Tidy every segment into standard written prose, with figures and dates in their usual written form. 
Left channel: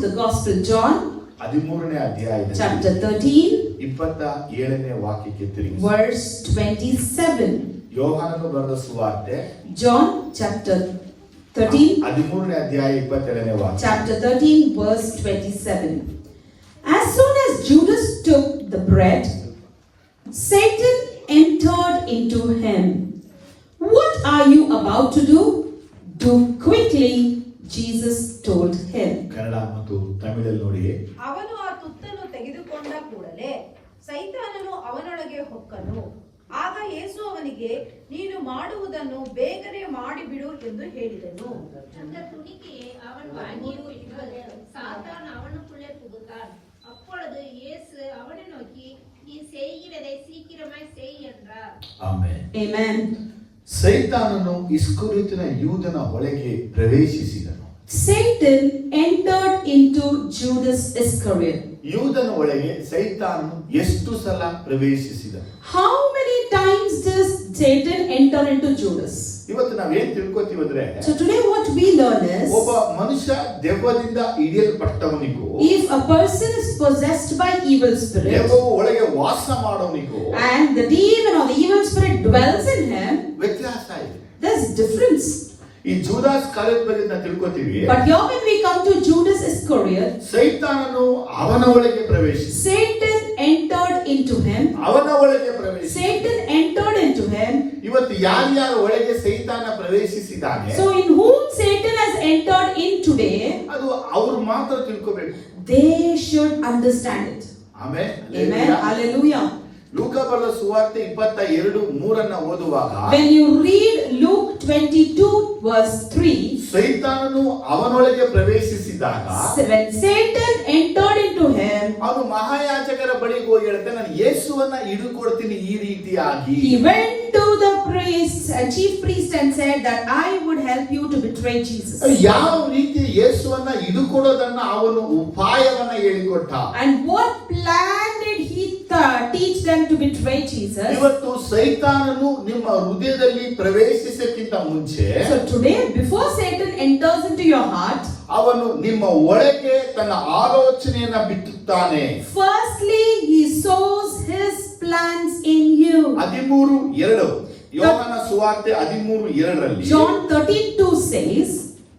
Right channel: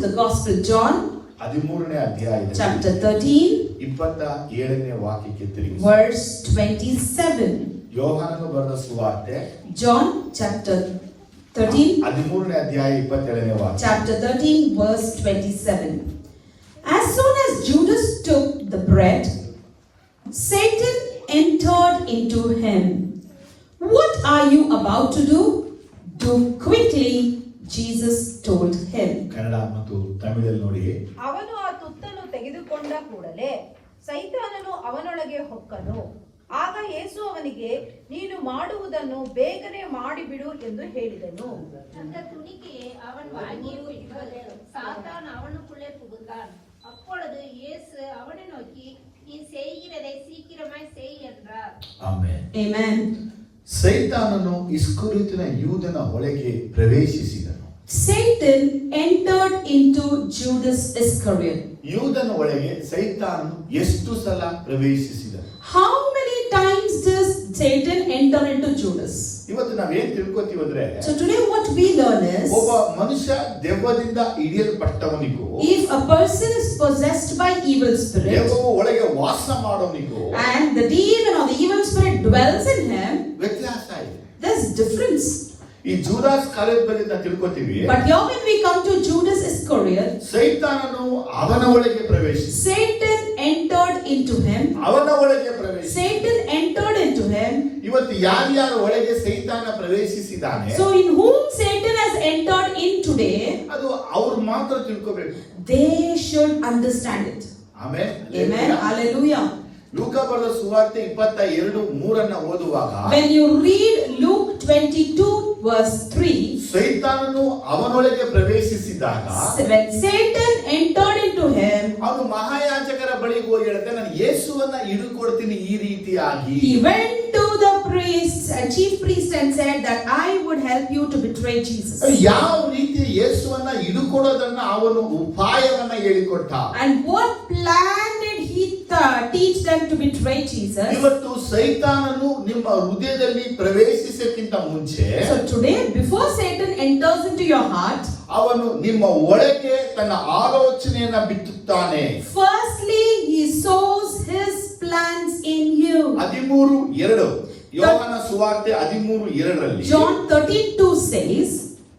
the Gospel John, 13ನೇ ಅಧ್ಯಾಯದಲ್ಲಿ chapter 13, 27ನೇ ವಾಕ್ಯಕ್ಕೆ ತಿರುಗಿ verse 27. ಯೋಹಾನನು ಬರೆದ ಸುವಾರ್ತೆ John chapter 13, 13ನೇ ಅಧ್ಯಾಯ 27ನೇ ವಾಕ್ಯ. chapter 13, verse 27. As soon as Judas took the bread, Satan entered into him. What are you about to do? Do quickly, Jesus told him. Kannada ಮತ್ತು ತಮಿಳಲ್ಲಿ ನೋಡಿ. ಅವನು ಆ ತುತ್ತನ್ನು ತೆಗೆದುಕೊಂಡ ಕೂಡಲೇ ಸೈತಾನನು ಅವನೊಳಗೆ ಹೊಕ್ಕನು. ಆಗ ಯೇಸು ಅವನಿಗೆ, ನೀನು ಮಾಡುವುದನ್ನು ಬೇಗನೆ ಮಾಡಿಬಿಡು ಎಂದು ಹೇಳಿದನು. அந்த துணிக்கையை அவன் வாங்கி விடுவது சாத்தான் அவனுக்குள்ளே புகுந்தான். அப்பொழுது இயேசு அவனை நோக்கி, நீ செய்கிறதை சீக்கிரமாய் செய் என்றார். ಆಮೆನ್. Amen. ಸೈತಾನನು ಇಸ್ಕರಿಯೋತನ ಯೂದನ ಒಳಗೆ ಪ್ರವೇಶಿಸಿದನು. Satan entered into Judas Iscariot. ಯೂದನ ಒಳಗೆ ಸೈತಾನನು ಎಷ್ಟು ಸಲ ಪ್ರವೇಶಿಸಿದನು? How many times does Satan enter into Judas? ಇವತ್ತು ನಾವೇನ್ ತಿಳ್ಕೊತೀವಿ ಅಂದ್ರೆ, So today what we learn is, ಒಬ್ಬ ಮನುಷ್ಯ ದೆವ್ವದಿಂದ ಹಿಡಿಯಲ್ಪಟ್ಟವನಿಗೂ, if a person is possessed by evil spirit ದೆವ್ವವು ಒಳಗೆ ವಾಸ ಮಾಡೋನಿಗೂ and the demon or the evil spirit dwells in him, ವ್ಯತ್ಯಾಸ ಇದೆ. there's difference. ಈ ಜೂದಾಸ್ ಕಾಲೇಜ್ ಬಗ್ಗೆ ನಾವು ತಿಳ್ಕೊತೀವಿ. But here when we come to Judas Iscariot, ಸೈತಾನನು ಅವನ ಒಳಗೆ ಪ್ರವೇಶಿಸಿ, Satan entered into him. ಅವನ ಒಳಗೆ ಪ್ರವೇಶಿಸಿ. Satan entered into him. ಇವತ್ತು ಯಾರ್ಯಾರ ಒಳಗೆ ಸೈತಾನ ಪ್ರವೇಶಿಸಿದಾನೆ, So in whom Satan has entered in today, ಅದು ಅವರು ಮಾತ್ರ ತಿಳ್ಕೋಬೇಕು. they should understand it. Amen. Amen. Hallelujah. ಲೂಕ ಬರೆದ ಸುವಾರ್ತೆ 22:3 ಓದುವಾಗ, When you read Luke 22 verse 3, ಸೈತಾನನು ಅವನೊಳಗೆ ಪ್ರವೇಶಿಸಿದಾಗ when Satan entered into him, ಅವನು ಮಹಾಯಾಜಕರ ಬಳಿಗೆ ಹೋಗಿ ಹೇಳ್ತಾನೆ, ನಾನು ಯೇಸುವನ್ನ ಹಿಡಿದುಕೊಡ್ತೀನಿ ಈ ರೀತಿಯಾಗಿ. he went to the chief priest and said that I would help you to betray Jesus. ಯಾವ ರೀತಿ ಯೇಸುವನ್ನ ಹಿಡಿದುಕೊಡೋದನ್ನ ಅವನು ಉಪಾಯವನ್ನ ಹೇಳಿಕೊಟ್ಟ. And what plan did he teach them to betray Jesus? ಇವತ್ತು ಸೈತಾನನು ನಿಮ್ಮ ಹೃದಯದಲ್ಲಿ ಪ್ರವೇಶಿಸಕ್ಕಿಂತ ಮುಂಚೆ, So today, before Satan enters into your heart, ಅವನು ನಿಮ್ಮ ಒಳಗೆ ತನ್ನ ಆಲೋಚನೆಯನ್ನ ಬಿತ್ತುತ್ತಾನೆ. firstly he sows his plans in you. 13:2 ಯೋಹಾನ ಸುವಾರ್ತೆ 13:2 John 13:2 says,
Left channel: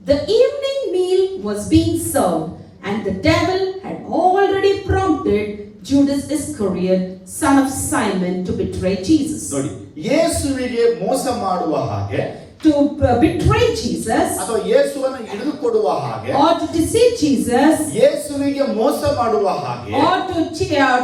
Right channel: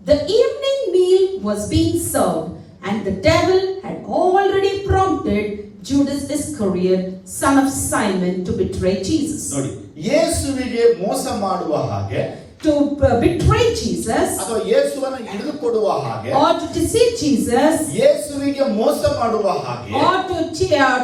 the evening meal was being served and the devil had already prompted Judas Iscariot, son of Simon, to betray Jesus. ನೋಡಿ, ಯೇಸುವಿಗೆ ಮೋಸ ಮಾಡುವ ಹಾಗೆ, To betray Jesus, ಅಥವಾ ಯೇಸುವನ್ನ ಹಿಡಿದುಕೊಡುವ ಹಾಗೆ, or to deceive Jesus, ಯೇಸುವಿಗೆ ಮೋಸ ಮಾಡುವ ಹಾಗೆ, or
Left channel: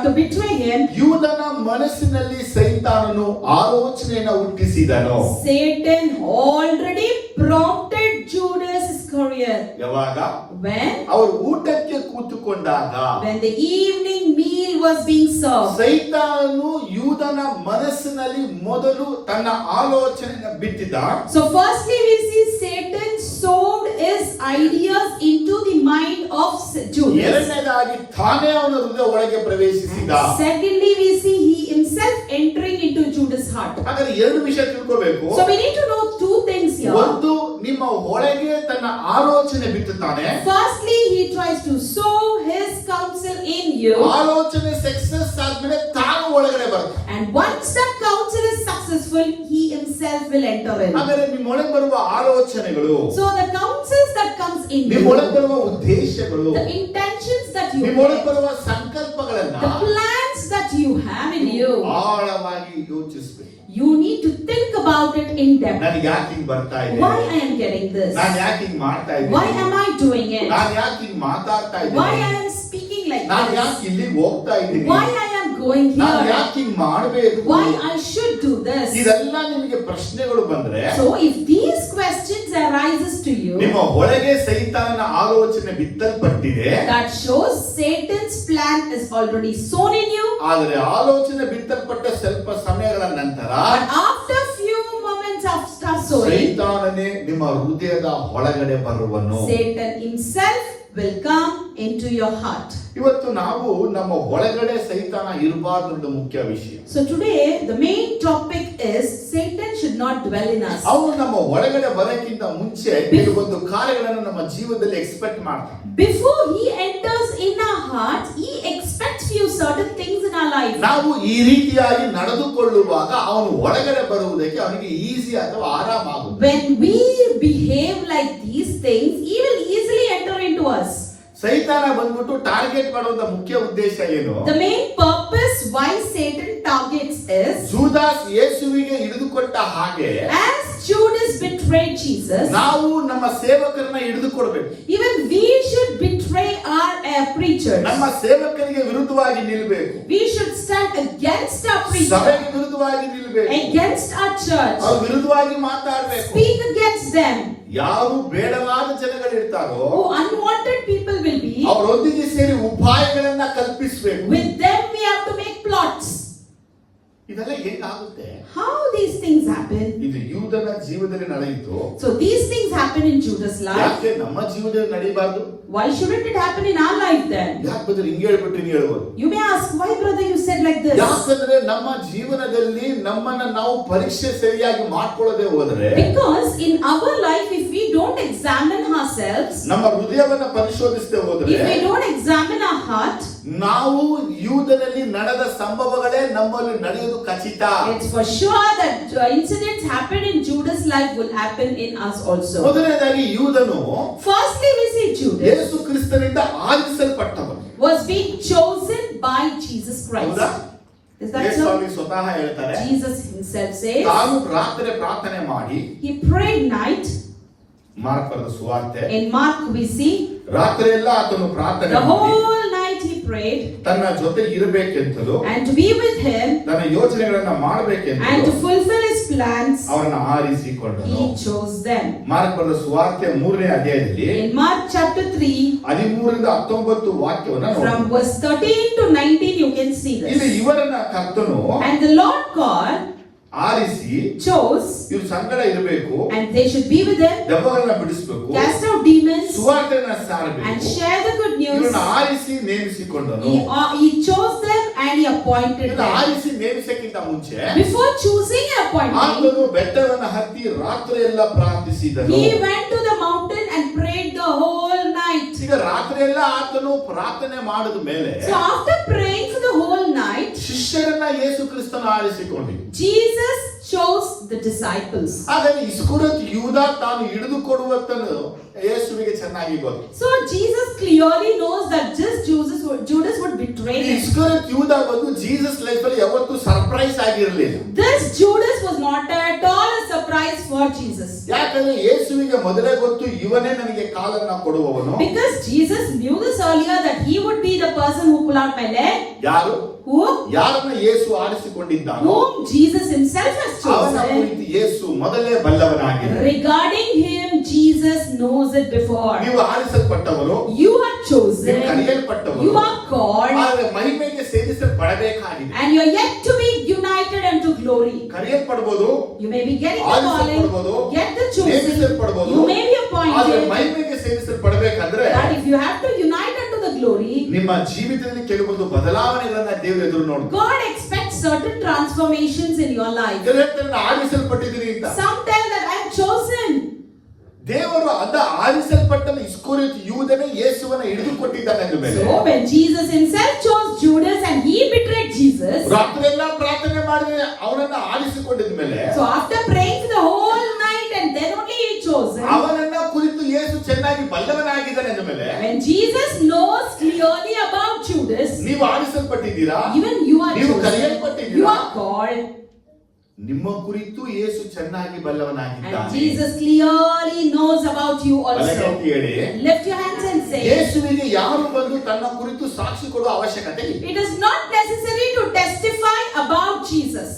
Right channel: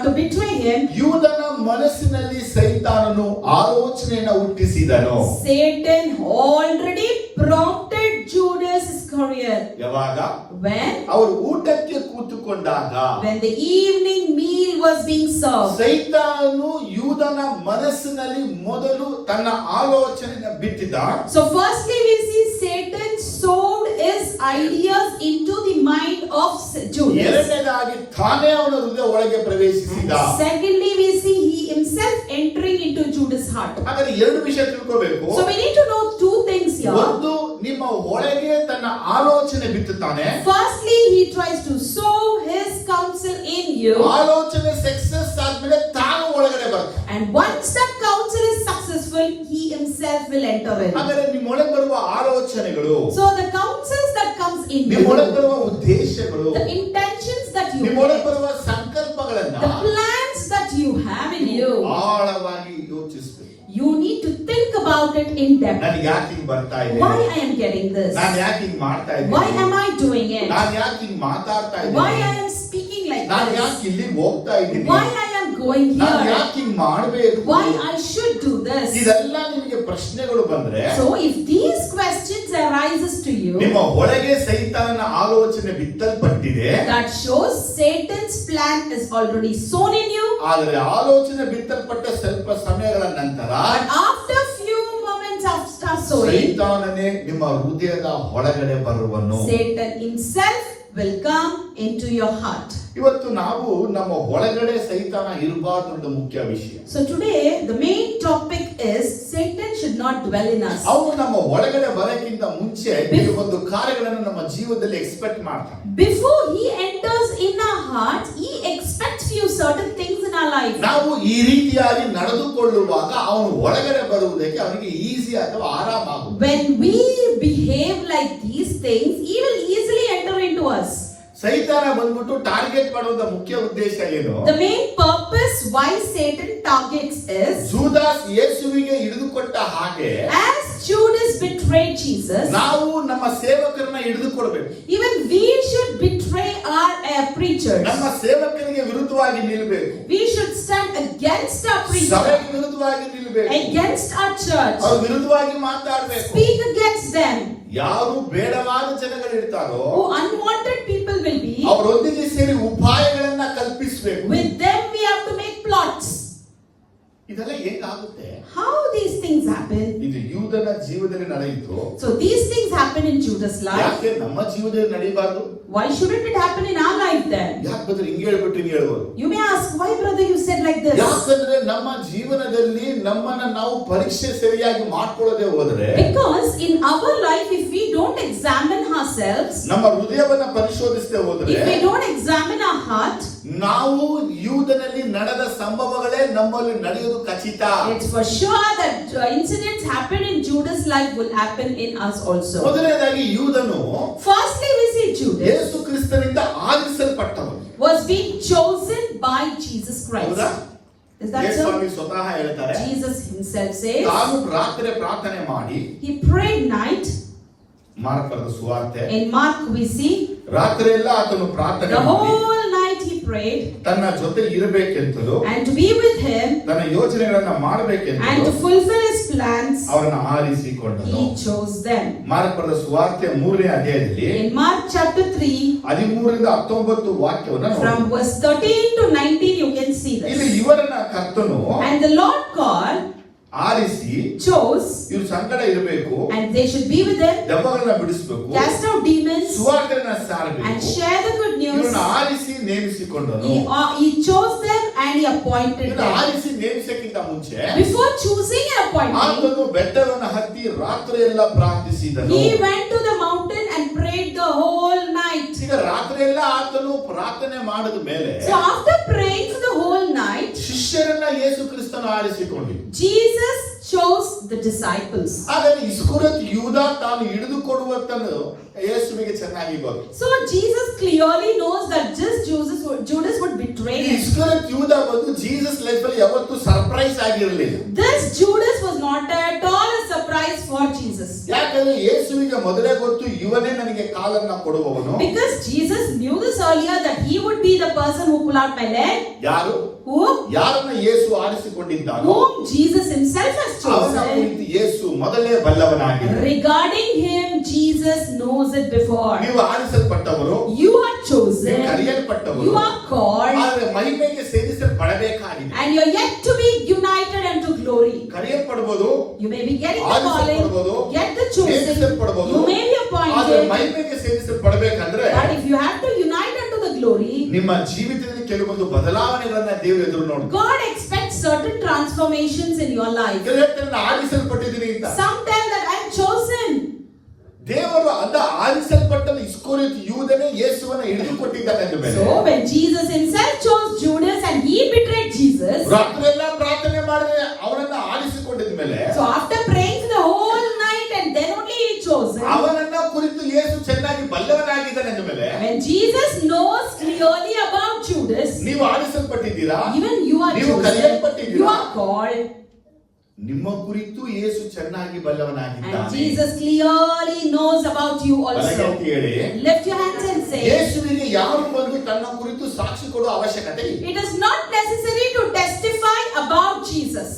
to betray him, ಯೂದನ ಮನಸ್ಸಿನಲ್ಲಿ ಸೈತಾನನು ಆಲೋಚನೆಯನ್ನು ಹುಟ್ಟಿಸಿದನು. Satan already prompted Judas Iscariot. ಯಾವಾಗ? When? ಅವರು ಊಟಕ್ಕೆ ಕೂತುಕೊಂಡಾಗ, When the evening meal was being served. ಸೈತಾನನು ಯೂದನ ಮನಸ್ಸಿನಲ್ಲಿ ಮೊದಲು ತನ್ನ ಆಲೋಚನೆಯನ್ನು ಬಿತ್ತಿದ. So firstly we see Satan sowed his ideas into the mind of Judas. ಎರಡನೇದಾಗಿ ತಾನೇ ಅವನ ಹೃದಯ ಒಳಗೆ ಪ್ರವೇಶಿಸಿದ. Secondly we see he himself entering into Judas' heart. ಹಾಗಾದ್ರೆ ಎರಡು ವಿಷಯ ತಿಳ್ಕೋಬೇಕು. So we need to know two things here. ಒಂದು, ನಿಮ್ಮ ಒಳಗೆ ತನ್ನ ಆಲೋಚನೆ ಬಿತ್ತುತ್ತಾನೆ. Firstly he tries to sow his counsel in you. ಆಲೋಚನೆ ಸಕ್ಸಸ್ ಆದ್ಮೇಲೆ ತಾನು ಒಳಗಡೆ ಬರ್ತಾನೆ. And once that counsel is successful, he himself will enter in. ಹಾಗಾದ್ರೆ ನಿಮ್ಮ ಒಳಗೆ ಬರುವ ಆಲೋಚನೆಗಳು, So the counsels that comes in ನಿಮ್ಮ you, ಒಳಗೆ ಬರುವ ಉದ್ದೇಶಗಳು, the intentions that you ನಿಮ್ಮ ಒಳಗೆ have, ಬರುವ ಸಂಕಲ್ಪಗಳನ್ನ the plans that you have in you, ಆಳವಾಗಿ ಯೋಚಿಸಬೇಕು. you need to think about it in depth. ನಾನು ಯಾಕೆ ಹಿಂಗ್ ಬರ್ತಾ ಇದ್ದೀನಿ? Why I am getting this? ನಾನು ಯಾಕೆ ಹಿಂಗ್ ಮಾಡ್ತಾ Why ಇದ್ದೀನಿ? am I doing it? ನಾನು ಯಾಕೆ ಹಿಂಗ್ ಮಾತಾಡ್ತಾ Why I ಇದ್ದೀನಿ? am speaking like ನಾನು this? ಯಾಕೆ ಇಲ್ಲಿಗೆ ಹೋಗ್ತಾ ಇದ್ದೀನಿ? Why I am going ನಾನು here? ಯಾಕೆ ಹಿಂಗ್ ಮಾಡ್ಬೇಕು? Why I should do this? ಇದೆಲ್ಲ ನಿಮಗೆ ಪ್ರಶ್ನೆಗಳು ಬಂದ್ರೆ, So if these questions arises to you, ನಿಮ್ಮ ಒಳಗೆ ಸೈತಾನನ ಆಲೋಚನೆ ಬಿತ್ತಲ್ಪಟ್ಟಿದೆ. that shows Satan's plan is already sown in you. ಆದರೆ ಆಲೋಚನೆ ಬಿತ್ತಲ್ಪಟ್ಟ ಸ್ವಲ್ಪ ಸಮಯಗಳ ನಂತರ But after few moments after sowing, ಸೈತಾನನೇ ನಿಮ್ಮ ಹೃದಯದ ಒಳಗಡೆ ಬರುವನು. Satan himself will come into your heart. ಇವತ್ತು ನಾವು ನಮ್ಮ ಒಳಗಡೆ ಸೈತಾನ ಇರಬಾರ್ದು ಅಂತ ಮುಖ್ಯ ವಿಷಯ. So today the main topic is Satan should not dwell in us. ಅವನು ನಮ್ಮ ಒಳಗಡೆ ಬರಕ್ಕಿಂತ ಮುಂಚೆ ಕೆಲವೊಂದು ಕಾರ್ಯಗಳನ್ನು ನಮ್ಮ ಜೀವನದಲ್ಲಿ ಎಕ್ಸ್ಪೆಕ್ಟ್ ಮಾಡ್ತಾನೆ. Before he enters life. ನಾವು ಈ ರೀತಿಯಾಗಿ ನಡೆದುಕೊಳ್ಳುವಾಗ ಅವನು ಒಳಗಡೆ ಬರುವುದಕ್ಕೆ ಅವನಿಗೆ ಈಸಿ ಅಥವಾ ಆರಾಮ ಆಗುತ್ತೆ. When we behave like these things, he will easily enter into us. ಸೈತಾನ ಬಂದ್ಬಿಟ್ಟು ಟಾರ್ಗೆಟ್ ಮಾಡುವಂತ ಮುಖ್ಯ ಉದ್ದೇಶ ಏನು? The main purpose why Satan targets is, ಜೂದಾಸ್ ಯೇಸುವಿಗೆ ಹಿಡಿದುಕೊಟ್ಟ ಹಾಗೆ as Judas betrayed Jesus, ನಾವು ನಮ್ಮ ಸೇವಕರನ್ನ ಹಿಡಿದುಕೊಳ್ಬೇಕು. even we should betray our preachers. ನಮ್ಮ ಸೇವಕರಿಗೆ ವಿರುದ್ಧವಾಗಿ ನಿಲ್ಲಬೇಕು. We should stand against our preachers, ಸಭೆಗೆ ವಿರುದ್ಧವಾಗಿ ನಿಲ್ಲಬೇಕು. against our church, ಅವ್ರ ವಿರುದ್ಧವಾಗಿ ಮಾತಾಡಬೇಕು. speak against them. ಯಾರು ಬೇಡವಾದ ಜನಗಳು ಇರ್ತಾರೋ Who unwanted people will be, ಅವರೊಂದಿಗೆ ಸೇರಿ ಉಪಾಯಗಳನ್ನ ಕಲ್ಪಿಸಬೇಕು. with them we have to make plots. ಇದೆಲ್ಲ ಹೇಗಾಗುತ್ತೆ? How these things happen? ಇದು ಯೂದನ ಜೀವನದಲ್ಲಿ ನಡೆಯಿತು. So these things happen in Judas' life. ಯಾಕೆ ನಮ್ಮ ಜೀವನದಲ್ಲಿ ನಡೆಯಬಾರದು? Why shouldn't it happen in our life then? ಯಾಕೆ ಬದಲು ಹಿಂಗೆ ಹೇಳ್ಬಿಟ್ಟು ಹಿಂಗೆ ಹೇಳ್ಬೋದು? You may ask, why brother you said like this? ಯಾಕಂದ್ರೆ ನಮ್ಮ ಜೀವನದಲ್ಲಿ ನಮ್ಮನ್ನ ನಾವು ಪರೀಕ್ಷೆ ಸರಿಯಾಗಿ ಮಾಡ್ಕೊಳ್ಳದೆ ಹೋದ್ರೆ, Because in our life, if we don't examine ourselves, ನಮ್ಮ ಹೃದಯವನ್ನ ಪರಿಶೋಧಿಸದೆ ಹೋದ್ರೆ, if we don't examine our heart, ನಾವು ಯೂದನಲ್ಲಿ ನಡೆದ ಸಂಭವಗಳೇ ನಮ್ಮಲ್ಲಿ ನಡೆಯುವುದು ಖಚಿತ. it's for sure that incidents happen in Judas' life will happen in us also. ಮೊದಲನೇದಾಗಿ ಯೂದನು Firstly, we see Judas ಯೇಸು ಕ್ರಿಸ್ತನಿಂದ ಆರಿಸಲ್ಪಟ್ಟವನು. was being chosen by Jesus Christ. ಹೌದಾ? Is that ಯೇಸು so? ಸ್ವಾಮಿ ಸ್ವತಃ ಹೇಳ್ತಾರೆ, Jesus himself says, ತಾನು ರಾತ್ರಿ ಪ್ರಾರ್ಥನೆ ಮಾಡಿ, he prayed night. ಮಾರ್ಕ್ ಬರೆದ ಸುವಾರ್ತೆ, In Mark we see, ರಾತ್ರಿ ಎಲ್ಲ ಆತನು ಪ್ರಾರ್ಥನೆ the ಮಾಡಿ whole night he prayed, ತನ್ನ ಜೊತೆ ಇರಬೇಕೆಂತಲೂ and to be with him, ತನ್ನ ಯೋಚನೆಗಳನ್ನ and to ಮಾಡಬೇಕೆಂತಲೂ fulfill his plans, ಅವರನ್ನ ಆರಿಸಿಕೊಂಡನು. he chose them. ಮಾರ್ಕ್ ಬರೆದ ಸುವಾರ್ತೆ 3ನೇ ಅಧ್ಯಾಯದಲ್ಲಿ In Mark chapter 3, 13ರಿಂದ 19 ವಾಕ್ಯವನ್ನ ನೋಡಿ. from verse 13 to 19, you can see ಇದು this. ಇವರನ್ನ ಕರ್ತನು And the Lord God ಆರಿಸಿ, chose, ಇವ್ರ ಸಂಗಡ ಇರಬೇಕು, and they should be with him, ದೆವ್ವಗಳನ್ನ ಬಿಡಿಸಬೇಕು, cast out demons, ಸುವಾರ್ತೆಯನ್ನ and ಸಾರಬೇಕು. share the good news. ಇವರನ್ನ ಆರಿಸಿ ನೇಮಿಸಿಕೊಂಡನು. He chose them and he appointed ಇವರನ್ನ them. ಆರಿಸಿ ನೇಮಿಸಕ್ಕಿಂತ ಮುಂಚೆ Before choosing and appointing, ಆತನು ಬೆಟ್ಟವನ್ನು ಹತ್ತಿ ರಾತ್ರಿ ಎಲ್ಲ ಪ್ರಾರ್ಥಿಸಿದನು. he went to the mountain and prayed the whole night. ಈಗ ರಾತ್ರಿ ಎಲ್ಲ ಆತನು ಪ್ರಾರ್ಥನೆ ಮಾಡಿದ ಮೇಲೆ So after praying for the whole night, ಶಿಷ್ಯರನ್ನ ಯೇಸು ಕ್ರಿಸ್ತನ ಆರಿಸಿಕೊಂಡಿದ್ದು. Jesus chose the disciples. ಆದರೆ ಇಸ್ಕರಿಯೋತ ಯೂದ ತಾನು ಹಿಡಿದುಕೊಡುವಂತನು ಯೇಸುವಿಗೆ ಚೆನ್ನಾಗಿ ಗೊತ್ತು. So Jesus clearly knows that just Judas would betray him. ಇಸ್ಕರಿಯೋತ ಯೂದ ಬಂದು ಜೀಸಸ್ ಲೈಫ್ ಅಲ್ಲಿ ಯಾವತ್ತೂ ಸರ್ಪ್ರೈಸ್ ಆಗಿರಲಿಲ್ಲ. This Judas was not at all a surprise for Jesus. ಯಾಕಂದ್ರೆ ಯೇಸುವಿಗೆ ಮೊದಲೇ ಗೊತ್ತು ಇವನೇ ನನಗೆ ಕಾಲನ್ನ ಕೊಡುವವನು. Because Jesus knew this earlier that he would be the person who pull out my leg. ಯಾರು? ಯಾರನ್ನ ಯೇಸು ಆರಿಸಿಕೊಂಡಿದ್ದಾನೋ Whom Jesus himself has ಅವನ chosen. ಕುರಿತು ಯೇಸು ಮೊದಲೇ ಬಲ್ಲವನಾಗಿದ್ದಾನೆ. Regarding him, Jesus knows it before. ನೀವು ಆರಿಸಲ್ಪಟ್ಟವರು, You are chosen. ನೀವು ಕರೆಯಲ್ಪಟ್ಟವರು, You are called. ಆದರೆ ಮಹಿಮೆಗೆ ಸೇರಿಸಲ್ಪಡಬೇಕಾಗಿದೆ. And you are yet to be united unto glory. ಕರೆಯಲ್ಪಡಬಹುದು, You may be getting the calling, get the chosen, ನೇಮಿಸಲ್ಪಡಬಹುದು, you may be ಆದರೆ appointed. ಮಹಿಮೆಗೆ ಸೇರಿಸಲ್ಪಡಬೇಕಂದ್ರೆ But if you have to unite unto the glory, ನಿಮ್ಮ ಜೀವಿತದಲ್ಲಿ ಕೆಲವೊಂದು ಬದಲಾವಣೆಗಳನ್ನ ದೇವರು ಎದುರು ನೋಡಿ. God expects certain transformations in your life. ಆರಿಸಲ್ಪಟ್ಟಿದ್ದೀನಿ ಅಂತ Some tell that I am chosen. ದೇವರು ಅದ ಆರಿಸಲ್ಪಟ್ಟ ಇಸ್ಕರಿಯೋತ ಯೂದನೇ ಯೇಸುವನ್ನ ಹಿಡಿದುಕೊಟ್ಟಿದ್ದಾನೆ ಅಂದ ಮೇಲೆ, So when Jesus himself chose Judas and he betrayed Jesus, ರಾತ್ರಿಯೆಲ್ಲ ಪ್ರಾರ್ಥನೆ ಮಾಡಿ ಅವನನ್ನ ಆರಿಸಿಕೊಂಡಿದ ಮೇಲೆ, so after praying the whole night and then only he chose him, ಅವನನ್ನ ಕುರಿತು ಯೇಸು ಚೆನ್ನಾಗಿ ಬಲ್ಲವನಾಗಿದ್ದಾನೆ ಅಂದ ಮೇಲೆ, when Jesus knows clearly about Judas, ನೀವು ಆರಿಸಲ್ಪಟ್ಟಿದ್ದೀರಾ, even you are ನೀವು chosen, ಕರೆಯಲ್ಪಟ್ಟಿದ್ದೀರಾ, you are called, ನಿಮ್ಮ ಕುರಿತು ಯೇಸು ಚೆನ್ನಾಗಿ and ಬಲ್ಲವನಾಗಿದ್ದಾನೆ. Jesus clearly knows about you also. ಬಲಗೈತಿ ಹೇಳಿ, Lift your hands and say, ಯೇಸುವಿಗೆ ಯಾರು ಬಂದು ತನ್ನ ಕುರಿತು ಸಾಕ್ಷಿ ಕೊಡುವ ಅವಶ್ಯಕತೆ ಇಲ್ಲ. it is not necessary to testify about Jesus.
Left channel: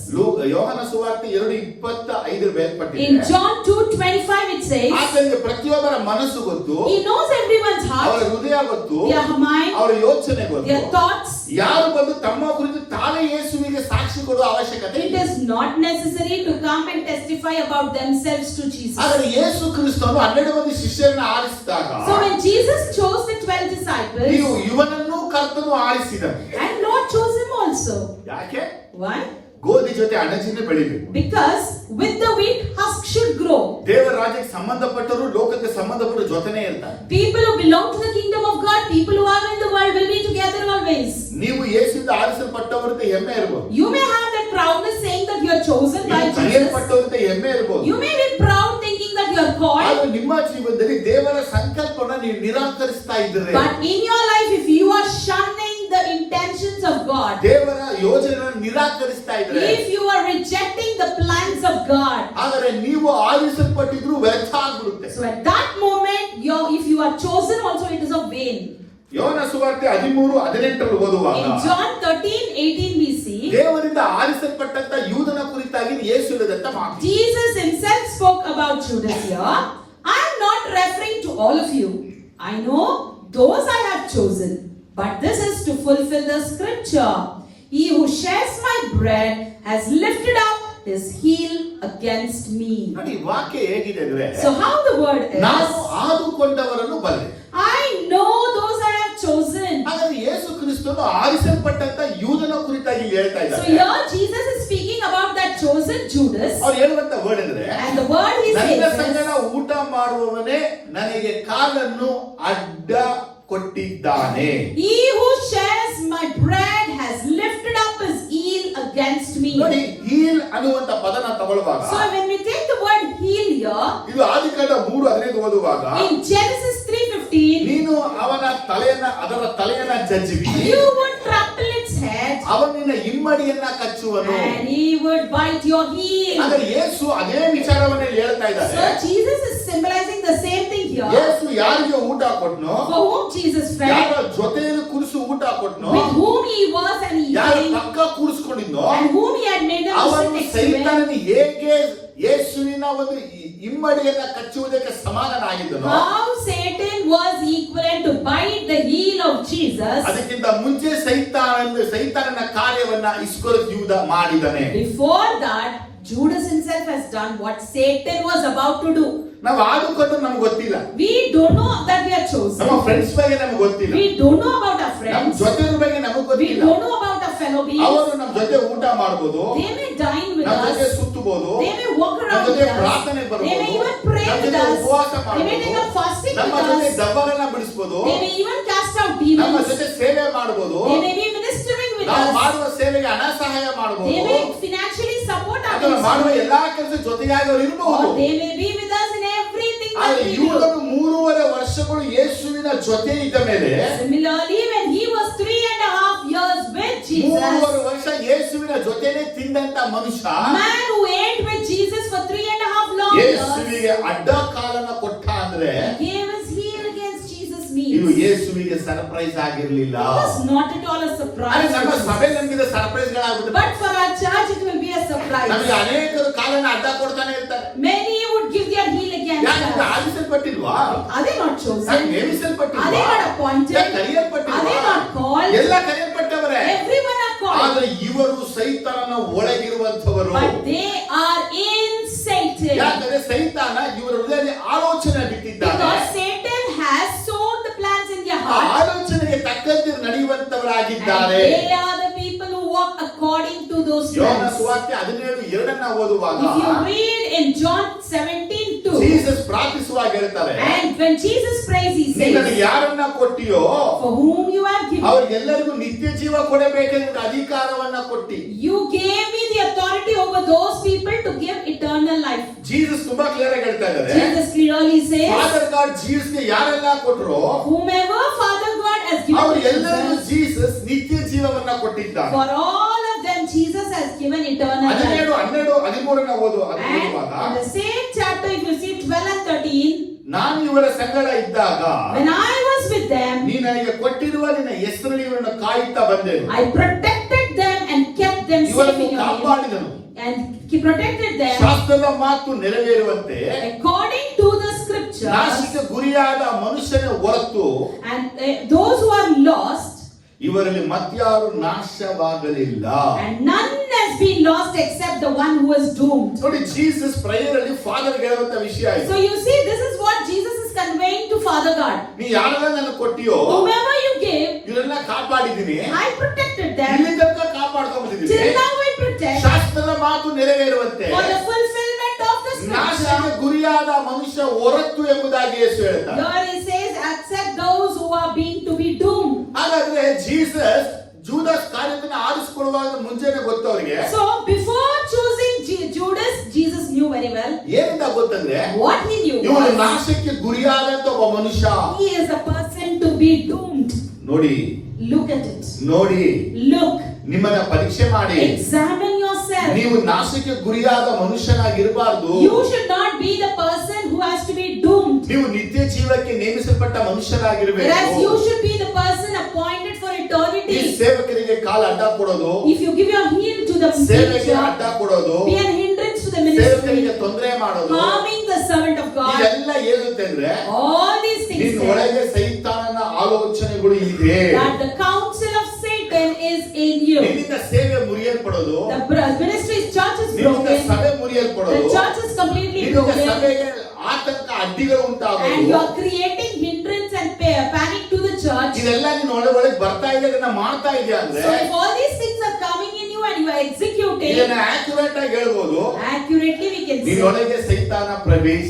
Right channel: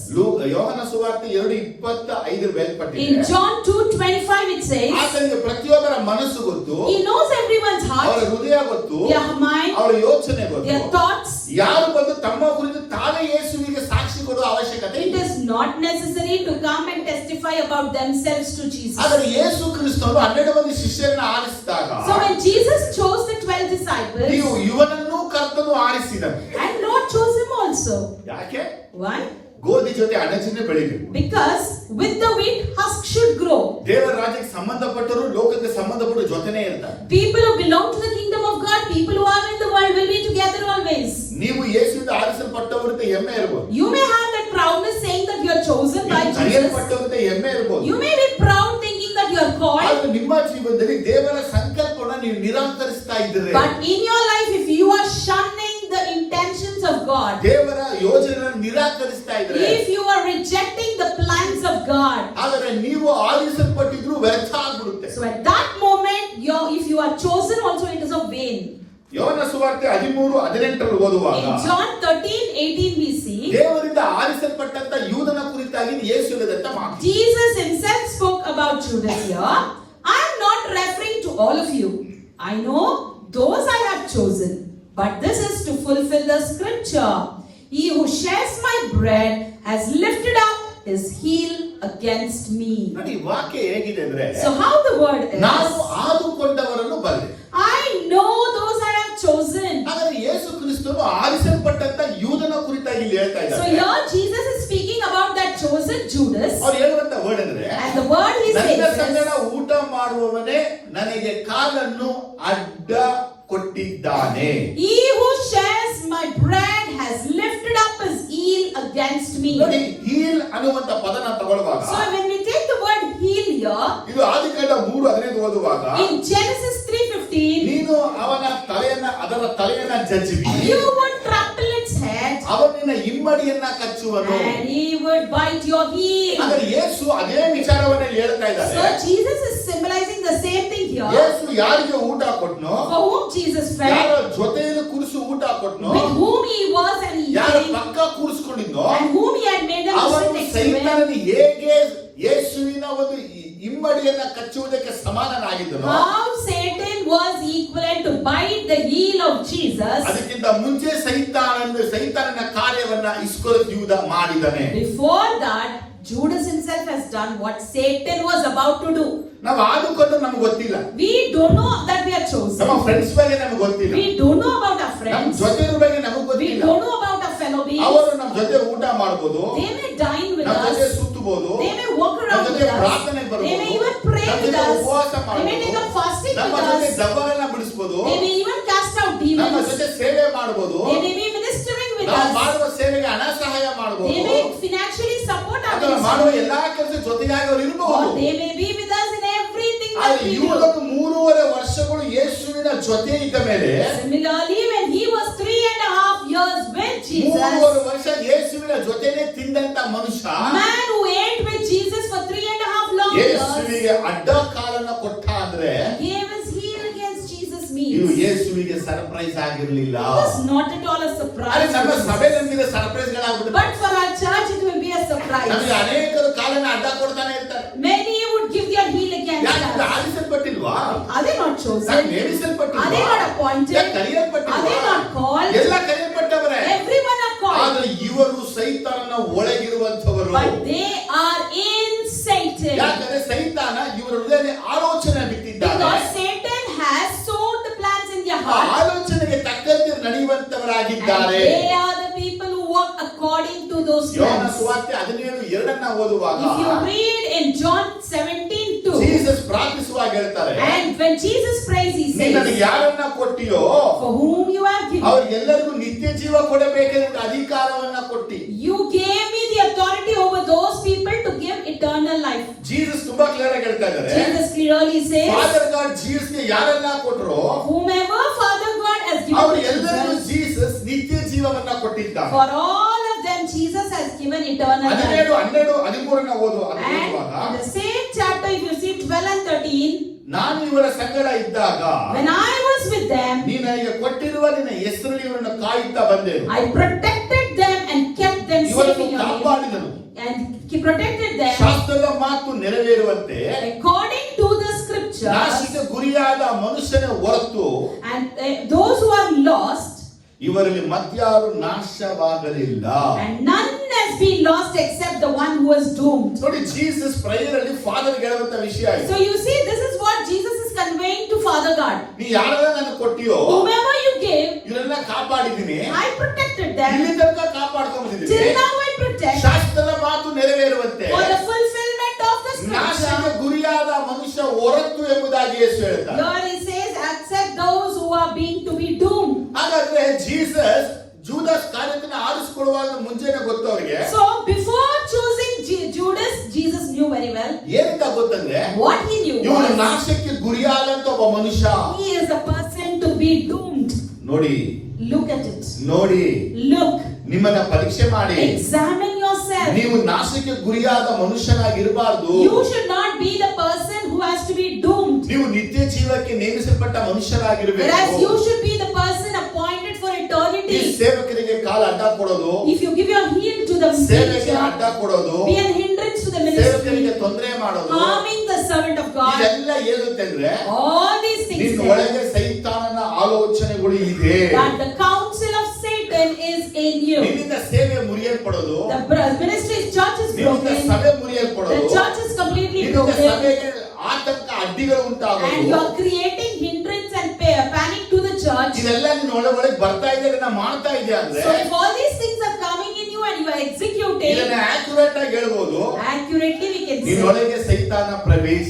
ಯೋಹಾನ ಸುವಾರ್ತೆ 2:25 ಬೇರ್ಪಟ್ಟಿದೆ. In John 2:25 it says, ಆತನಿಗೆ ಪ್ರತಿಯೊಬ್ಬರ ಮನಸ್ಸು ಗೊತ್ತು, he knows everyone's ಅವರ heart, ಹೃದಯ ಗೊತ್ತು, their mind, ಅವರ ಯೋಚನೆ ಗೊತ್ತು. their thoughts. ಯಾರು ಬಂದು ತಮ್ಮ ಕುರಿತು ತಾನೇ ಯೇಸುವಿಗೆ ಸಾಕ್ಷಿ ಕೊಡುವ ಅವಶ್ಯಕತೆ It ಇಲ್ಲ. is not necessary to come and testify about themselves to Jesus. ಆದರೆ ಯೇಸು ಕ್ರಿಸ್ತನು 12 ಮಂದಿ ಶಿಷ್ಯರನ್ನ ಆರಿಸಿದಾಗ, So when Jesus chose the 12 disciples, ನೀವು ಇವನನ್ನು ಕರ್ತನು ಆರಿಸಿದನು. and Lord chose him also. ಯಾಕೆ? Why? ಗೋಧಿ ಜೊತೆ ಅಣಚಿನ ಬೆಳಿಬೇಕು. Because with the wheat husk should grow. ದೇವರ ರಾಜ್ಯಕ್ಕೆ ಸಂಬಂಧಪಟ್ಟರು ಲೋಕಕ್ಕೆ ಸಂಬಂಧಪಟ್ಟ ಜೊತೆನೇ ಇರ್ತಾರೆ. People who belong to the kingdom of God, people who are in the world will be together always. ನೀವು ಯೇಸುವಿಂದ ಆರಿಸಲ್ಪಟ್ಟ ಆರಿಸಲ್ಪಟ್ಟವರಂತೆ ಹೆಮ್ಮೆ ಇರಬಹುದು. You may have that proudness saying that you are chosen by Jesus. ಕರೆಯಲ್ಪಟ್ಟವರಂತೆ ಹೆಮ್ಮೆ ಇರಬಹುದು. You may be proud thinking that you are called. ಆದ್ರೆ ನಿಮ್ಮ ಜೀವನದಲ್ಲಿ ದೇವರ ಸಂಕಲ್ಪವನ್ನು ನೀವು ನಿರಾಕರಿಸ್ತಾ ಇದ್ದೀರಿ. But in your life, if you are shunning the intentions of God, ದೇವರ ಯೋಜನೆಯನ್ನು ನಿರಾಕರಿಸ್ತಾ ಇದ್ದೀರಿ, if you are rejecting the plans of God, ಆದರೆ ನೀವು ಆರಿಸಲ್ಪಟ್ಟಿದ್ರು ವ್ಯರ್ಥ ಆಗ್ಬಿಡುತ್ತೆ. so at that moment, if you are chosen also, it is of vain. ಯೋಹನ ಸುವಾರ್ತೆ 13:18 ಓದುವಾಗ In John 13:18 we see ದೇವರಿಂದ ಆರಿಸಲ್ಪಟ್ಟಂತ ಯೂದನ ಕುರಿತಾಗಿ ಯೇಸು ಹೇಳಿದಂತ ಮಾತು. Jesus himself spoke about Judas here. I am not referring to all of you. I know those I have chosen, but this is to fulfill the scripture. He who shares my bread has lifted up his heel against me. ನೋಡಿ ವಾಕ್ಯ ಹೇಗಿದೆ ಅಂದ್ರೆ, So how the word ನಾನು is, ಆದುಕೊಂಡವರನ್ನು ಬಲ್ಲೆ. I know those I have chosen. ಹಾಗಾದ್ರೆ ಯೇಸು ಕ್ರಿಸ್ತನು ಆರಿಸಲ್ಪಟ್ಟಂತ ಯೂದನ ಕುರಿತಾಗಿ ಇಲ್ಲಿ ಹೇಳ್ತಾ So ಇದ್ದಾರೆ. here Jesus is speaking about that chosen Judas, ಅವ್ರು ಹೇಳುವಂತ ವರ್ಡ್ ಅಂದ್ರೆ, and the word he ನನ್ನ says ಸಂಗಡ is, ಊಟ ಮಾಡುವವನೇ ನನಗೆ ಕಾಲನ್ನು ಅಡ್ಡ ಕೊಟ್ಟಿದ್ದಾನೆ. he who shares my bread has lifted up his heel against me. ನೋಡಿ, ಹೀಲ್ ಅನ್ನುವಂತ ಪದನ ತಗೊಳ್ಳುವಾಗ So when we take the word heel here, ಇದು ಆದಿಕಾಂಡ 3:15 ಓದುವಾಗ, in Genesis 3:15, ನೀನು ಅದರ ತಲೆಯನ್ನ ಜಜ್ಜುವಿ, you would trample its head, ಅವನಿನ ಇಮ್ಮಡಿಯನ್ನ ಕಚ್ಚುವನು. and he would bite your heel. ಆದರೆ ಯೇಸು ಅದೇ ವಿಚಾರವನ್ನ ಹೇಳ್ತಾ So ಇದ್ದಾರೆ. Jesus is symbolizing the same thing here. ಯೇಸು ಯಾರಿಗೆ ಊಟ ಕೊಟ್ನೋ, For whom Jesus ಯಾರ fed, ಜೊತೆಯಲ್ಲಿ ಕೂರಿಸಿ ಊಟ ಕೊಟ್ನೋ, with whom he was and he ಯಾರ ate, ಪಕ್ಕ ಕೂರಿಸ್ಕೊಂಡಿದ್ನೋ, and whom he had made them to ಅವನು sit next to him. ಸೈತಾನನಿಗೆ ಹೇಗೆ ಯೇಸುವಿನ ಒಂದು ಇಮ್ಮಡಿಯನ್ನ ಕಚ್ಚುವುದಕ್ಕೆ ಸಮಾನನಾಗಿದ್ದನೋ, How Satan was equivalent to bite the heel of Jesus. ಅದಕ್ಕಿಂತ ಮುಂಚೆ ಸೈತಾನನ ಕಾರ್ಯವನ್ನ ಇಸ್ಕರಿಯೋತ ಯೂದ ಮಾಡಿದನೆ. Before that, Judas himself has done what Satan was about to do. ನಾವು ಆದುಕೊಂಡು ನಮ್ಗೆ ಗೊತ್ತಿಲ್ಲ, We don't know that we are ನಮ್ಮ chosen. ಫ್ರೆಂಡ್ಸ್ ಬಗ್ಗೆ ನಮ್ಗೆ ಗೊತ್ತಿಲ್ಲ, We don't know about our ನಮ್ಮ friends. ಜೊತೆ ಬಗ್ಗೆ ನಮಗೆ We ಗೊತ್ತಿಲ್ಲ. don't know about our fellow beings. ಅವರು ನಮ್ಮ ಜೊತೆ ಊಟ ಮಾಡಬಹುದು, They may dine with ನಮ್ಮ ಜೊತೆ us. ಸುತ್ತಬಹುದು, They may walk ನಮ್ಮ around ಜೊತೆ with us. ಪ್ರಾರ್ಥನೆ They may ಬರಬಹುದು, even pray ನಮ್ಮ with ಜೊತೆ us. ಉಪವಾಸ They may take ಮಾಡಬಹುದು, up fasting ನಮ್ಮ with ಜೊತೆ us. ದೆವ್ವಗಳನ್ನ ಬಿಡಿಸಬಹುದು, They may even cast out ನಮ್ಮ demons. ಜೊತೆ ಸೇವೆ ಮಾಡಬಹುದು, They may be ministering with ನಾವು us. ಮಾಡುವ ಸೇವೆಗೆ ಹಣ ಸಹಾಯ They ಮಾಡಬಹುದು, may financially support our ಅಥವಾ ಮಾಡುವ ministry. ಎಲ್ಲಾ ಕೆಲಸ ಜೊತೆಗಾಗಿ ಅವರು ಇರಬಹುದು. Or they may be with us in everything that ಆದರೆ we do. ಯೂದನು 3.5 ವರ್ಷಗಳು ಯೇಸುವಿನ ಜೊತೆ ಇದ್ದ ಮೇಲೆ, Similarly, when he was 3.5 years with Jesus, 3.5 ವರ್ಷ ಯೇಸುವಿನ ಜೊತೆನೆ ತಿಂದಂತ ಮನುಷ್ಯ man who ate with Jesus for 3.5 long years, ಯೇಸುವಿಗೆ ಅಡ್ಡ ಕಾಲನ್ನ ಕೊಟ್ಟ ಅಂದ್ರೆ gave his heel against Jesus' ಇದು knees. ಯೇಸುವಿಗೆ ಸರ್ಪ್ರೈಸ್ ಆಗಿರ್ಲಿಲ್ಲ. It was not at all a ಅದು surprise. ನಮ್ಮ ಸಭೆ ನಮಗೆ ಸರ್ಪ್ರೈಸ್ ಗಳಾಗ್ಬಿಡುತ್ತೆ. But for our church, it will be a surprise. ನಮಗೆ ಅನೇಕರು ಕಾಲನ್ನ ಅಡ್ಡ ಕೊಡ್ತಾನೆ ಇರ್ತಾರೆ. Many would give their heel against ಯಾಕಂದ್ರೆ us. ಆರಿಸಲ್ಪಟ್ಟಿಲ್ವಾ, Are they not ನಾನು chosen? ನೇಮಿಸಲ್ಪಟ್ಟಿಲ್ವಾ, Are they not appointed? ಯಾಕೆ ಕರೆಯಲ್ಪಟ್ಟಿಲ್ವಾ? Are they not called? ಎಲ್ಲ ಕರೆಯಲ್ಪಟ್ಟವರೇ. Everyone are called. ಆದ್ರೆ ಇವರು ಸೈತಾನನ ಒಳಗಿರುವಂತವರು. But they are in Satan. ಯಾಕಂದ್ರೆ ಸೈತಾನ ಇವರ ಹೃದಯದಲ್ಲಿ ಆಲೋಚನೆ ಬಿಟ್ಟಿದ್ದಾನೆ. Because Satan has sown the plans in their ಆ heart. ಆಲೋಚನೆಗೆ ತಕ್ಕಂತೆ And ನಡೆಯುವಂತವರಾಗಿದ್ದಾರೆ. they are the people who walk according to those ಯೋಹನ plans. ಸುವಾರ್ತೆ 17:2 ಓದುವಾಗ If you read in John 17:2, ಜೀಸಸ್ ಪ್ರಾರ್ಥಿಸುವಾಗ ಹೇಳ್ತಾರೆ, and when Jesus prays, he ನೀನು ನನಗೆ says, ಯಾರನ್ನ ಕೊಟ್ಟಿಯೋ for whom you have given, ಅವ್ರಿಗೆಲ್ಲರಿಗೂ ನಿತ್ಯ ಜೀವ ಕೊಡಬೇಕೆಂದ ಅಧಿಕಾರವನ್ನ ಕೊಟ್ಟಿ. you gave me the authority over those people to give eternal life. Jesus ತುಂಬಾ ಕ್ಲಿಯರ್ ಆಗಿ ಹೇಳ್ತಾ ಇದ್ದಾರೆ, Jesus clearly says, father god ಜೀಸಸ್ಗೆ ಯಾರನ್ನ ಕೊಟ್ಟರೋ whomever Father God has given ಅವ್ರು to ಎಲ್ಲರಿಗೂ Jesus, ಜೀಸಸ್ ನಿತ್ಯ ಜೀವವನ್ನ ಕೊಟ್ಟಿದ್ದಾರೆ. for all of them Jesus has given eternal life. 12:13 ಓದುವಾಗ And in the same chapter, if you see 12 and 13, ನಾನು ಇವರ ಸಂಗಡ ಇದ್ದಾಗ when I was with them, ನೀನು ನನಗೆ ಕೊಟ್ಟಿರುವ ನಿನ್ನ ಹೆಸರು ಇವರನ್ನು ಕಾಯುತ್ತಾ ಬಂದೆನು, I protected them and kept them safe ಇವರನ್ನು in your name. ಕಾಪಾಡಿದನು, And he protected them ಶಾಸ್ತ್ರದ ಮಾತು ನೆರವೇರುವಂತೆ according to the scripture. ನಾಶಕ್ಕೆ ಗುರಿಯಾದ ಮನುಷ್ಯನ ಹೊರತು And those who are lost, ಇವರಲ್ಲಿ ಮತ್ಯಾರು ನಾಶವಾಗಲಿಲ್ಲ. and none has been lost except the one who was doomed. ನೋಡಿ, ಜೀಸಸ್ ಪ್ರೇಯರ್ ಅಲ್ಲಿ ಫಾದರ್ ಹೇಳುವಂತ ವಿಷಯ ಇದು. So you see, this is what Jesus is conveying to Father God. ನೀ ಯಾರೆಲ್ಲ ನನಗೆ ಕೊಟ್ಟಿಯೋ Whomever you gave, ಇವರೆಲ್ಲ ಕಾಪಾಡಿದ್ದೀನಿ, I protected them. ಇಲ್ಲಿ ತನಕ ಕಾಪಾಡ್ಕೊಂಡಿದ್ದೀನಿ, Till now I protect ಶಾಸ್ತ್ರದ ಮಾತು ನೆರವೇರುವಂತೆ for the fulfillment of the scripture. ನಾಶಕ್ಕೆ ಗುರಿಯಾದ ಮನುಷ್ಯ ಹೊರತು ಎಂಬುದಾಗಿ ಯೇಸು ಹೇಳ್ತಾರೆ. Here he says, except those who are being to be doomed. ಹಾಗಾದ್ರೆ ಜೀಸಸ್ ಜೂದಸ್ ಕಾರ್ಯವನ್ನು ಆರಿಸಿಕೊಳ್ಳುವಾಗ ಮುಂಚೆನೆ ಗೊತ್ತು ಅವರಿಗೆ. So before choosing Judas, Jesus knew very well. ಏನಂತ ಗೊತ್ತಂದ್ರೆ What he knew ಇವನು was ನಾಶಕ್ಕೆ ಗುರಿಯಾದಂತ ಒಬ್ಬ ಮನುಷ್ಯ. he is a person to be doomed. ನೋಡಿ, Look at it. ನೋಡಿ, Look. ನಿಮ್ಮನ್ನ ಪರೀಕ್ಷೆ ಮಾಡಿ. Examine yourself. ನೀವು ನಾಶಕ್ಕೆ ಗುರಿಯಾದ ಮನುಷ್ಯನಾಗಿರಬಾರ್ದು. You should not be the person who has to be doomed. ನೀವು ನಿತ್ಯ ಜೀವಕ್ಕೆ ನೇಮಿಸಲ್ಪಟ್ಟ ಮನುಷ್ಯರಾಗಿರಬೇಕು. Whereas you should be the person appointed for ಈ eternity. ಸೇವಕರಿಗೆ ಕಾಲ ಅಡ್ಡ ಕೊಡೋದು, If you give your heel to the ಸೇವೆಗೆ preacher, ಅಡ್ಡ ಕೊಡೋದು, be an hindrance to the ಸೇವಕರಿಗೆ ministry, ತೊಂದರೆ ಮಾಡೋದು, harming the servant of God. ಇದೆಲ್ಲ ಏನಂತಂದ್ರೆ All these things ನಿನ್ನ there, ಒಳಗೆ ಸೈತಾನನ ಆಲೋಚನೆಗಳು ಇದೆ. that the counsel of Satan is in you. ನಿನ್ನಿಂದ ಸೇವೆ ಮುರಿಯಲ್ಪಡೋದು, The ministry's church is ನಿನ್ನಿಂದ broken. ಸಭೆ The ಮುರಿಯಲ್ಪಡೋದು, church is completely ನಿನ್ನಿಂದ broken. ಸಭೆಗೆ ಆತಂಕ ಅಡ್ಡಿಗಳು And you ಉಂಟಾಗೋದು. are creating hindrance and panic to the church. ಇದೆಲ್ಲ ನಿನ್ನ ಒಳಗೆ ಬರ್ತಾ ಇದೆ, ಇದನ್ನ ಮಾಡ್ತಾ ಇದೆ ಅಂದ್ರೆ So if all these things are coming in you and you are executing, ಇದನ್ನ ಆಕ್ಯುರೇಟ್ ಆಗಿ ಹೇಳ್ಬೋದು, accurately we can say ನಿನ್ನೊಳಗೆ ಸೈತಾನ that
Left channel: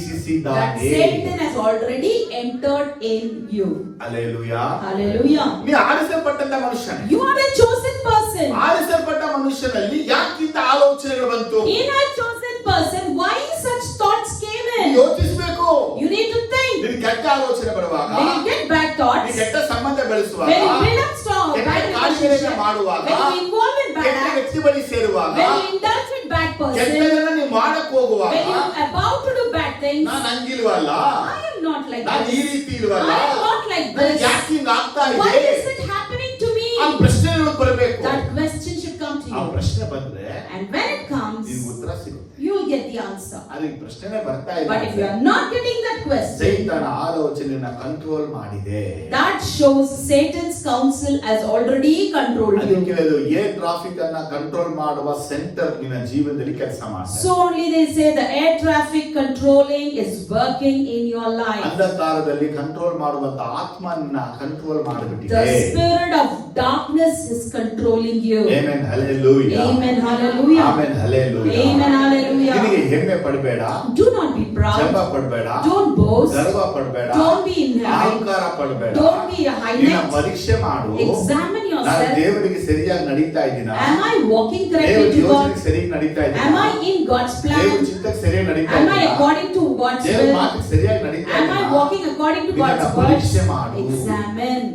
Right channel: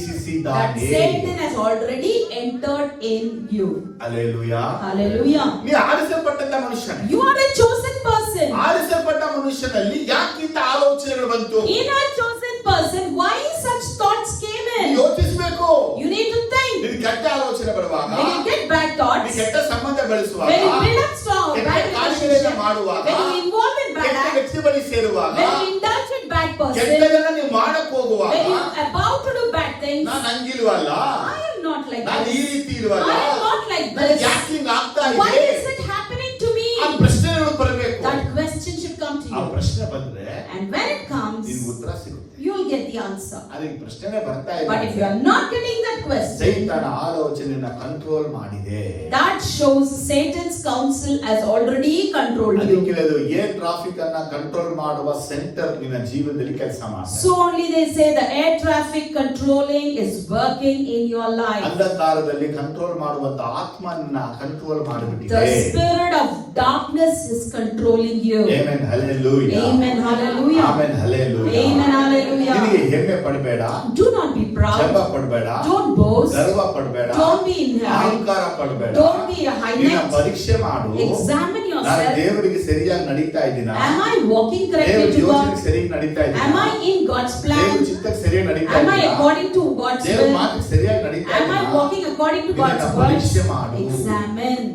ಪ್ರವೇಶಿಸಿದ್ದಾನೆ. Satan has already entered in you. Hallelujah. Hallelujah. ನೀ ಆರಿಸಲ್ಪಟ್ಟಂತ ಮನುಷ್ಯ. You are a chosen person. ಆರಿಸಲ್ಪಟ್ಟ ಮನುಷ್ಯನಲ್ಲಿ ಯಾಕಿಂತ ಆಲೋಚನೆಗಳು ಬಂತು? In a chosen person, why such thoughts came ನೀ in? ಯೋಚಿಸಬೇಕು. You need to think. ನಿನ್ ಕೆಟ್ಟ ಆಲೋಚನೆ ಬರುವಾಗ, When you get bad ನೀ thoughts, ಕೆಟ್ಟ ಸಂಬಂಧ ಬೆಳೆಸುವಾಗ, when you build up strong ಕೆಟ್ಟ bad ಕಾರ್ಯಗಳನ್ನು relationship, ಮಾಡುವಾಗ, when you involve in bad ಕೆಟ್ಟ acts, ವ್ಯಕ್ತಿ ಬಳಿ ಸೇರುವಾಗ, when you indulge with bad person, ಕೆಟ್ಟದನ್ನ ನೀವು ಮಾಡಕ್ ಹೋಗುವಾಗ, when you are about to do bad things, ನಾನು ಹಂಗಿಲ್ವಲ್ಲ, I am not like ನಾನು ಈ this. ರೀತಿ ಇಲ್ವಲ್ಲ, I am not like ನನಗೆ this. ಯಾಕೆ ಹಿಂಗ್ ಆಗ್ತಾ Why ಇದೆ? is it happening to me? ಆ ಪ್ರಶ್ನೆಗಳು ಬರಬೇಕು. That question should come to ಆ you. ಪ್ರಶ್ನೆ ಬಂದ್ರೆ And when it comes, ನಿಮ್ಗೆ ಉತ್ತರ ಸಿಗುತ್ತೆ. you will get the answer. ಅದಕ್ಕೆ ಪ್ರಶ್ನೆನೇ ಬರ್ತಾ But if you ಇಲ್ಲ, are not getting that question, ಸೈತಾನ ಆಲೋಚನೆಯನ್ನ ಕಂಟ್ರೋಲ್ ಮಾಡಿದೆ. that shows Satan's counsel has already controlled you. ಅದಕ್ಕೆ ಅದು ಏರ್ ಟ್ರಾಫಿಕ್ ಅನ್ನ ಕಂಟ್ರೋಲ್ ಮಾಡುವ ಸೆಂಟರ್ ನಿನ್ನ ಜೀವನದಲ್ಲಿ ಕೆಲಸ ಮಾಡ್ತಾರೆ. So only they say the air traffic controlling is working in your life. ಅಂಧಕಾರದಲ್ಲಿ ಕಂಟ್ರೋಲ್ ಮಾಡುವಂತ ಆತ್ಮನ್ನ ಕಂಟ್ರೋಲ್ The ಮಾಡಿಬಿಟ್ಟಿದೆ. spirit of darkness is controlling you. Amen hallelujah. Amen. Hallelujah. Amen hallelujah. Amen. Hallelujah. ನಿನಗೆ ಹೆಮ್ಮೆ ಪಡಬೇಡ, Do not be proud. ಗರ್ವ ಪಡಬೇಡ, Don't boast. ಗರ್ವ ಪಡಬೇಡ, Don't be in high. ಅಹಂಕಾರ ಪಡಬೇಡ. Don't be a high ನಿನ್ನ neck. ಪರೀಕ್ಷೆ ಮಾಡು. Examine ನಾನು yourself. ದೇವರಿಗೆ ಸರಿಯಾಗಿ ನಡೀತಾ ಇದ್ದೀನ, Am I walking correctly ದೇವರ to ಯೋಜನೆಗೆ God? ಸರಿಯಾಗಿ ನಡೀತಾ Am ಇದ್ದೀನ, I in God's ದೇವರ plan? ಚಿತ್ತಕ್ಕೆ ಸರಿಯಾಗಿ ನಡೀತಾ Am I ಇದ್ದೀನ, according to God's ದೇವರ will? ಮಾತಿಗೆ ಸರಿಯಾಗಿ ನಡೀತಾ Am I ಇದ್ದೀನ. walking according to God's ಇದನ್ನ word? ಪರೀಕ್ಷೆ ಮಾಡು. Examine.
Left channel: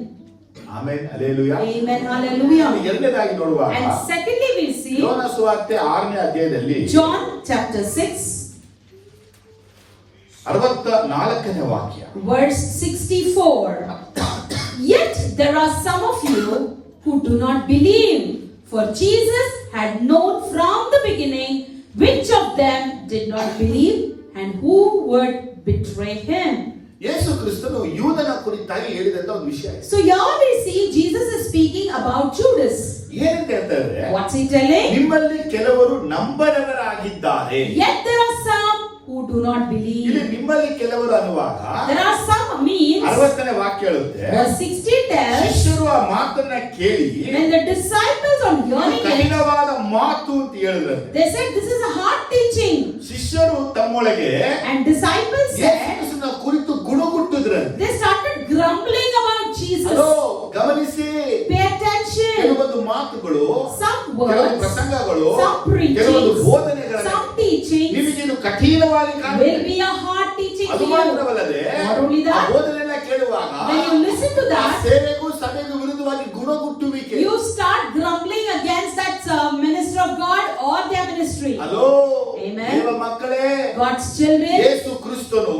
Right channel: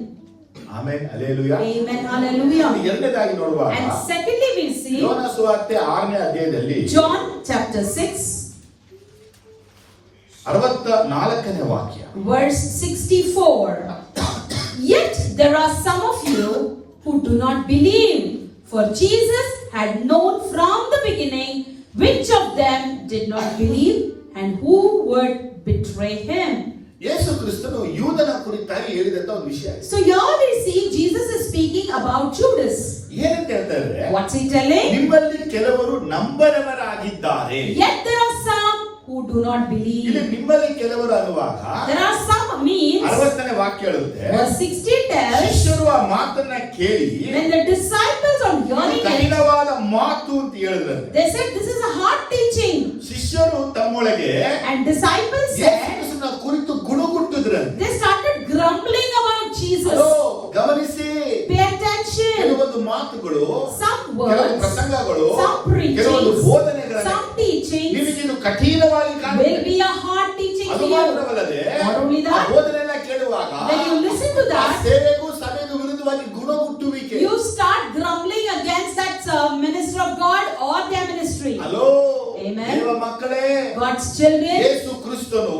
Amen hallelujah. Amen. Hallelujah. ಎರಡನೇದಾಗಿ ನೋಡುವಾಗ And secondly, we see ಯೋನ ಸುವಾರ್ತೆ 6ನೇ ಅಧ್ಯಾಯದಲ್ಲಿ John chapter 6, 64ನೇ ವಾಕ್ಯ. verse 64. Yet there are some of you who do not believe, for Jesus had known from the beginning which of them did not believe and who would betray him. ಯೇಸು ಕ್ರಿಸ್ತನು ಯೂದನ ಕುರಿತಾಗಿ ಹೇಳಿದಂತ ಒಂದು ವಿಷಯ. So here we see Jesus is speaking about Judas. ಏನಂತ ಹೇಳ್ತಾರೆ? What's he telling? ನಿಮ್ಮಲ್ಲಿ ಕೆಲವರು ನಂಬದವರಾಗಿದ್ದಾರೆ. Yet there are some who do not ಇಲ್ಲಿ believe. ನಿಮ್ಮಲ್ಲಿ ಕೆಲವರು ಅನ್ನುವಾಗ There are some means. 60ನೇ ವಾಕ್ಯ ಹೇಳುತ್ತೆ, Verse 60 tells, ಶಿಷ್ಯರು ಆ ಮಾತನ್ನ ಕೇಳಿ when the disciples on hearing it, ಕಠಿಣವಾದ ಮಾತು ಅಂತ ಹೇಳಿದ್ರಂತೆ. they said this is a hard teaching. ಶಿಷ್ಯರು ತಮ್ಮೊಳಗೆ And disciples ಯೇಸು said, ಕ್ರಿಸ್ತನ ಕುರಿತು ಗುಣಗುಟ್ಟಿದ್ರಂತೆ. they started grumbling about Jesus. Hello, ಗಮನಿಸಿ, Pay attention. ಕೆಲವೊಂದು ಮಾತುಗಳು, Some ಕೆಲವೊಂದು words, ಪ್ರಸಂಗಗಳು, some preachings, ಕೆಲವೊಂದು ಬೋಧನೆಗಳು some teachings ನಿಮಗೆ ಇದು ಕಠಿಣವಾಗಿ will ಕಾಣುತ್ತೆ. be a hard teaching ಅದು to you. ಮಾತ್ರವಲ್ಲದೆ Not only ಆ that, ಬೋಧನೆಯನ್ನ ಕೇಳುವಾಗ when you listen to ಆ that, ಸೇವೆಗೂ ಸಭೆಗೂ ವಿರುದ್ಧವಾಗಿ ಗುಣಗುಟ್ಟುವಿಕೆ. you start grumbling against that minister of God or their ministry. Hello, Amen. ದೇವ ಮಕ್ಕಳೇ, God's children, ಯೇಸು ಕ್ರಿಸ್ತನು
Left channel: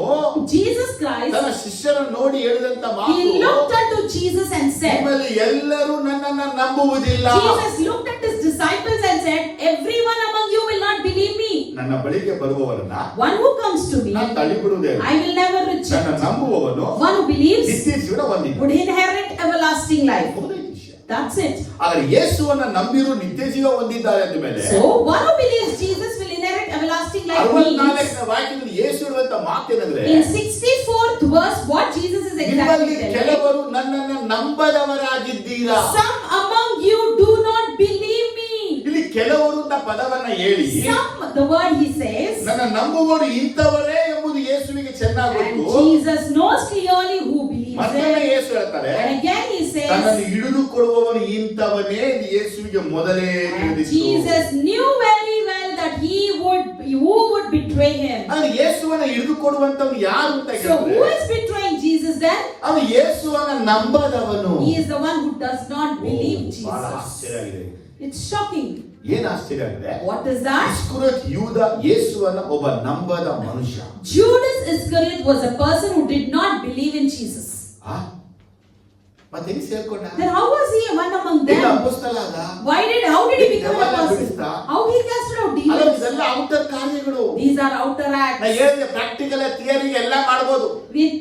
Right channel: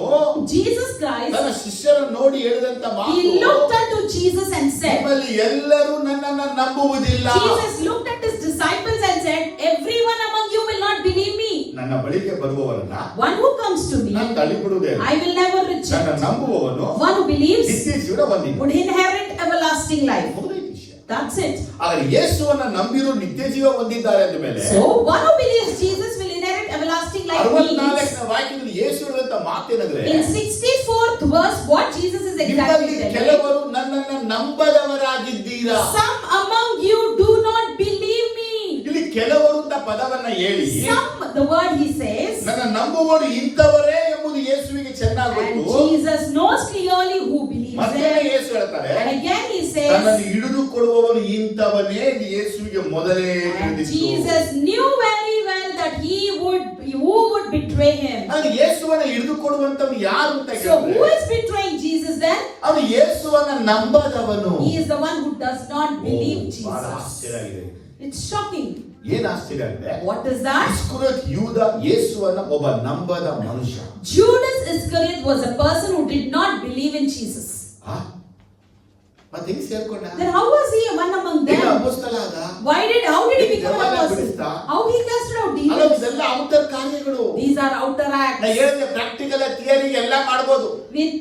Jesus Christ, ತನ್ನ ಶಿಷ್ಯರನ್ನು ನೋಡಿ ಹೇಳಿದಂತ he ಮಾತು, looked unto Jesus and said, ನಿಮ್ಮಲ್ಲಿ ಎಲ್ಲರೂ ನನ್ನನ್ನು ನಂಬುವುದಿಲ್ಲ. Jesus looked at his disciples and said, everyone among you will not believe me. ನನ್ನ ಬಳಿಗೆ ಬರುವವರನ್ನ One who comes to me, ನಾನು ತಳ್ಳಿಬಿಡುವುದಿಲ್ಲ. I will never ನನ್ನ reject. ನಂಬುವವನು One who believes ನಿತ್ಯ ಜೀವನ ಹೊಂದಿದ್ದಾನೆ. would inherit everlasting life. ಹೌದೇ ಈ ವಿಷಯ. That's it. ಆದರೆ ಯೇಸುವನ್ನ ನಂಬಿರು ನಿತ್ಯ ಜೀವ ಹೊಂದಿದ್ದಾರೆ ಅಂದ ಮೇಲೆ So, one who believes Jesus will inherit everlasting life means, 64ನೇ ವಾಕ್ಯದಲ್ಲಿ ಯೇಸು ಹೇಳುವಂತ ಮಾತೇನಂದ್ರೆ, in 64th verse, what Jesus is exactly ನಿಮ್ಮಲ್ಲಿ telling. ಕೆಲವರು ನನ್ನನ್ನು ನಂಬದವರಾಗಿದ್ದೀರಾ. Some among you do not believe me. ಇಲ್ಲಿ ಕೆಲವರು ಅಂತ ಪದವನ್ನ ಹೇಳಿ, Some, the word he says, ನನ್ನ ನಂಬುವವರು ಇಂಥವರೇ ಎಂಬುದು ಯೇಸುವಿಗೆ ಚೆನ್ನಾಗಿ and ಗೊತ್ತು. Jesus knows clearly who believes He ಮತ್ತೊಮ್ಮೆ said, ಯೇಸು ಹೇಳ್ತಾರೆ, and again he ತನ್ನನ್ನು says, ಹಿಡಿದುಕೊಳ್ಳುವವನು ಇಂಥವನೇ ಎಂದು ಯೇಸುವಿಗೆ ಮೊದಲೇ and ತಿಳಿದಿತ್ತು. Jesus knew very well that who would betray him. ಅಂದ್ರೆ ಯೇಸುವನ್ನ ಹಿಡಿದುಕೊಳ್ಳುವಂತವನು ಯಾರು ಅಂತ So who ಕೇಳಿದ್ರೆ, is betraying Jesus then? ಅವನು ಯೇಸುವನ್ನ ನಂಬದವನು. He is the one who does not believe ಬಹಳ Jesus. ಆಶ್ಚರ್ಯ ಆಗಿದೆ. It's shocking. ಏನ್ ಆಶ್ಚರ್ಯ ಅಂದ್ರೆ, What is that? ಇಸ್ಕರಿಯೋತ ಯೂದ ಯೇಸುವನ್ನ ಒಬ್ಬ ನಂಬದ ಮನುಷ್ಯ. Judas Iscariot was a person who did not believe in Jesus. ಆ? ಮತ್ತೆ ಹೆಂಗ್ ಸೇರ್ಕೊಂಡ? Then how was he one among ಏನು them? ಅಪೊಸ್ತಲ ಆದ? How did he become a ದೆವ್ವನ person? ಬಿಡಿಸ್ದ? How he casted out ಅಲ್ಲ, demons? ಇದೆಲ್ಲ ಔಟರ್ ಕಾರ್ಯಗಳು. These are outer ನಾ acts. ಹೇಳಿದೆ, ಪ್ರಾಕ್ಟಿಕಲ್ ಥಿಯರಿ ಎಲ್ಲ ಮಾಡ್ಬೋದು. With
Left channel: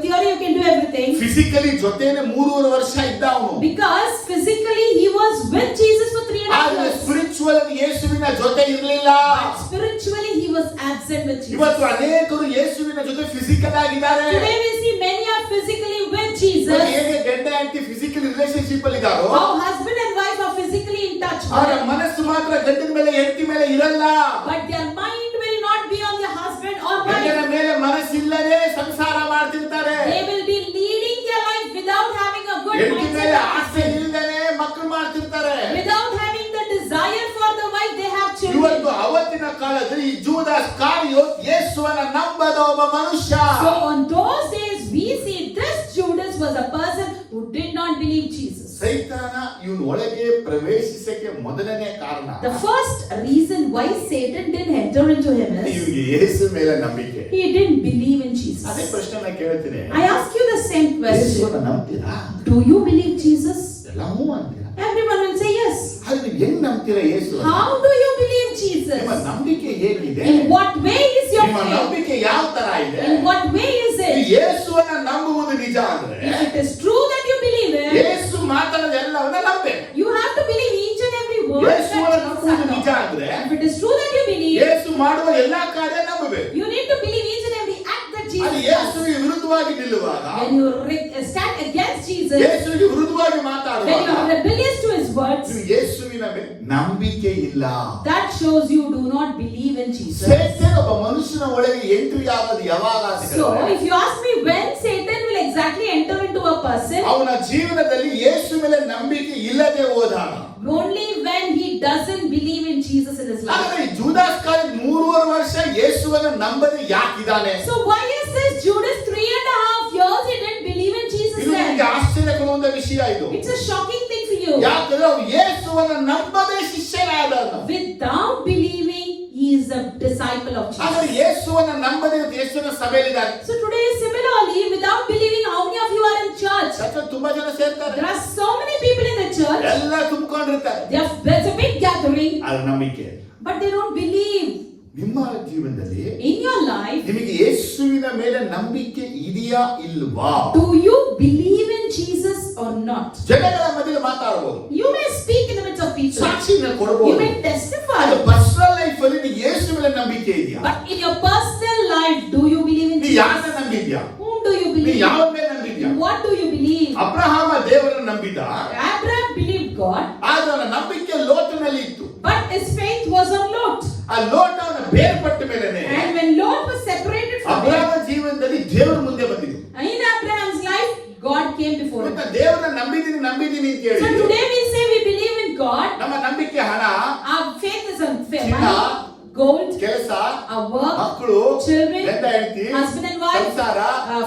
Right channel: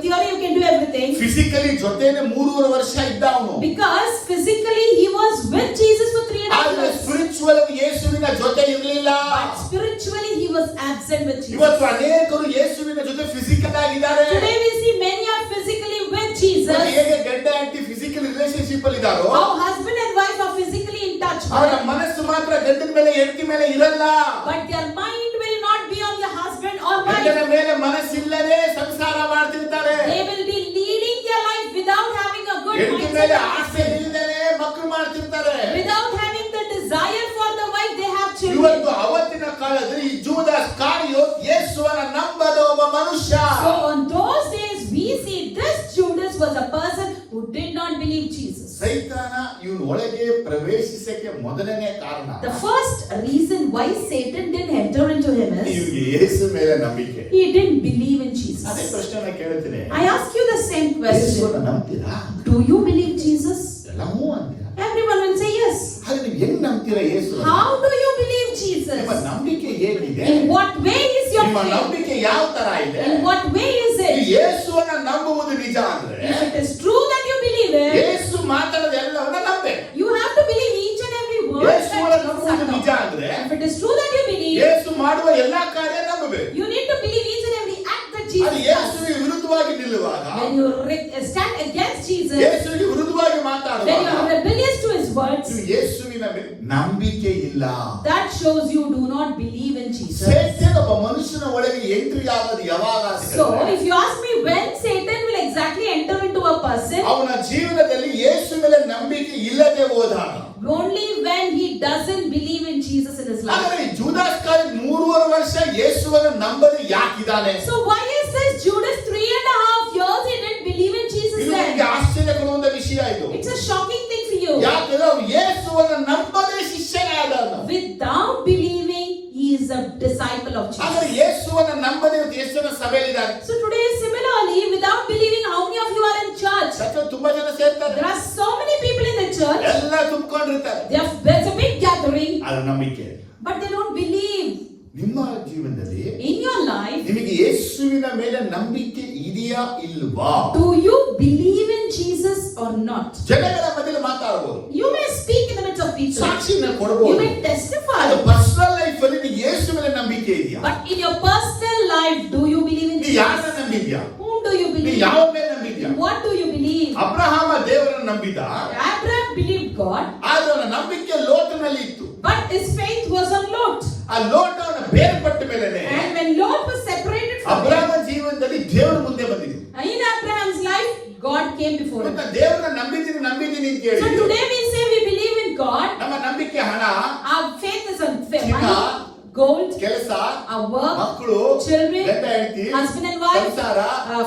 theory you can do everything. Physically ಜೊತೆನೆ 3.5 ವರ್ಷ ಇದ್ದ ಅವನು. Because physically he was with Jesus for 3.5 ಆದ್ರೆ years. ಸ್ಪಿರಿಚುವಲ್ ಯೇಸುವಿನ ಜೊತೆ ಇರಲಿಲ್ಲ. But spiritually he was absent with Jesus. ಇವತ್ತು ಅನೇಕರು ಯೇಸುವಿನ ಜೊತೆ ಫಿಸಿಕಲ್ ಆಗಿದ್ದಾರೆ. Today we see many are physically with Jesus. ಹೇಗೆ ಗಂಡ ಹೆಂಡತಿ ಫಿಸಿಕಲ್ ರಿಲೇಶನ್ಶಿಪ್ ಅಲ್ಲಿ ಇದ್ದಾರೋ, How husband and wife are physically in touch. ಅವರ ಮನಸ್ಸು ಮಾತ್ರ ಗಂಡನ ಮೇಲೆ ಹೆಂಡತಿ ಮೇಲೆ ಇರಲ್ಲ. But their mind will not be on their husband or ಗಂಡನ wife. ಮೇಲೆ ಮನಸ್ಸಿಲ್ಲದೆ ಸಂಸಾರ ಮಾಡ್ತಿರ್ತಾರೆ. They will be leading their life without having a good ಹೆಂಡತಿ ಮೇಲೆ ಆಸೆ mindset. ಇಲ್ಲದೆ ಮಕ್ಕಳು ಮಾಡ್ತಿರ್ತಾರೆ. Without having the desire for the wife, they have children. ಇವತ್ತು ಅವತ್ತಿನ ಕಾಲದಲ್ಲಿ ಈ ಜೂದಾಸ್ ಕಾರಿಯೋತ್ ಯೇಸುವನ್ನ ನಂಬದ ಒಬ್ಬ ಮನುಷ್ಯ. So on those days we see this Judas was a person who did not believe Jesus. ಸೈತಾನ ಇವನ ಒಳಗೆ ಪ್ರವೇಶಿಸಕ್ಕೆ ಮೊದಲನೇ ಕಾರಣ, The first reason why Satan didn't enter into him is ಇವನಿಗೆ ಯೇಸು ಮೇಲೆ ನಂಬಿಕೆ. he didn't believe in ಅದೇ Jesus. ಪ್ರಶ್ನೆ ನಾನು ಕೇಳ್ತೀನಿ, I ask you the same ಯೇಸುವನ್ನ question. ನಂಬ್ತೀರಾ? Do you believe Jesus? ಎಲ್ಲವೂ ಅಂತೀರಾ? Everyone will say yes. ಆದ್ರೆ ಹೆಂಗ್ ನಂಬ್ತೀರಾ ಯೇಸುವನ್ನ? How do you believe Jesus? ನಿಮ್ಮ ನಂಬಿಕೆ ಹೇಗಿದೆ? In what way is your ನಿಮ್ಮ faith? ನಂಬಿಕೆ ಯಾವ ತರ ಇದೆ? In what way is ಈ it? ಯೇಸುವನ್ನ ನಂಬುವುದು ನಿಜ ಅಂದ್ರೆ, If it is true that you believe it, ಯೇಸು ಮಾತಾಡೋದೆಲ್ಲವನ್ನ ನಂಬೆ. you have to believe each and every word that ಯೇಸುವನ್ನ Jesus ನಂಬುವುದು ನಿಜ uttered. ಅಂದ್ರೆ, If it is true that you believe, ಯೇಸು ಮಾಡುವ ಎಲ್ಲಾ ಕಾರ್ಯ ನಂಬಬೇಕು. you need to believe each and every act that ಅದು Jesus does. ಯೇಸುವಿಗೆ ವಿರುದ್ಧವಾಗಿ ನಿಲ್ಲುವಾಗ, When you stand against Jesus, ಯೇಸುವಿಗೆ ವಿರುದ್ಧವಾಗಿ when you ಮಾತಾಡುವಾಗ, are rebellious to his words, ನೀವು ಯೇಸುವಿನ ಮೇಲೆ ನಂಬಿಕೆ ಇಲ್ಲ. that shows you do not believe in Jesus. ಸೈತಾನ ಒಬ್ಬ ಮನುಷ್ಯನ ಒಳಗೆ ಎಂಟ್ರಿ ಆಗೋದು ಯಾವಾಗ So, if you ask me when Satan will exactly enter into a person, ಅವನ ಜೀವನದಲ್ಲಿ ಯೇಸು ಮೇಲೆ ನಂಬಿಕೆ ಇಲ್ಲದೆ ಹೋದಾಗ, only when he doesn't believe in Jesus in his life. ಹಾಗಾದ್ರೆ ಜೂದಾಸ್ ಕಾರಿ 3.5 ವರ್ಷ ಯೇಸುವನ್ನ ನಂಬದೆ ಯಾಕಿದ್ದಾನೆ? So why is this Judas 3.5 years he didn't believe in Jesus ಇದು then? ನಿಮಗೆ ಆಶ್ಚರ್ಯ ಕೊಡುವಂತ ವಿಷಯ ಇದು. It's a shocking thing for you. ಯಾಕಂದ್ರೆ ಅವನು ಯೇಸುವನ್ನ ನಂಬದೆ ಶಿಷ್ಯನಾದನು. Without believing, he is a disciple of ಆದ್ರೆ Jesus. ಯೇಸುವನ್ನ ನಂಬದೆ ಯೇಸುವಿನ ಸಭೆಯಲ್ಲಿದ್ದಾರೆ. So today, similarly, without believing, how many of you are in church? ಸತ್ತ ತುಂಬಾ ಜನ ಸೇರ್ತಾರೆ, There are so many people in the church. ಎಲ್ಲ ತುಂಬಿಕೊಂಡಿರ್ತಾರೆ. There's a big gathering, ಅದು ನಂಬಿಕೆ. but they don't believe. ನಿಮ್ಮ ಜೀವನದಲ್ಲಿ In your life, ನಿಮಗೆ ಯೇಸುವಿನ ಮೇಲೆ ನಂಬಿಕೆ ಇದೆಯಾ ಇಲ್ವಾ? do you believe in Jesus or not? ಜನಗಳ ಮಧ್ಯೆ ಮಾತಾಡಬಹುದು, You may speak in the midst of people. ಸಾಕ್ಷಿನ You ಕೊಡಬಹುದು. may testify. ಅದು ಪರ್ಸನಲ್ ಲೈಫ್ ಅಲ್ಲಿ ನೀವು ಯೇಸು ಮೇಲೆ ನಂಬಿಕೆ ಇದೆಯಾ? But in your personal life, do you believe in ನೀ Jesus? ಯಾರನ್ನ ನಂಬಿದ್ಯಾ? Whom do you ನೀ believe? ಯಾವ ಮೇಲೆ ನಂಬಿದ್ಯಾ? What do you believe? Abraham ದೇವರನ್ನ ನಂಬಿದ, Abraham believed God, ಆದ್ರೆ ಅವನ ನಂಬಿಕೆ ಲೋಟನಲ್ಲಿ ಇತ್ತು. but his faith was on Lot. ಆ ಲೋಟ ಅವನ ಬೇರ್ಪಟ್ಟ ಮೇಲೆನೆ And when Lot was separated from him, Abraham ಜೀವನದಲ್ಲಿ ದೇವರು ಮುಂದೆ ಬಂದಿದ್ದು. in Abraham's life, God came before him. ಮತ್ತೆ ದೇವರನ್ನ ನಂಬಿದೀನಿ ಅಂತ So ಹೇಳಿ today we say we believe in God. ನಮ್ಮ ನಂಬಿಕೆ ಹಣ, Our faith is on ಚಿನ್ನ, money, gold, ಕೆಲಸ, our work, ಮಕ್ಕಳು, children, ಗಂಡ ಹೆಂಡತಿ, husband and wife, ಸಂಸಾರ,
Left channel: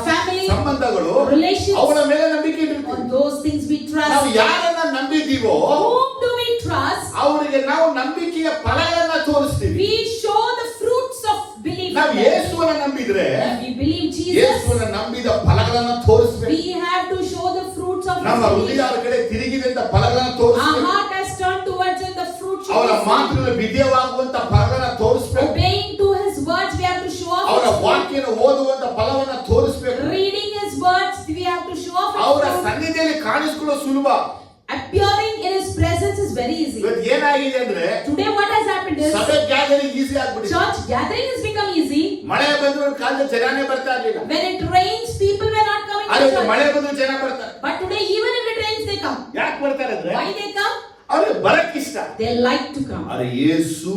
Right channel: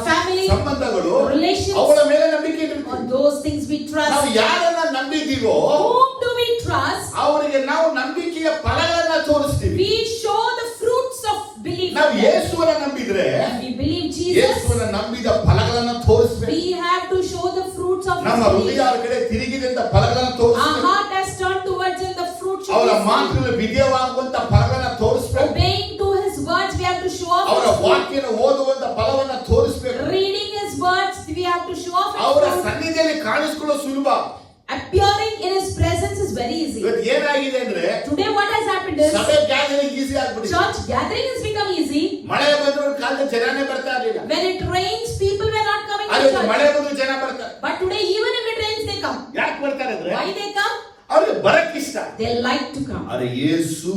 family, ಸಂಬಂಧಗಳು, relations. ಅವಳ ಮೇಲೆ ನಂಬಿಕೆ ಇಟ್ಟಿರ್ತೀವಿ. On those things we ನಾವು trust. ಯಾರನ್ನ ನಂಬಿದೀವೋ Whom do we trust? ಅವರಿಗೆ ನಾವು ನಂಬಿಕೆಯ ಫಲಗಳನ್ನ ತೋರಿಸ್ತೀವಿ. We show the fruits of belief. ನಾವು ಯೇಸುವನ್ನ ನಂಬಿದ್ರೆ If we believe Jesus, ಯೇಸುವನ್ನ ನಂಬಿದ ಫಲಗಳನ್ನ ತೋರಿಸ್ಬೇಕು. we have to show the fruits of ನಮ್ಮ his ಹೃದಯ belief. ಅವರ ಕಡೆ ತಿರುಗಿದಂತ ಫಲಗಳನ್ನ Our ತೋರಿಸ್ಬೇಕು. heart has turned towards him, the fruit should ಅವರ be seen. ಮಾತುಗಳ ವಿಧೇಯವಾಗುವಂತ ಫಲಗಳನ್ನ ತೋರಿಸ್ಬೇಕು. Obeying to his words, we have to show off ಅವರ his fruit. ವಾಕ್ಯನ ಓದುವಂತ ಫಲವನ್ನ ತೋರಿಸ್ಬೇಕು. Reading his words, we have to show off ಅವರ his fruit. ಸನ್ನಿಧಿಯಲ್ಲಿ ಕಾಣಿಸಿಕೊಳ್ಳೋ ಸುಲಭ. Appearing in his presence is very easy. ಇವತ್ತು ಏನಾಗಿದೆ ಅಂದ್ರೆ Today what has happened is, ಸಭೆ ಗ್ಯಾದರಿಂಗ್ ಈಸಿ ಆಗ್ಬಿಟ್ಟಿದೆ. church gathering has become easy. ಮಳೆ ಬಂದ್ರು ಕಾಲದಲ್ಲಿ ಜನನೇ ಬರ್ತಾ ಇರಲಿಲ್ಲ. When it rains, people were not coming to ಆದ್ರೆ ಮಳೆ church. ಬಂದ್ರು ಜನ ಬರ್ತಾರೆ. But today, even if it rains, they come. ಯಾಕೆ ಬರ್ತಾರೆ ಅಂದ್ರೆ Why they come? ಅವ್ರಿಗೆ ಬರಕ್ಕಿಷ್ಟ. They like to come. ಆದ್ರೆ ಯೇಸು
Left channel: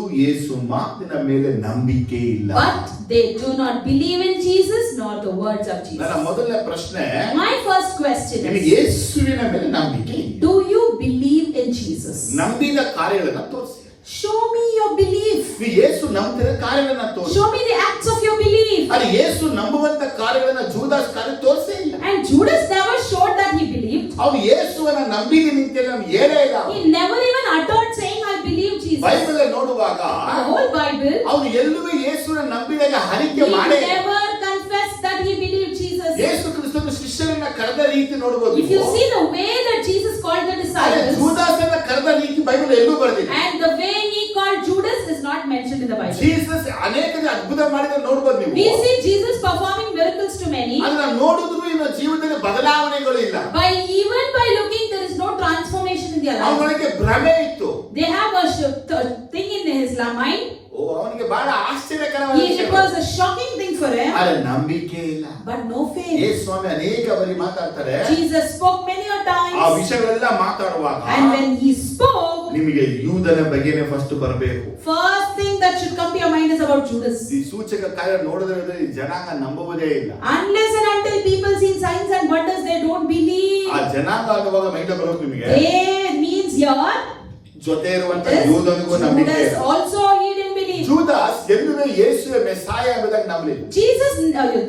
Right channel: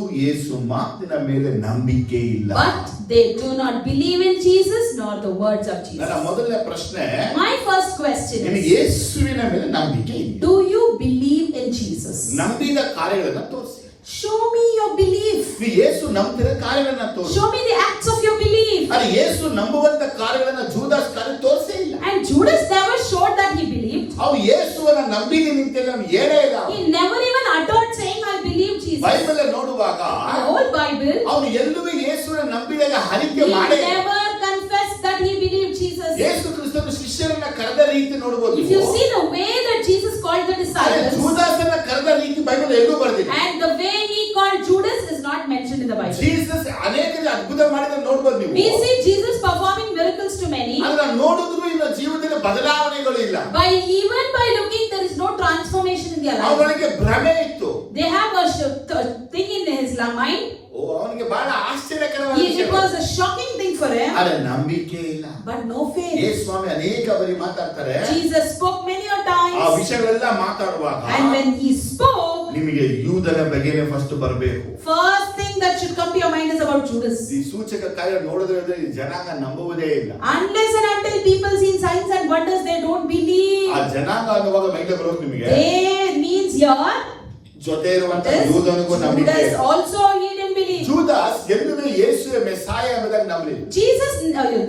ಮಾತಿನ ಮೇಲೆ ನಂಬಿಕೆ ಇಲ್ಲ. But they do not believe in Jesus nor the words of ನನ್ನ Jesus. ಮೊದಲನೇ ಪ್ರಶ್ನೆ, My first question ನಿನಗೆ is, ಯೇಸುವಿನ ಮೇಲೆ ನಂಬಿಕೆ ಇದೆ? do you believe in Jesus? ನಂಬಿದ ಕಾರ್ಯಗಳನ್ನ ತೋರಿಸಿ. Show me your belief. ನೀವು ಯೇಸು ನಂಬಿದ ಕಾರ್ಯಗಳನ್ನ ತೋರಿಸಿ. Show me the acts of your belief. ಆದ್ರೆ ಯೇಸು ನಂಬುವಂತ ಕಾರ್ಯಗಳನ್ನ ಜೂದಾಸ್ ಕಾರ್ಯ ತೋರಿಸೇ ಇಲ್ಲ. And Judas never showed that he believed. ಅವ್ನು ಯೇಸುವನ್ನ ನಂಬಿದೆ ನಿಂತೆ ನಾನು ಹೇಳೇ ಇಲ್ಲ. He never even uttered saying, I believe Jesus. Bible ನೋಡುವಾಗ The whole Bible, ಅವನು ಎಲ್ಲೂ ಯೇಸುವಿನ ನಂಬಿದಾಗ ಹರಿಕೆ he ಮಾಡೇ ಇಲ್ಲ. never confessed that he believed Jesus. ಯೇಸು ಕ್ರಿಸ್ತನ ಶಿಷ್ಯರನ್ನ ಕರೆದ ರೀತಿ ನೋಡಬಹುದು. If you see the way that Jesus called the disciples, ಜೂದಾಸನ ಕರೆದ ರೀತಿ ಬೈಬಲ್ ಎಲ್ಲೂ ಬರೆದಿಲ್ಲ. and the way he called Judas is not mentioned in the Bible. Jesus ಅನೇಕ ಅದ್ಭುತ ಮಾಡಿದ ನೋಡಬಹುದು ನೀವು. We see Jesus performing miracles to many. ಅದನ್ನ ನೋಡಿದ್ರು ಇವರ ಜೀವಿತದಲ್ಲಿ ಬದಲಾವಣೆಗಳು ಇಲ್ಲ. Even by looking, there is no transformation in their life. ಅವನಿಗೆ ಭ್ರಮೆ ಇತ್ತು. They have a thing in his mind. ಅವನಿಗೆ ಬಹಳ ಆಶ್ಚರ್ಯಕರವಾದ It was a shocking thing for him. ಆದ್ರೆ ನಂಬಿಕೆ ಇಲ್ಲ. But no faith. ಯೇಸು ಸ್ವಾಮಿ ಅನೇಕ ಬಾರಿ ಮಾತಾಡ್ತಾರೆ. Jesus spoke many a times. ಆ ವಿಷಯಗಳೆಲ್ಲ ಮಾತಾಡುವಾಗ And when he spoke, ನಿಮಗೆ ಯೂದನ ಬಗ್ಗೆನೇ ಫಸ್ಟ್ ಬರಬೇಕು. first thing that should come to your mind is about Judas. ಈ ಸೂಚಕ ಕಾರ್ಯ ನೋಡಿದ್ರೆ ಜನಾಂಗ ನಂಬುವುದೇ ಇಲ್ಲ. Unless and until people see signs and wonders, they don't believe. ಆ ಜನಾಂಗ ಅನ್ನುವಾಗ ಮೈಂದ ಬರೋದು ನಿಮಗೆ. They means your ಜೊತೆ ಇರುವಂತ ಯೂದನಿಗೂ ನಂಬಿಕೆ Judas ಇಲ್ಲ. also he didn't believe. ಜೂದಾಸ್ ಎಲ್ಲವೇ ಯೇಸುವೆ ಮೆಸ್ಸಾಯ ಎಂಬುದಾಗಿ ನಂಬಲಿಲ್ಲ.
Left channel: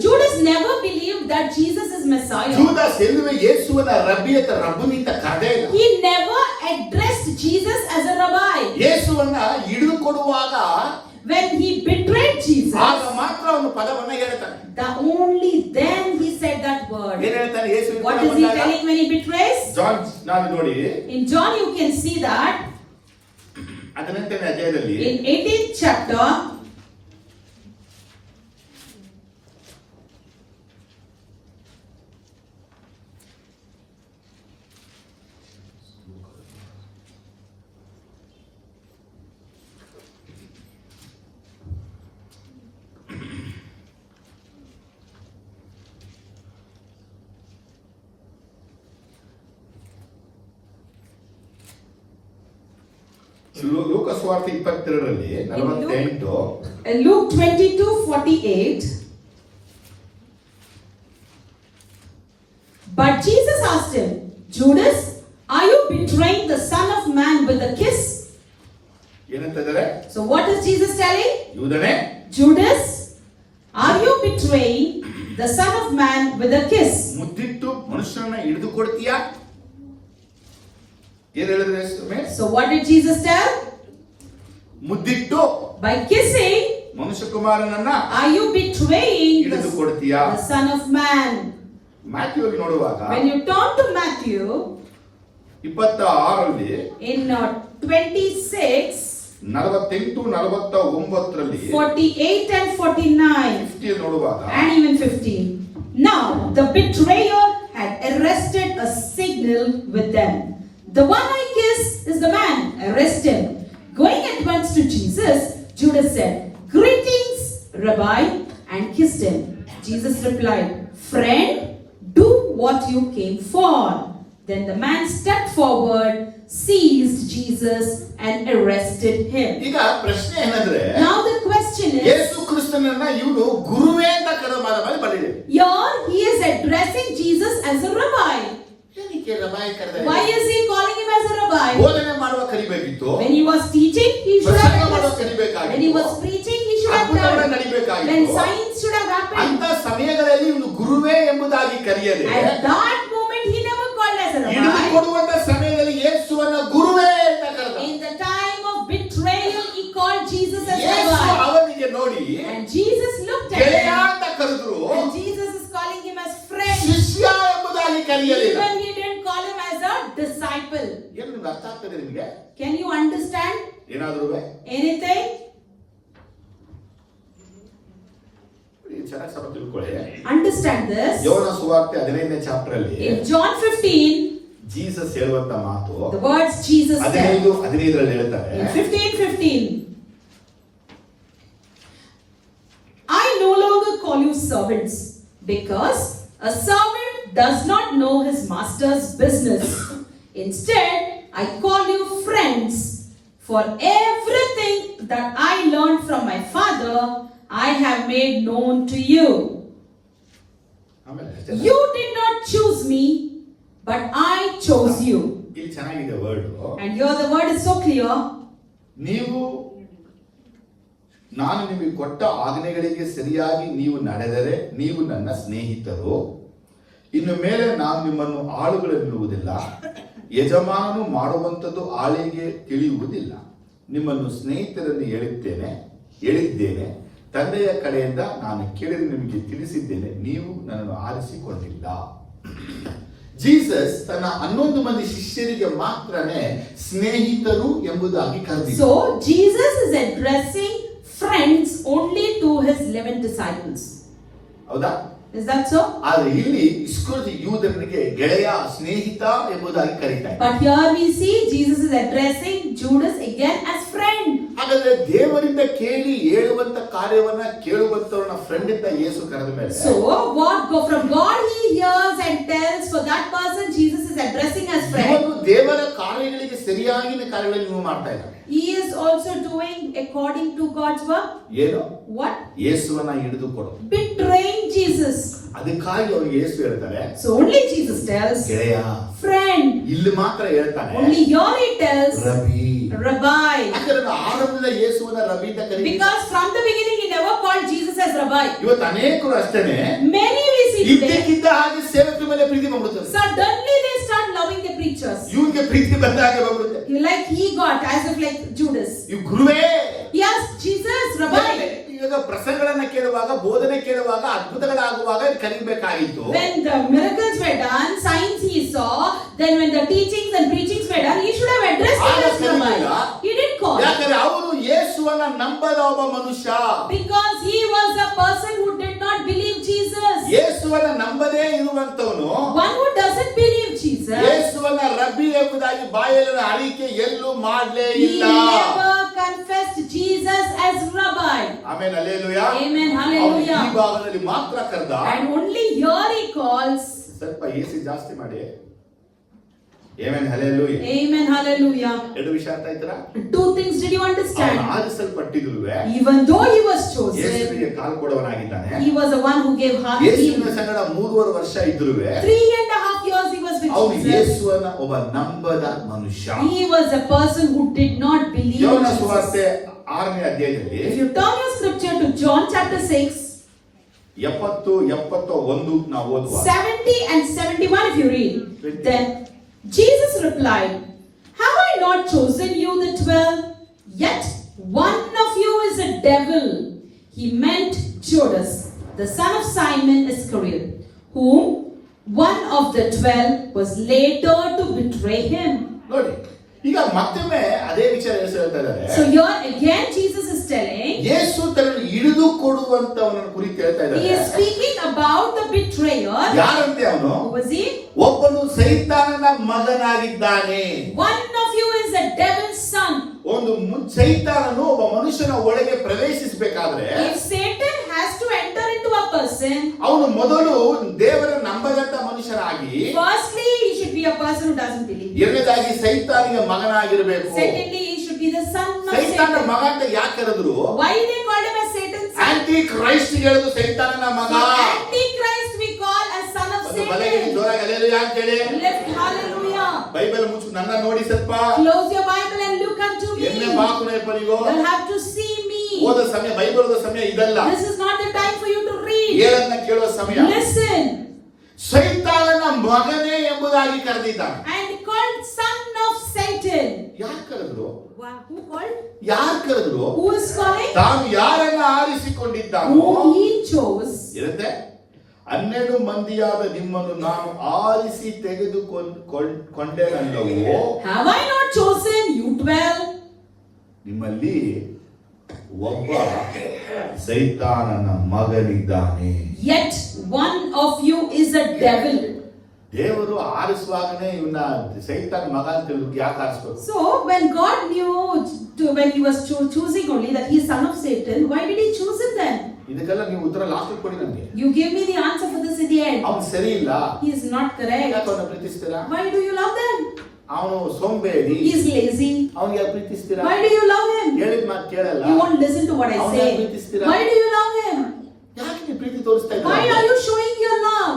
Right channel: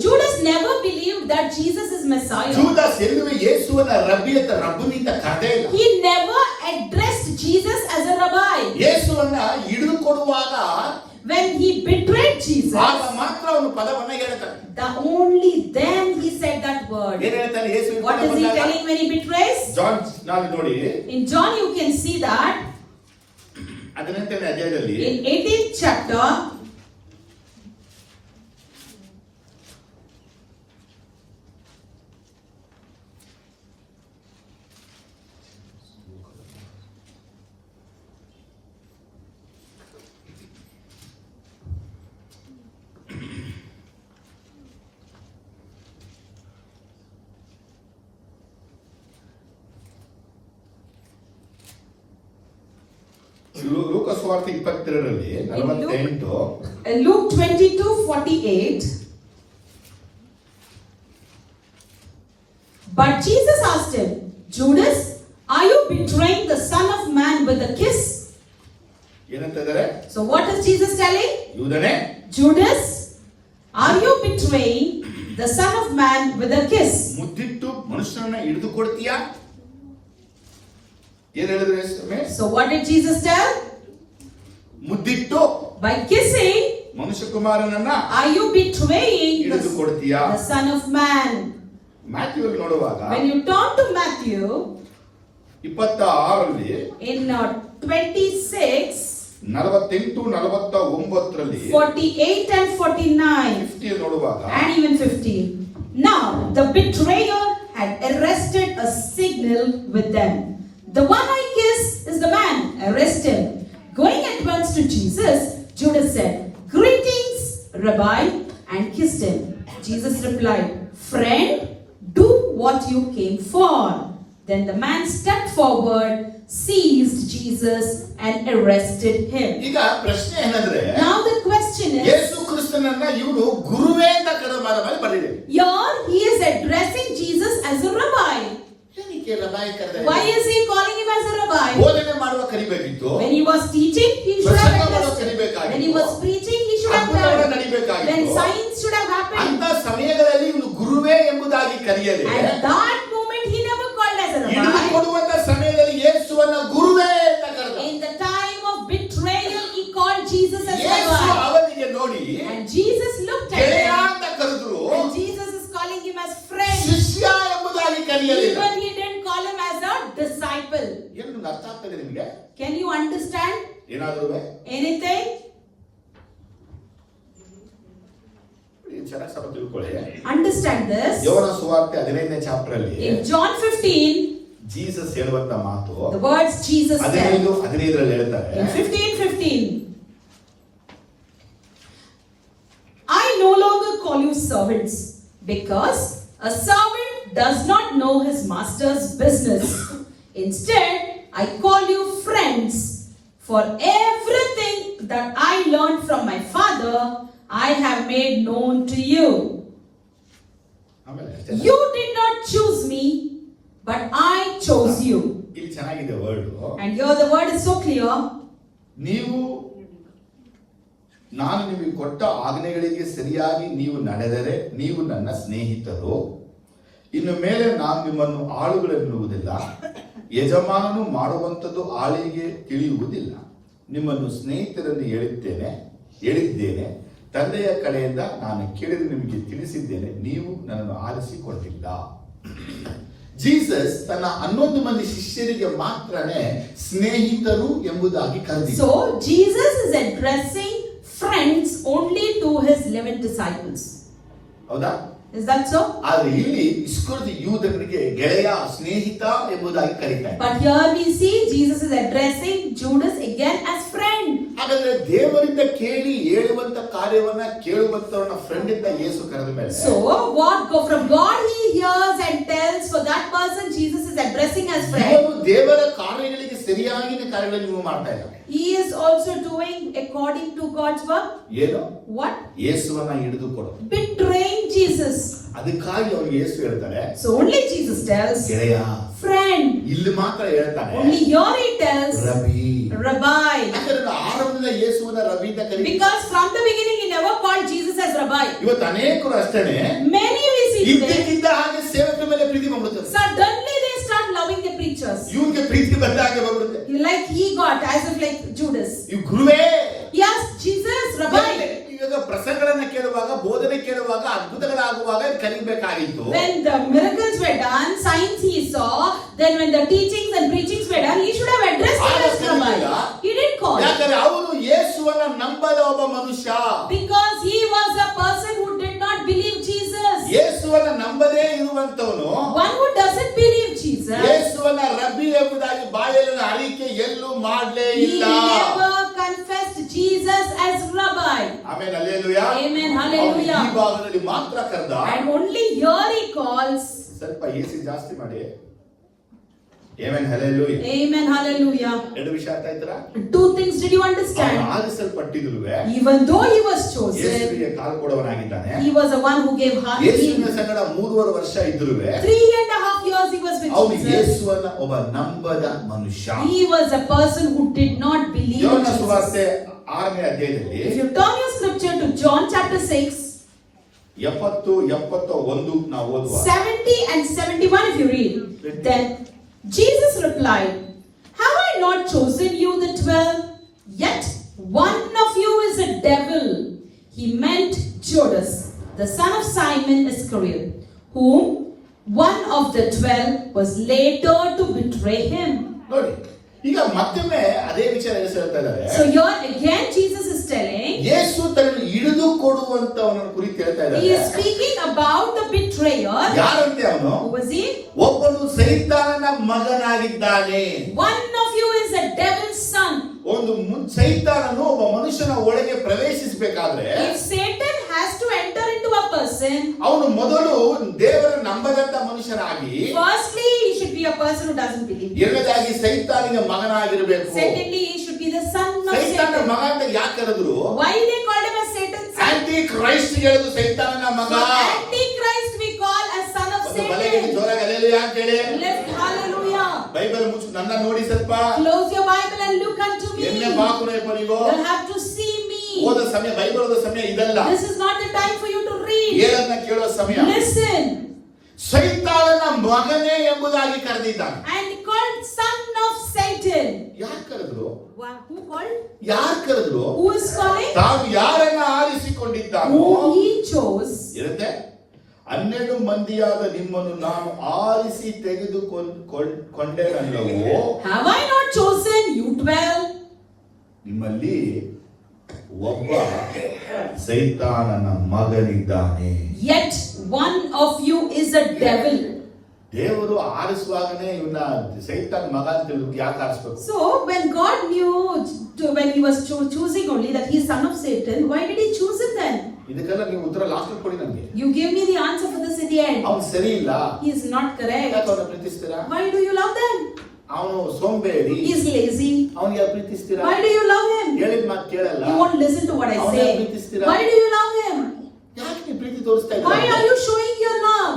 Judas never believed that Jesus is Messiah. ಜೂದಾಸ್ ಎಲ್ಲವೇ ಯೇಸುವನ ರಬ್ಬುನಿಂದ ಕರೆದೇ ಇಲ್ಲ. He never addressed Jesus as a rabbi. ಯೇಸುವನ್ನ ಹಿಡಿದು ಕೊಡುವಾಗ When he betrayed Jesus, ಆಗ ಮಾತ್ರ ಅವನು ಪದವನ್ನ ಹೇಳ್ತಾನೆ. only then he said that word. ಏನ್ ಹೇಳ್ತಾನೆ ಯೇಸು? What is he telling when he betrays? John ನಾನು ನೋಡಿ In John you can see that 18ನೇ ಅಧ್ಯಾಯದಲ್ಲಿ in 18th chapter, ಲೂಕ ಸುವಾರ್ತೆ 22ರಲ್ಲಿ 48 Luke 22:48. But Jesus asked him, Judas, are you betraying the Son of Man with a kiss? ಏನಂತಿದ್ದಾರೆ? So what is Jesus telling? ಯೂದನೇ, Judas, are you betraying the Son of Man with a kiss? ಮುದ್ದಿಟ್ಟು ಮನುಷ್ಯನನ್ನ ಹಿಡಿದು ಕೊಡ್ತೀಯಾ? ಏನ್ ಹೇಳಿದ್ರೆ ಯೇಸುವೇ? So what did Jesus tell? ಮುದ್ದಿಟ್ಟು By kissing, ಮನುಷ್ಯ ಕುಮಾರನನ್ನ are you betraying ಹಿಡಿದು ಕೊಡ್ತೀಯಾ? the Son of Man? Matthew ನೋಡುವಾಗ When you turn to Matthew 26ರಲ್ಲಿ in 26, 48 49ರಲ್ಲಿ 48 and 49, 50 ನೋಡುವಾಗ and even 15. Now the betrayer had arrested a signal with them. The one I kiss is the man. Arrest him. Going at once to Jesus, Judas said, Greetings, Rabbi, and kissed him. Jesus replied, Friend, do what you came for. Then the man stepped forward, seized Jesus, and arrested him. ಈಗ ಪ್ರಶ್ನೆ ಏನಂದ್ರೆ, Now the question is, ಯೇಸು ಕ್ರಿಸ್ತನನ್ನ ಇವರು ಗುರುವೇ ಅಂತ ಕರೆದ ಬಂದಿದೆ. here he is addressing Jesus as a rabbi. ಏನಕ್ಕೆ ರಬಾಯಿ ಕರೆದ? Why is he calling him as a rabbi? ಬೋಧನೆ ಮಾಡುವ ಕರಿಬೇಕಿತ್ತು. When he was teaching, he should have ಪ್ರಸಂಗ ಮಾಡುವ addressed. ಕರಿಬೇಕಾಗಿತ್ತು. When he was preaching, he should have ಅದ್ಭುತಗಳ done. ನಡಿಬೇಕಾಗಿತ್ತು. When signs should have happened. ಅಂತ ಸಮಯಗಳಲ್ಲಿ ಇವನು ಗುರುವೇ ಎಂಬುದಾಗಿ ಕರೆಯದೆ, At that moment, he never called as a ಹಿಡಿದು rabbi. ಕೊಡುವಂತ ಸಮಯದಲ್ಲಿ ಯೇಸುವನ್ನ ಗುರುವೇ ಅಂತ ಕರೆದ. In the time of betrayal, he called Jesus as ಯೇಸು rabbi. ಅವನಿಗೆ ನೋಡಿ And Jesus looked at ಗೆಳೆಯ him. ಅಂತ ಕರೆದ್ರು. And Jesus is calling him as friend. ಶಿಷ್ಯ ಎಂಬುದಾಗಿ ಕರೆಯಲಿಲ್ಲ. Even he didn't call him as a disciple. ಏನು ನಿಮ್ಗೆ ಅರ್ಥ ಆಗ್ತದೆ ನಿಮ್ಗೆ? Can you understand ಏನಾದ್ರು anything? ಚೆನ್ನಾಗಿ ಸ್ವಲ್ಪ ತಿಳ್ಕೊಳ್ಳಿ. Understand this. ಯೋಹನ ಸುವಾರ್ತೆ 15ನೇ ಚಾಪ್ಟರ್ ಅಲ್ಲಿ In John 15, ಜೀಸಸ್ ಹೇಳುವಂತ ಮಾತು the words Jesus said. 15ರಲ್ಲಿ ಹೇಳ್ತಾರೆ, In 15:15, I no longer call you servants, because a servant does not know his master's business. Instead, I call you friends, for everything that I learned from my Father, I have made known to you. ಆಮೇಲೆ ಅಷ್ಟೇ. You did not choose me, but I chose you. ಇಲ್ಲಿ ಚೆನ್ನಾಗಿದೆ word. And here the word is so clear. ನಾನು ನಿಮಗೆ ಕೊಟ್ಟ ಆಜ್ಞೆಗಳಿಗೆ ಸರಿಯಾಗಿ ನೀವು ನಡೆದರೆ ನೀವು ನನ್ನ ಸ್ನೇಹಿತರು. ಇನ್ನು ಮೇಲೆ ನಾನು ನಿಮ್ಮನ್ನು ಆಳುಗಳೆನ್ನುವುದಿಲ್ಲ, ಯಜಮಾನನು ಮಾಡುವಂಥದ್ದು ಆಳಿಗೆ ತಿಳಿಯುವುದಿಲ್ಲ. ನಿಮ್ಮನ್ನು ಸ್ನೇಹಿತರನ್ನು ಹೇಳಿದ್ದೇನೆ. ತಂದೆಯ ಕಡೆಯಿಂದ ನಾನು ಕೇಳಿದ ನಿಮಗೆ ತಿಳಿಸಿದ್ದೇನೆ, ನೀವು ನನ್ನನ್ನು ಆರಿಸಿಕೊಂಡಿಲ್ಲ. ಜೀಸಸ್ ತನ್ನ 11 ಮಂದಿ ಶಿಷ್ಯರಿಗೆ ಮಾತ್ರನೇ ಸ್ನೇಹಿತರು ಎಂಬುದಾಗಿ ಕರೆದಿದ್ದರು. So Jesus is addressing friends only to his 11 disciples. ಹೌದಾ? Is that so? ಆದ್ರೆ ಇಲ್ಲಿ ಇಸ್ಕರಿಯೋತ ಯೂದನಿಗೆ ಗೆಳೆಯ, ಸ್ನೇಹಿತ ಎಂಬುದಾಗಿ ಕರೀತಾರೆ. But here we see Jesus is addressing Judas again as friend. ಹಾಗಾದ್ರೆ ದೇವರಿಂದ ಕೇಳಿ ಹೇಳುವಂತ ಕಾರ್ಯವನ್ನ ಕೇಳುವಂತವರನ್ನ ಫ್ರೆಂಡ್ ಅಂತ ಯೇಸು ಕರೆದ ಮೇಲೆ, So what go from God he hears and tells, for that person Jesus is addressing as friend. ಇವನು ದೇವರ ಕಾರ್ಯಗಳಿಗೆ ಸರಿಯಾಗಿನ ಕಾರ್ಯಗಳನ್ನು ನೀವು ಮಾಡ್ತಾ ಇದ್ದಾರೆ. He is also doing according to God's work. ಏನು? What? ಯೇಸುವನ್ನ ಹಿಡಿದುಕೊಡು. Betraying Jesus. ಅದಕ್ಕಾಗಿ ಅವರು ಯೇಸು ಹೇಳ್ತಾರೆ, So only Jesus tells ಗೆಳೆಯ. friend. ಇಲ್ಲಿ ಮಾತ್ರ ಹೇಳ್ತಾನೆ, Only here he tells rabi. Rabbi. ಯಾಕಂದ್ರೆ ಆರಂಭದ ಯೇಸುವನ್ನ ರಬಿ ಅಂತ ಕರೀತಾರೆ. Because from the beginning he never called Jesus as Rabbi. ಇವತ್ತು ಅನೇಕರು ಅಷ್ಟೇನೆ Many we see today, ಇದ್ದಕ್ಕಿದ್ದ ಹಾಗೆ ಸೇವಕರ ಮೇಲೆ ಪ್ರೀತಿ ಮಾಡ್ಬಿಡ್ತಾರೆ. suddenly they start loving the preachers. ಇವನಿಗೆ ಪ್ರೀತಿ ಬಂದ ಹಾಗೆ ಮಾಡ್ಬಿಡುತ್ತೆ. Like he got, as if like Judas. ಇವ್ ಗುರುವೇ. Yes, Jesus, Rabbi. ಇವಾಗ ಪ್ರಸಂಗಗಳನ್ನ ಕೇಳುವಾಗ, ಬೋಧನೆ ಕೇಳುವಾಗ, ಅದ್ಭುತಗಳಾಗುವಾಗ ಕಲಿಬೇಕಾಗಿತ್ತು. When the miracles were done, signs he saw, then when the teachings and preachings were done, he should have addressed him as Rabbi. He didn't call. ಯಾಕಂದ್ರೆ ಅವನು ಯೇಸುವನ್ನ ನಂಬದ ಒಬ್ಬ ಮನುಷ್ಯ. Because he was a person who did not believe Jesus. ಯೇಸುವನ್ನ ನಂಬದೇ ಇರುವಂತವನು, One who doesn't believe Jesus, ಯೇಸುವನ್ನ ರಬ್ಬಿ ಎಂಬುದಾಗಿ ಬಾಯಲ್ಲಿ ಅರಿಕೆ ಎಲ್ಲೂ ಮಾಡಲೇ he ಇಲ್ಲ. never confessed Jesus as Rabbi. ಆಮೇಲೆ ಹಲ್ಲೆಲೂಯಾ. Amen, hallelujah. ಈ ಭಾಗದಲ್ಲಿ ಮಾತ್ರ ಕರೆದ. And only here he calls. ಸ್ವಲ್ಪ ಏಸಿ ಜಾಸ್ತಿ ಮಾಡಿ. Amen, hallelujah. Amen, hallelujah. ಎರಡು ವಿಷಯ ಅರ್ಥ ಆಯ್ತಾ? 2 things did you understand? ಆರಿಸಲ್ಪಟ್ಟಿದ್ರುವೆ, Even though he was chosen, ಯೇಸುವಿಗೆ ಕಾಲು ಕೊಡವನಾಗಿದ್ದಾನೆ. he was the one who gave heart to ಯೇಸುವಿನ him. ಸಂಗಡ 3.5 ವರ್ಷ ಇದ್ರುವೆ, 3.5 years he was with ಅವನು Jesus. ಯೇಸುವನ್ನ ಒಬ್ಬ ನಂಬದ ಮನುಷ್ಯ. He was a person who did not believe ಯೋಹನ Jesus. ಸುವಾರ್ತೆ 6ನೇ ಅಧ್ಯಾಯದಲ್ಲಿ If you turn your scripture to John chapter 6, 70-71 ನಾವು ಓದುವ. 70 and 71 if you read, then Jesus replied, have I not chosen you the 12? Yet one of you is a devil. He meant Judas, the son of Simon Iscariot, whom one of the 12 was later to betray him. ನೋಡಿ, ಈಗ ಮತ್ತೊಮ್ಮೆ ಅದೇ ವಿಚಾರ ಹೇಳ್ತಾ ಇದ್ದಾರೆ. So here again Jesus is telling, ಯೇಸು ತನ್ನನ್ನು ಹಿಡಿದು ಕೊಡುವಂತವನ ಕುರಿತು ಹೇಳ್ತಾ he is ಇದ್ದಾರೆ. speaking about the betrayer. ಯಾರಂತೆ ಅವನು? Who was he? ಒಬ್ಬನು ಸೈತಾನನ ಮಗನಾಗಿದ್ದಾನೆ. One of you is a devil's son. ಒಂದು ಸೈತಾನನು ಒಬ್ಬ ಮನುಷ್ಯನ ಒಳಗೆ ಪ್ರವೇಶಿಸಬೇಕಾದ್ರೆ, If Satan has to enter into a person, ಅವನು ಮೊದಲು ದೇವರ ನಂಬದಂತ ಮನುಷ್ಯನಾಗಿ, firstly he should be a person who doesn't believe. ಎರಡನೇದಾಗಿ ಸೈತಾನಿಗೆ ಮಗನಾಗಿರಬೇಕು. Secondly he should be the son of ಸೈತಾನ Satan. ಮಗ ಅಂತ ಯಾಕೆ ಕರೆದ್ರು? Why they called him as Satan's son? Antichrist ಹೇಳುದು ಸೈತಾನನ ಮಗ. So Antichrist we call as son of ಒಂದು ಬಲಗೈ Satan. ಜೋರಾಗಿ ಹಲ್ಲೆಲೂಯಾ ಅಂತ ಹೇಳಿ. Let's hallelujah. ಬೈಬಲ್ ಮುಚ್ಚು, ನನ್ನ ನೋಡಿ ಸ್ವಲ್ಪ. Close your Bible and look unto ಎಮ್ಮೆ me. ಮಾಕುನೆ ಪರಿಗೋ. You'll have to see me. ಓದ ಸಮಯ, ಬೈಬಲ್ ಓದೋ ಸಮಯ ಇದಲ್ಲ. This is not the time for you to read. ಹೇಳನ್ನ ಕೇಳುವ ಸಮಯ. Listen. ಸೈತಾನನ ಮಗನೇ ಎಂಬುದಾಗಿ ಕರೆದಿದ್ದಾನೆ. And called son of Satan. ಯಾರು ಕರೆದ್ರು? Who called? ಯಾರು ಕರೆದ್ರು? Who is calling? ತಾನು ಯಾರನ್ನ ಆರಿಸಿಕೊಂಡಿದ್ದಾನೋ Whom he chose. ಇರುತ್ತೆ. 12 ಮಂದಿಯಾದ ನಿಮ್ಮನ್ನು ನಾನು ಆರಿಸಿ ತೆಗೆದುಕೊಂಡೆನಲ್ಲವೋ, Have I not chosen you 12? ನಿಮ್ಮಲ್ಲಿ ಒಬ್ಬ ಸೈತಾನನ ಮಗನಿದ್ದಾನೆ. Yet one of you is a devil. ದೇವರು ಆರಿಸುವಾಗನೇ ಇವನ್ನ ಸೈತಾನ ಮಗ ಅಂತ ಯಾಕೆ ಆರಿಸ್ಬೇಕು? So when God knew when he was choosing only that he is son of Satan, why did he choose him then? ಇದಕ್ಕೆಲ್ಲ ನೀವು ಉತ್ತರ ಲಾಸ್ಟ್ ಕೊಡಿ ನಮಗೆ. You give me the answer for this in the end. ಅವನು ಸರಿ ಇಲ್ಲ. He is not correct. ಯಾಕೆ ಅವನ ಪ್ರೀತಿಸ್ತೀರಾ? Why do you love them? ಅವನು ಸೋಂಬೇರಿ, He is lazy. ಅವನಿಗೆ ಪ್ರೀತಿಸ್ತೀರಾ? Why do you love him? ಹೇಳಿದ ಮಾತು ಕೇಳಲ್ಲ. You won't listen to what I ಅವನೇ say. ಪ್ರೀತಿಸ್ತೀರಾ? Why do you love him? ಯಾಕೆ ನೀವು ಪ್ರೀತಿ ತೋರಿಸ್ತಾ Why ಇದ್ದೀರಾ? are you showing your love?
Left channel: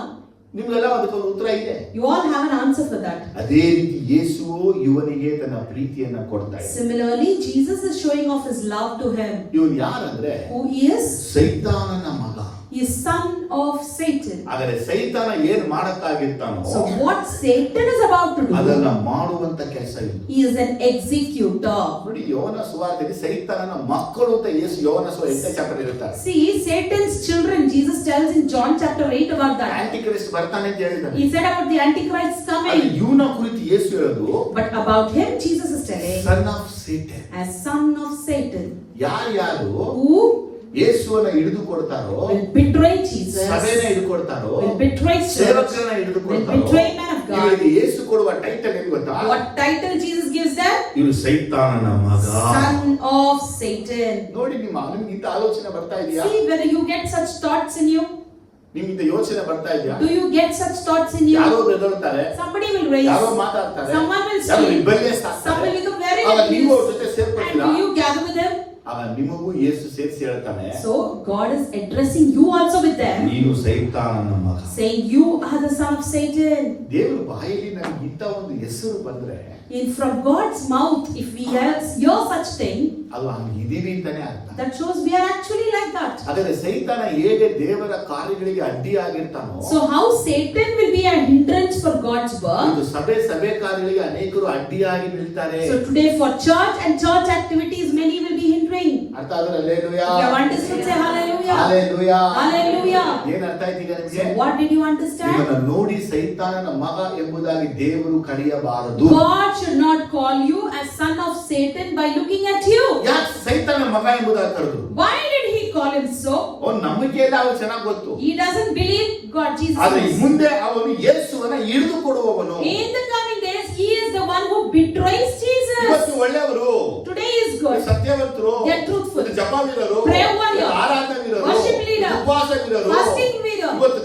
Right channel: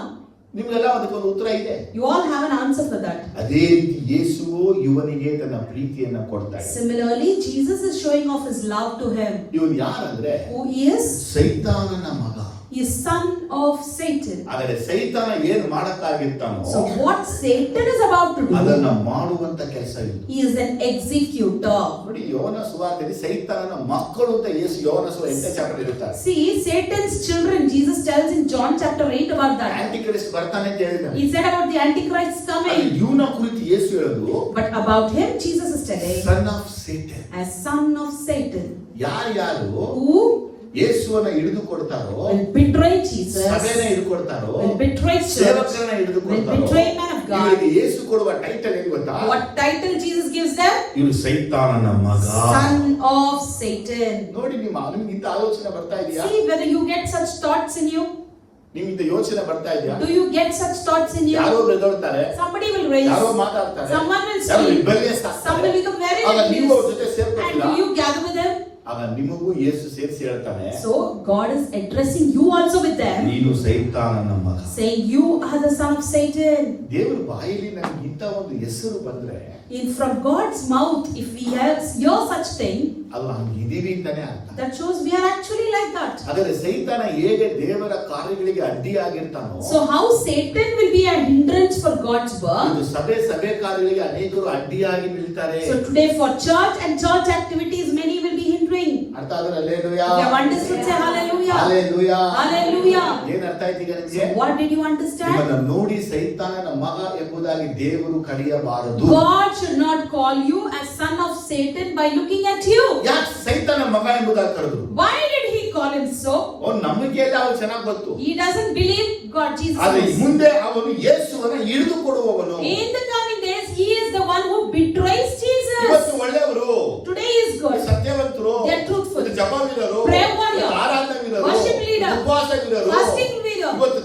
ನಿಮ್ಗೆಲ್ಲ ಅದಕ್ಕೊಂದು ಉತ್ತರ ಇದೆ. You all have an answer for that. ಅದೇ ರೀತಿ ಯೇಸು ಇವನಿಗೆ ತನ್ನ ಪ್ರೀತಿಯನ್ನ ಕೊಡ್ತಾ ಇದ್ದಾನೆ. Similarly, Jesus is showing off his love to him. ಇವನು ಯಾರಂದ್ರೆ Who he is? ಸೈತಾನನ ಮಗ. He is son of Satan. ಆದರೆ ಸೈತಾನ ಏನ್ ಮಾಡಕ್ಕಾಗಿರ್ತಾನೋ So what Satan is about to do, ಅದನ್ನ ಮಾಡುವಂತ ಕೆಲಸ ಇದು. he is an executor. ನೋಡಿ, ಯೋನ ಸುವಾರ್ತೆಯಲ್ಲಿ ಸೈತಾನನ ಮಕ್ಕಳು ಅಂತ ಯೇಸು ಯೋನ ಸುವಾರ್ತೆ 8ನೇ ಚಾಪ್ಟರ್ ಇರುತ್ತಾರೆ. See, Satan's children, Jesus tells in John chapter 8 about that. ಆಂಟಿಕ್ರಿಸ್ಟ್ ಬರ್ತಾನೆ ಅಂತ ಹೇಳಿದ್ದಾನೆ. He said about the Antichrist ಅದು coming. ಇವನ ಕುರಿತು ಯೇಸು ಹೇಳೋದು But about him, Jesus is telling, son of Satan. as son of Satan, ಯಾರು who ಯೇಸುವನ್ನ ಹಿಡಿದು ಕೊಡ್ತಾರೋ, will betray Jesus, ಸಭೆನ ಹಿಡಿದು ಕೊಡ್ತಾರೋ, will betray church, ಸೇವಕರನ್ನ ಹಿಡಿದು will ಕೊಡ್ತಾರೋ, betray man of God. ಇವರಿಗೆ ಯೇಸು ಕೊಡುವ ಟೈಟಲ್ ಏನು ಗೊತ್ತಾ? What title Jesus gives them? ಇವರು ಸೈತಾನನ ಮಗ. Son of Satan. ನೋಡಿ, ನಿಮ್ಗೆ ಇಂಥ ಆಲೋಚನೆ ಬರ್ತಾ ಇದೆಯಾ? See whether you get such thoughts in you. ನಿಮ್ಗಿಂತ ಯೋಚನೆ ಬರ್ತಾ ಇದೆಯಾ? Do you get such thoughts in you? ಯಾರೋ ಬೆದರ್ತಾರೆ, Somebody will raise, ಯಾರೋ ಮಾತಾಡ್ತಾರೆ, someone will ಯಾರೋ speak, ರಿಬೆಲಿಯಸ್ some will ಆಗ್ತಾರೆ. become very ಆಗ ನೀವು ಅವ್ರ ಜೊತೆ confused. ಸೇರ್ಕೊತೀರಾ? And do you gather with them? ಆಗ ನಿಮಗೂ ಯೇಸು ಸೇರಿಸಿ ಹೇಳ್ತಾನೆ, So God is addressing you also with them, ನೀನು ಸೈತಾನನ ಮಗ. saying you are the son of Satan. ದೇವರ ಬಾಯಲ್ಲಿ ನನಗೆ ಇಂಥ ಒಂದು ಹೆಸರು ಬಂದ್ರೆ In from God's mouth, if we hear such thing, ಅದು ನಾವು ಇದೀವಿ ಅಂತಾನೆ ಅರ್ಥ. that shows we are actually like that. ಆದರೆ ಸೈತಾನ ಹೇಗೆ ದೇವರ ಕಾರ್ಯಗಳಿಗೆ ಅಡ್ಡಿಯಾಗಿರ್ತಾನೋ, So how Satan will be a hindrance for God's work. ಒಂದು ಸಭೆ ಕಾರ್ಯಗಳಿಗೆ ಅನೇಕರು ಅಡ್ಡಿಯಾಗಿ ನಿಲ್ತಾರೆ. So today for church and church activities, many will be hindering. ಅರ್ಥ ಆದ್ರೆ hallelujah. You have understood? Say hallelujah. Hallelujah. Hallelujah. ಏನ್ ಅರ್ಥ ಆಯ್ತು ಈಗ ನಿಮಗೆ? So what did you understand? ನಿಮ್ಮನ್ನ ನೋಡಿ ಸೈತಾನನ ಮಗ ಎಂಬುದಾಗಿ ದೇವರು ಕರೆಯಬಾರದು. God should not call you as son of Satan by looking at you. ಯಾಕೆ ಸೈತಾನನ ಮಗ ಎಂಬುದಾಗಿ ಕರೆದ್ರು? Why did he call him so? ಅವ್ನು ನಂಬಿಕೆ ಇಲ್ಲ, ಅವ್ರು ಚೆನ್ನಾಗಿ ಗೊತ್ತು. He doesn't believe God, Jesus. ಆದ್ರೆ knows. ಮುಂದೆ ಅವನು ಯೇಸುವನ್ನ ಹಿಡಿದು ಕೊಡುವವನು. In the coming days, he is the one who betrays Jesus. ಇವತ್ತು ಒಳ್ಳೆಯವರು, Today is good. ಸತ್ಯವಂತರು, They are truthful. ಜಪವೀರರು, Prayer warrior, ಆರಾಧಕರು, worship leader, ಉಪವಾಸವೀರರು, fasting leader. ಇವತ್ತು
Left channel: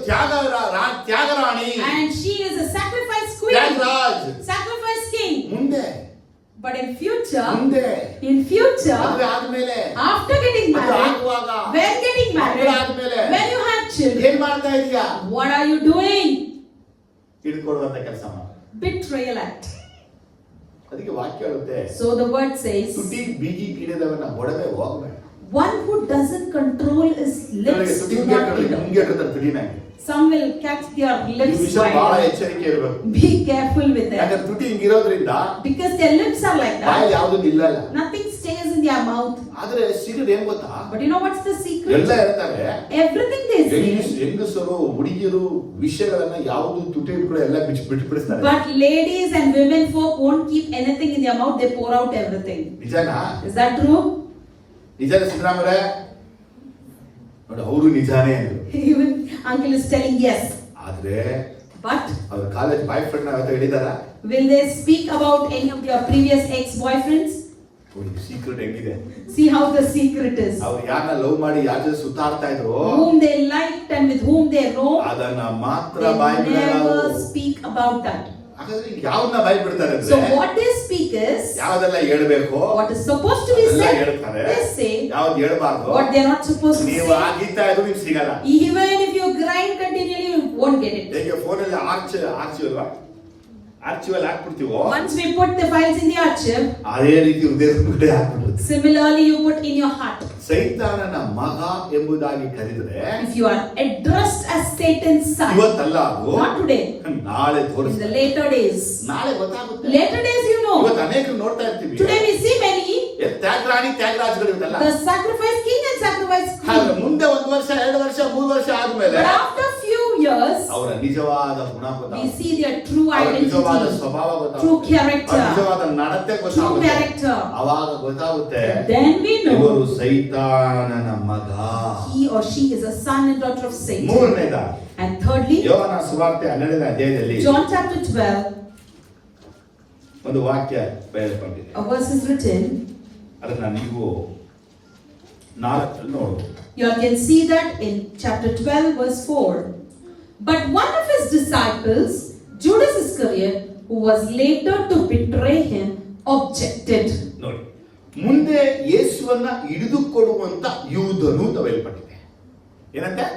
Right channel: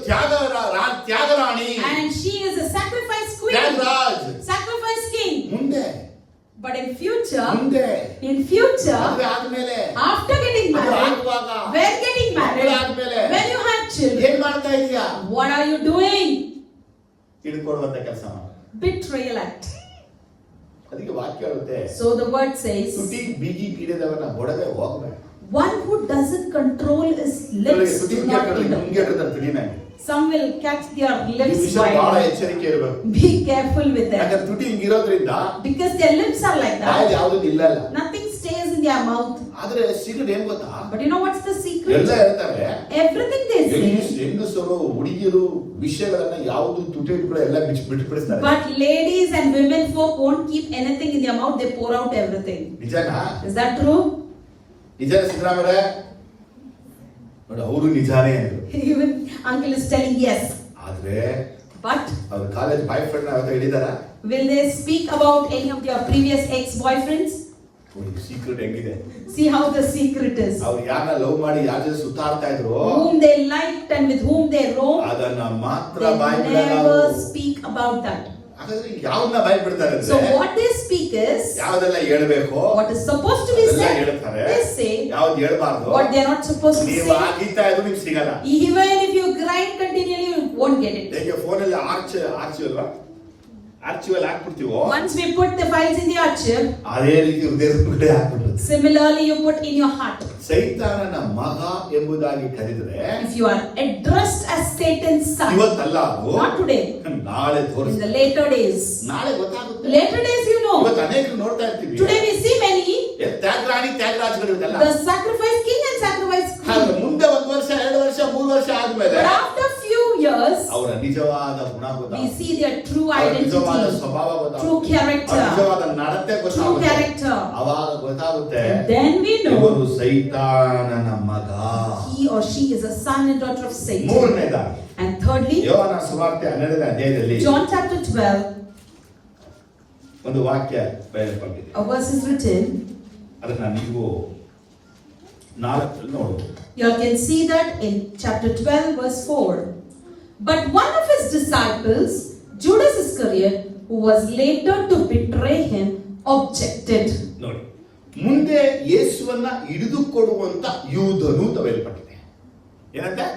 ತ್ಯಾಗರಾಣಿ, And she is a sacrifice queen, Thyagaraj. sacrifice king. ಮುಂದೆ But in future, ಮುಂದೆ ಮದುವೆ ಆದ್ಮೇಲೆ, after getting ಮದುವೆ married, ಆಗುವಾಗ, when getting ಮದುವೆ married, ಆದ್ಮೇಲೆ when you have children, ಏನ್ ಮಾಡ್ತಾ ಇದೀಯಾ? what are you doing? ಹಿಡ್ಕೊಡುವಂತ ಕೆಲಸ ಮಾಡು. Betrayal act. ಅದಕ್ಕೆ ವಾಕ್ಯ ಹೇಳುತ್ತೆ, So the word says, ತುಟಿ ಬೀಗಿ ಹಿಡಿದವನ ಒಡವೆ ಹೋಗಬೇಡ. one who doesn't control his lips ತುಟಿ do not eat. ಮುಂಗೆಟ್ಟಿರ್ತಾರೆ ತುಟಿನ. Some will catch their ಈ lips ವಿಷಯ ಬಹಳ wide. ಎಚ್ಚರಿಕೆ ಇರಬೇಕು. Be careful with them. ಯಾಕಂದ್ರೆ ತುಟಿ ಹಿಂಗಿರೋದ್ರಿಂದ Because their lips are like ಬಾಯಿ that. ಯಾವ್ದು ಇಲ್ಲ. Nothing stays in their mouth. ಆದ್ರೆ ಸೀಕ್ರೆಟ್ ಏನ್ ಗೊತ್ತಾ? But you know what's the ಎಲ್ಲ secret? ಹೇಳ್ತಾರೆ, Everything they say. ಹೆಂಗಸರು ಹುಡುಗಿಯರು ವಿಷಯಗಳನ್ನ ಯಾವ್ದು ತುಟಿ ಕೂಡ ಎಲ್ಲ ಬಿಟ್ಬಿಡ್ತಾರೆ. But ladies and women folk won't keep anything in their mouth. They pour out everything. ನಿಜನಾ? Is that true? ನಿಜಾನ ಸಿದ್ದರಾಮರೇ? ನೋಡಿ, ಅವರು ನಿಜಾನೇ ಅಂದ್ರು. Even uncle is telling yes. ಆದ್ರೆ But ಅವ್ರ ಕಾಲೇಜ್ ಬಾಯ್ ಫ್ರೆಂಡ್ ಅವತ್ತ ಹಿಡಿದಾರ? will they speak about any of their previous ex-boyfriends? ನೋಡಿ ಸೀಕ್ರೆಟ್ ಹೆಂಗಿದೆ. See how the secret is. ಅವ್ರು ಯಾರನ್ನ ಲವ್ ಮಾಡಿ ಯಾರ ಜೊತೆ ಸುತ್ತಾಡ್ತಾ ಇದ್ರು, Whom they liked and with whom they roamed, ಅದನ್ನ ಮಾತ್ರ they ಬಾಯ್ ಬಿಡಲ್ಲ never ಅವ್ರು. speak about that. ಹಾಗಾದ್ರೆ ಯಾವ್ದನ್ನ ಬಾಯ್ ಬಿಡ್ತಾರೆ So ಅಂದ್ರೆ, what they speak is, ಯಾವ್ದೆಲ್ಲ ಹೇಳ್ಬೇಕು what is supposed to be ಅದೆಲ್ಲ said, ಹೇಳ್ತಾರೆ, they say. ಯಾವ್ದು ಹೇಳ್ಬಾರ್ದು What they are not supposed to ನೀವು say. ಆಗಿತ್ತಾ ಇದ್ರು ನಿಮ್ಗೆ ಸಿಗಲ್ಲ. Even if you grind continually, you won't get it. ಹೇಗೆ ಫೋನಲ್ಲಿ ಆರ್ಚಿವಲ್ ಹಾಕ್ಬಿಡ್ತೀವೋ, Once we put the files in the archive, ಅದೇ ರೀತಿ ಹೃದಯ ಹಾಕ್ಬಿಡ್ತೀವಿ. similarly you put in your heart. ಸೈತಾನನ ಮಗ ಎಂಬುದಾಗಿ ಕರೆದ್ರೆ If you are addressed as Satan's son, ಇವತ್ತಲ್ಲ, ಅದು not today, ನಾಳೆ in ತೋರಿಸ್ತಾರೆ. the later days. ನಾಳೆ ಗೊತ್ತಾಗುತ್ತೆ. Later days, you know. ಇವತ್ತು ಅನೇಕರು ನೋಡ್ತಾ ಇರ್ತೀವಿ, Today we see many, ತ್ಯಾಗರಾಜಗಳು ಇರುತ್ತಲ್ಲ, the sacrifice king and sacrifice ಆದ್ರೆ queen. ಮುಂದೆ 1 ವರ್ಷ 2 ವರ್ಷ 3 ವರ್ಷ ಆದ್ಮೇಲೆ But after few years, ಅವರ ನಿಜವಾದ ಗುಣ we ಗೊತ್ತಾಗುತ್ತೆ, see their true ಅವರ ನಿಜವಾದ identity, ಸ್ವಭಾವ true ಗೊತ್ತಾಗುತ್ತೆ, character, ಅವರ ನಿಜವಾದ ನಡತೆ true ಗೊತ್ತಾಗುತ್ತೆ. character. ಅವಾಗ ಗೊತ್ತಾಗುತ್ತೆ Then we ಇವರು know ಸೈತಾನನ ಮಗ. he or she is a son and daughter of Satan. ಮೂರನೇದಾಗಿ And thirdly, ಯೋಹಾನ ಸುವಾರ್ತೆ 12ನೇ ಅಧ್ಯಾಯದಲ್ಲಿ John chapter 12, ಒಂದು ವಾಕ್ಯ ಬರೆಯಲ್ಪಟ್ಟಿದೆ. a verse is written. ಅದನ್ನ ನೀವು 4 ನೋಡಬಹುದು. You can see that in chapter 12 verse 4. But one of his disciples, Judas Iscariot, who was later to betray him, objected. ನೋಡಿ, ಮುಂದೆ ಯೇಸುವನ್ನ ಹಿಡಿದುಕೊಡುವಂತ ಯೂದನು ತವೆಲ್ಪಟ್ಟಿದೆ. ಏನಂತೆ?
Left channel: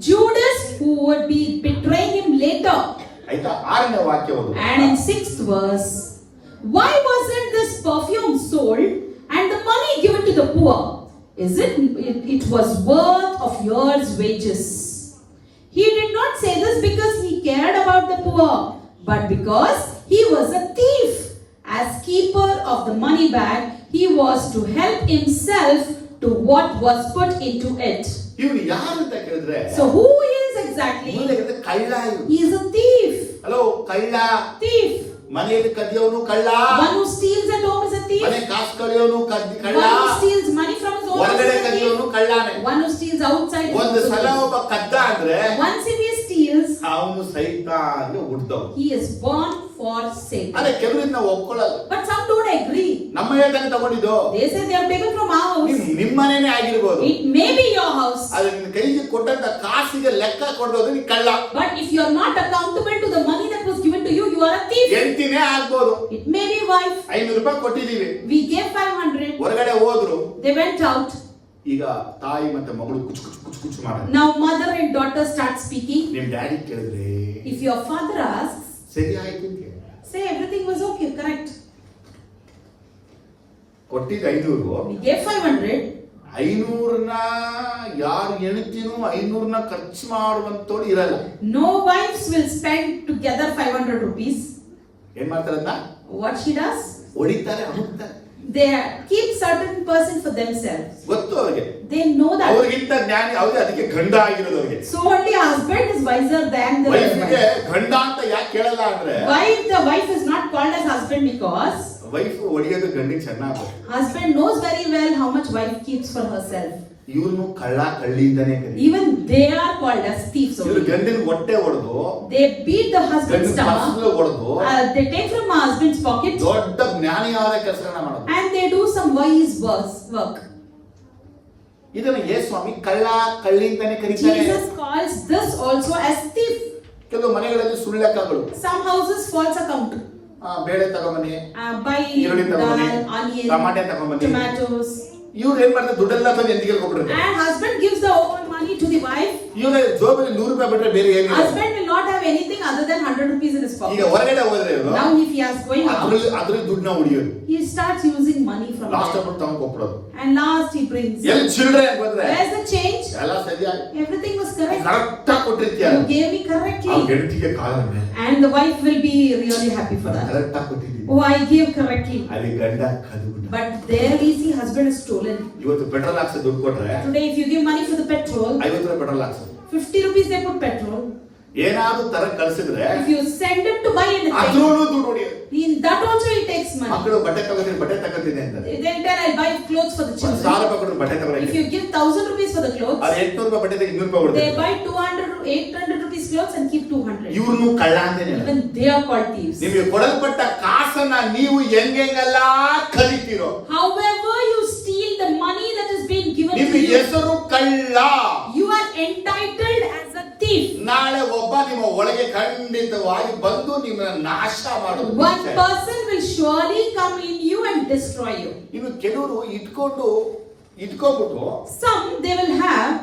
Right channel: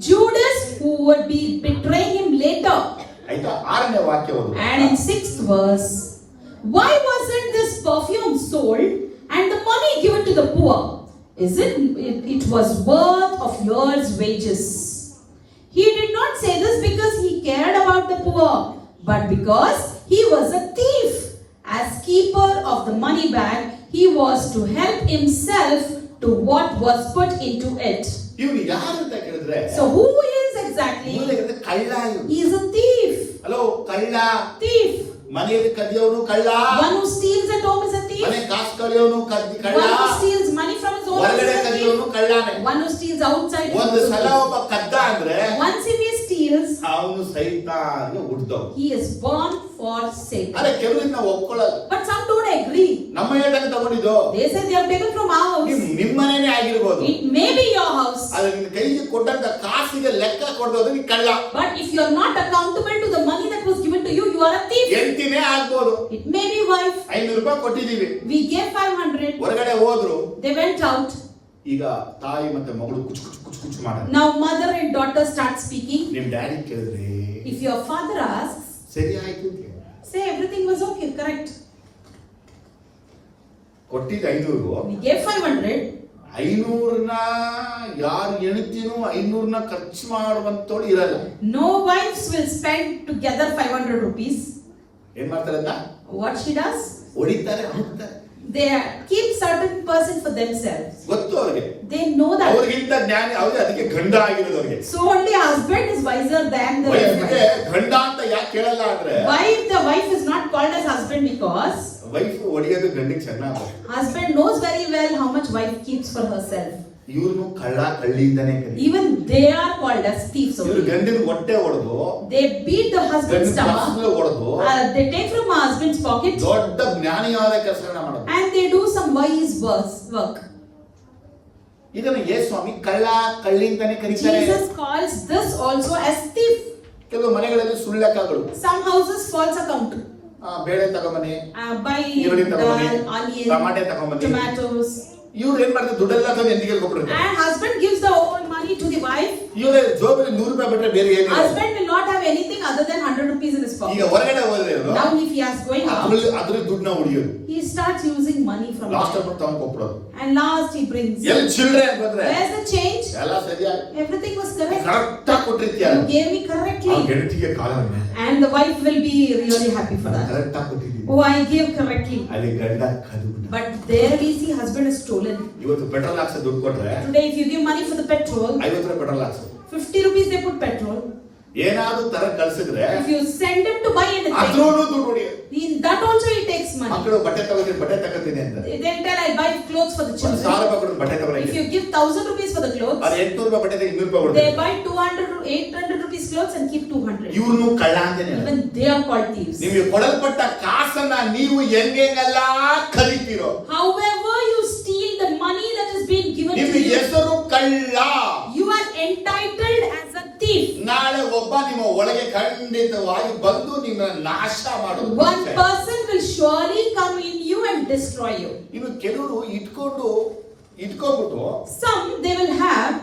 Judas, who would be betraying him later. ಆಯ್ತಾ? 6ನೇ ವಾಕ್ಯವನ್ನು. And in 6th verse, why wasn't this perfume sold and the money given to the poor? It was worth of year's wages. He did not say this because he cared about the poor, but because he was a thief. As keeper of the money bag, he was to help himself to what was put into it. ಇವನು ಯಾರು ಅಂತ ಕೇಳಿದ್ರೆ, So who is exactly? ಮೂಲದಲ್ಲಿ ಕಳ್ಳ ಇವನು. He is a thief. Hello, ಕಳ್ಳ. Thief. ಮನೆಯಲ್ಲಿ ಕದಿಯೋನು ಕಳ್ಳ. One who steals at home is a thief. ಮನೆ ಕಾಸು ಕದಿಯೋನು ಕಳ್ಳ. One who steals money from his own house ಹೊರಗಡೆ is a ಕದಿಯೋನು thief. ಕಳ್ಳಾನೆ. One who steals outside is ಒಂದು also ಸಲ a thief. ಒಬ್ಬ ಕದ್ದ ಅಂದ್ರೆ Once if he steals, ಅವನು ಸೈತಾನ್ಗೆ ಹುಟ್ಟಿದವ. he is born for Satan. ಅದೇ ಕೆಲವರಿಗೆ ನಾವು ಒಪ್ಕೊಳ್ಳಲ್ಲ. But some don't agree. ನಮ್ಮ ಮನೆಯಲ್ಲೇ ತಗೊಂಡಿದ್ದು. They say they have taken from our house. ನಿಮ್ಮನೇನೆ ಆಗಿರ್ಬೋದು. It may be your house. ಆದ್ರೆ ನಿನ್ನ ಕೈಗೆ ಕೊಟ್ಟಂತ ಕಾಸಿಗೆ ಲೆಕ್ಕ ಕೊಡೋದು ನೀ ಕಳ್ಳ. But if you are not accountable to the money that was given to you, you are a thief. ಹೆಂಡತಿನೇ ಆಗ್ಬೋದು. It may be wife. 500 ರೂಪಾಯಿ ಕೊಟ್ಟಿದ್ದೀವಿ. We gave 500. ಹೊರಗಡೆ ಹೋದ್ರು. They went out. ಈಗ ತಾಯಿ ಮತ್ತೆ ಮಗಳು ಕುಚ್ ಮಾಡೋದು. Now mother and daughter start speaking. ನಿಮ್ ಡ್ಯಾಡಿ ಕೇಳಿದ್ರೆ, If your father asks, ಸರಿ ಆಯ್ತು ಅಂತ ಹೇಳಿ. say everything was okay, correct. ಕೊಟ್ಟಿದ್ದು 500. We gave 500. 500ನ ಯಾರು ಹೆಣ್ತಿನೂ 500ನ ಖರ್ಚು ಮಾಡುವಂತೋಳು ಇರಲ್ಲ. No wives will spend together 500 rupees. ಏನ್ ಮಾಡ್ತಾರಂತ? What she does? ಹೊಡಿತಾರೆ, ಹೋಗ್ತಾರೆ. They keep certain person for themselves. ಗೊತ್ತು ಅವ್ರಿಗೆ. They know that. ಅವ್ರಿಗಿಂತ ಜ್ಞಾನಿ ಅವ್ರಿಗೆ, ಅದಕ್ಕೆ ಗಂಡ ಆಗಿರೋದು ಅವ್ರಿಗೆ. So only husband is wiser than the ವೈಫ್ಗೆ wife. ಗಂಡ ಅಂತ ಯಾಕೆ ಕೇಳಲ್ಲ ಅಂದ್ರೆ, Why the wife is not called as husband? Because wife ಹೊಡಿಯೋದು ಗಂಡಿಗೆ ಚೆನ್ನಾಗಿ. husband knows very well how much wife keeps for herself. ಇವ್ರನ್ನು ಕಳ್ಳ ಕಳ್ಳಿಯಿಂದನೇ ಕರೀತಾರೆ. Even they are called as thieves ಇವ್ರು only. ಗಂಡಿನ ಹೊಟ್ಟೆ ಹೊಡೆದು, They beat the husband's ಗಂಡಿನ stomach. ಪರ್ಸನಲ್ ಹೊಡೆದು, They take from her husband's pocket. ದೊಡ್ಡ ಜ್ಞಾನಿಯಾದ ಕೆಲಸಗಳನ್ನ ಮಾಡೋದು. And they do some wise work. ಇದನ್ನು ಯೇಸುಸ್ವಾಮಿ ಕಳ್ಳ ಕಳ್ಳಿ ಅಂತಾನೆ ಕರೀತಾರೆ. Jesus calls this also as thief. ಕೆಲವು ಮನೆಗಳಲ್ಲಿ ಸುಳ್ಳೆಕ್ಕಗಳು. Some houses false account. ಬೇಳೆ ತಗೊಂಬನ್ನಿ, Buy ಈರುಳ್ಳಿ ತಗೊಂಬನ್ನಿ, dal, onion, ಟಮಾಟೆ ತಗೊಂಬನ್ನಿ. tomatoes. ಇವ್ರು ಏನ್ ಮಾಡ್ತಾರೆ? ದುಡ್ಡೆಲ್ಲ ತಂದು ಎಂದಿಗೆ ಕೊಟ್ಬಿಡ್ತಾರೆ. And husband gives the whole money to the wife. ಇವ್ರ ಜೋಬಲ್ಲಿ 100 ರೂಪಾಯಿ ಬಿಟ್ರೆ ಬೇರೆ ಏನಿಲ್ಲ. Husband will not have anything other than 100 rupees in his ಈಗ pocket. ಹೊರಗಡೆ ಹೋದ್ರೆ ಇವ್ರು Now if he is going out, ಅದ್ರ ದುಡ್ಡನ್ನ ಹೊಡಿಯೋದು. he starts using money from last there. Up ತಗೊಂಡು ಕೊಟ್ಬಿಡೋದು. And last he brings. ಎಲ್ಲಿ ಚಿಲ್ಡ್ರೆ ಬಂದ್ರೆ Where's the change? ಎಲ್ಲ ಸರಿಯಾಗಿ Everything was correct. ಕರೆಕ್ಟ್ ಆಗಿ ಕೊಟ್ಟಿರ್ತೀಯ. You gave me ಆ correctly. ಗೆಳತಿಗೆ ಕಾಲನ್ನ And the wife will be really happy for that. Correct ಆಗಿ ಕೊಟ್ಟಿದ್ದೀನಿ. Oh, I gave correctly. ಅಲ್ಲಿ ಗಂಡ ಕದ್ಬಿಟ್ಟ. But there we see husband is stolen. ಇವತ್ತು ಪೆಟ್ರೋಲ್ ಹಾಕ್ಸ ದುಡ್ಡು ಕೊಟ್ರೆ Today if you give money for the petrol, 50 ರೂಪಾಯಿ ಪೆಟ್ರೋಲ್ ಹಾಕ್ಸೋದು. 50 rupees they put petrol. ಏನಾದ್ರೂ ತರ ಕಳ್ಸಿದ್ರೆ If you send them to buy anything, ಅದ್ರಲ್ಲೂ ದುಡ್ಡು ಹೊಡಿಯೋದು. in that also he takes money. ಮಕ್ಕಳು ಬಟ್ಟೆ ತಗೋತೀನಿ ಅಂತ Then I buy clothes for the 1,000 children. ರೂಪಾಯಿ ಕೊಟ್ಟು ಬಟ್ಟೆ If ತಗೊಳಕ್ಕೆ, you give 1,000 rupees for the clothes, ಅದು 800 ರೂಪಾಯಿ ಬಟ್ಟೆ 200 ರೂಪಾಯಿ they ಕೊಡ್ತಾರೆ. buy 800 rupees clothes and keep 200. ಇವ್ರನ್ನು ಕಳ್ಳ ಅಂತಾನೆ. Even they are called thieves. ನಿಮಗೆ ಕೊಡಲ್ಪಟ್ಟ ಕಾಸನ್ನ ನೀವು ಹೆಂಗೆಲ್ಲ ಕಲಿತೀರೋ, However you steal the money that is being given to ನಿಮಗೆ you, ಹೆಸರು ಕಳ್ಳ. you are entitled as a thief. ನಾಳೆ ಒಬ್ಬ ನಿಮ್ಮ ಒಳಗೆ ಖಂಡಿತವಾಗಿ ಬಂದು ನಿಮ್ಮನ್ನ ನಾಶ ಮಾಡೋದು. One person will surely come in you and destroy you. ಇನ್ನು ಕೆಲವರು ಇಟ್ಕೊಂಡ್ಬಿಟ್ಟು Some they will have,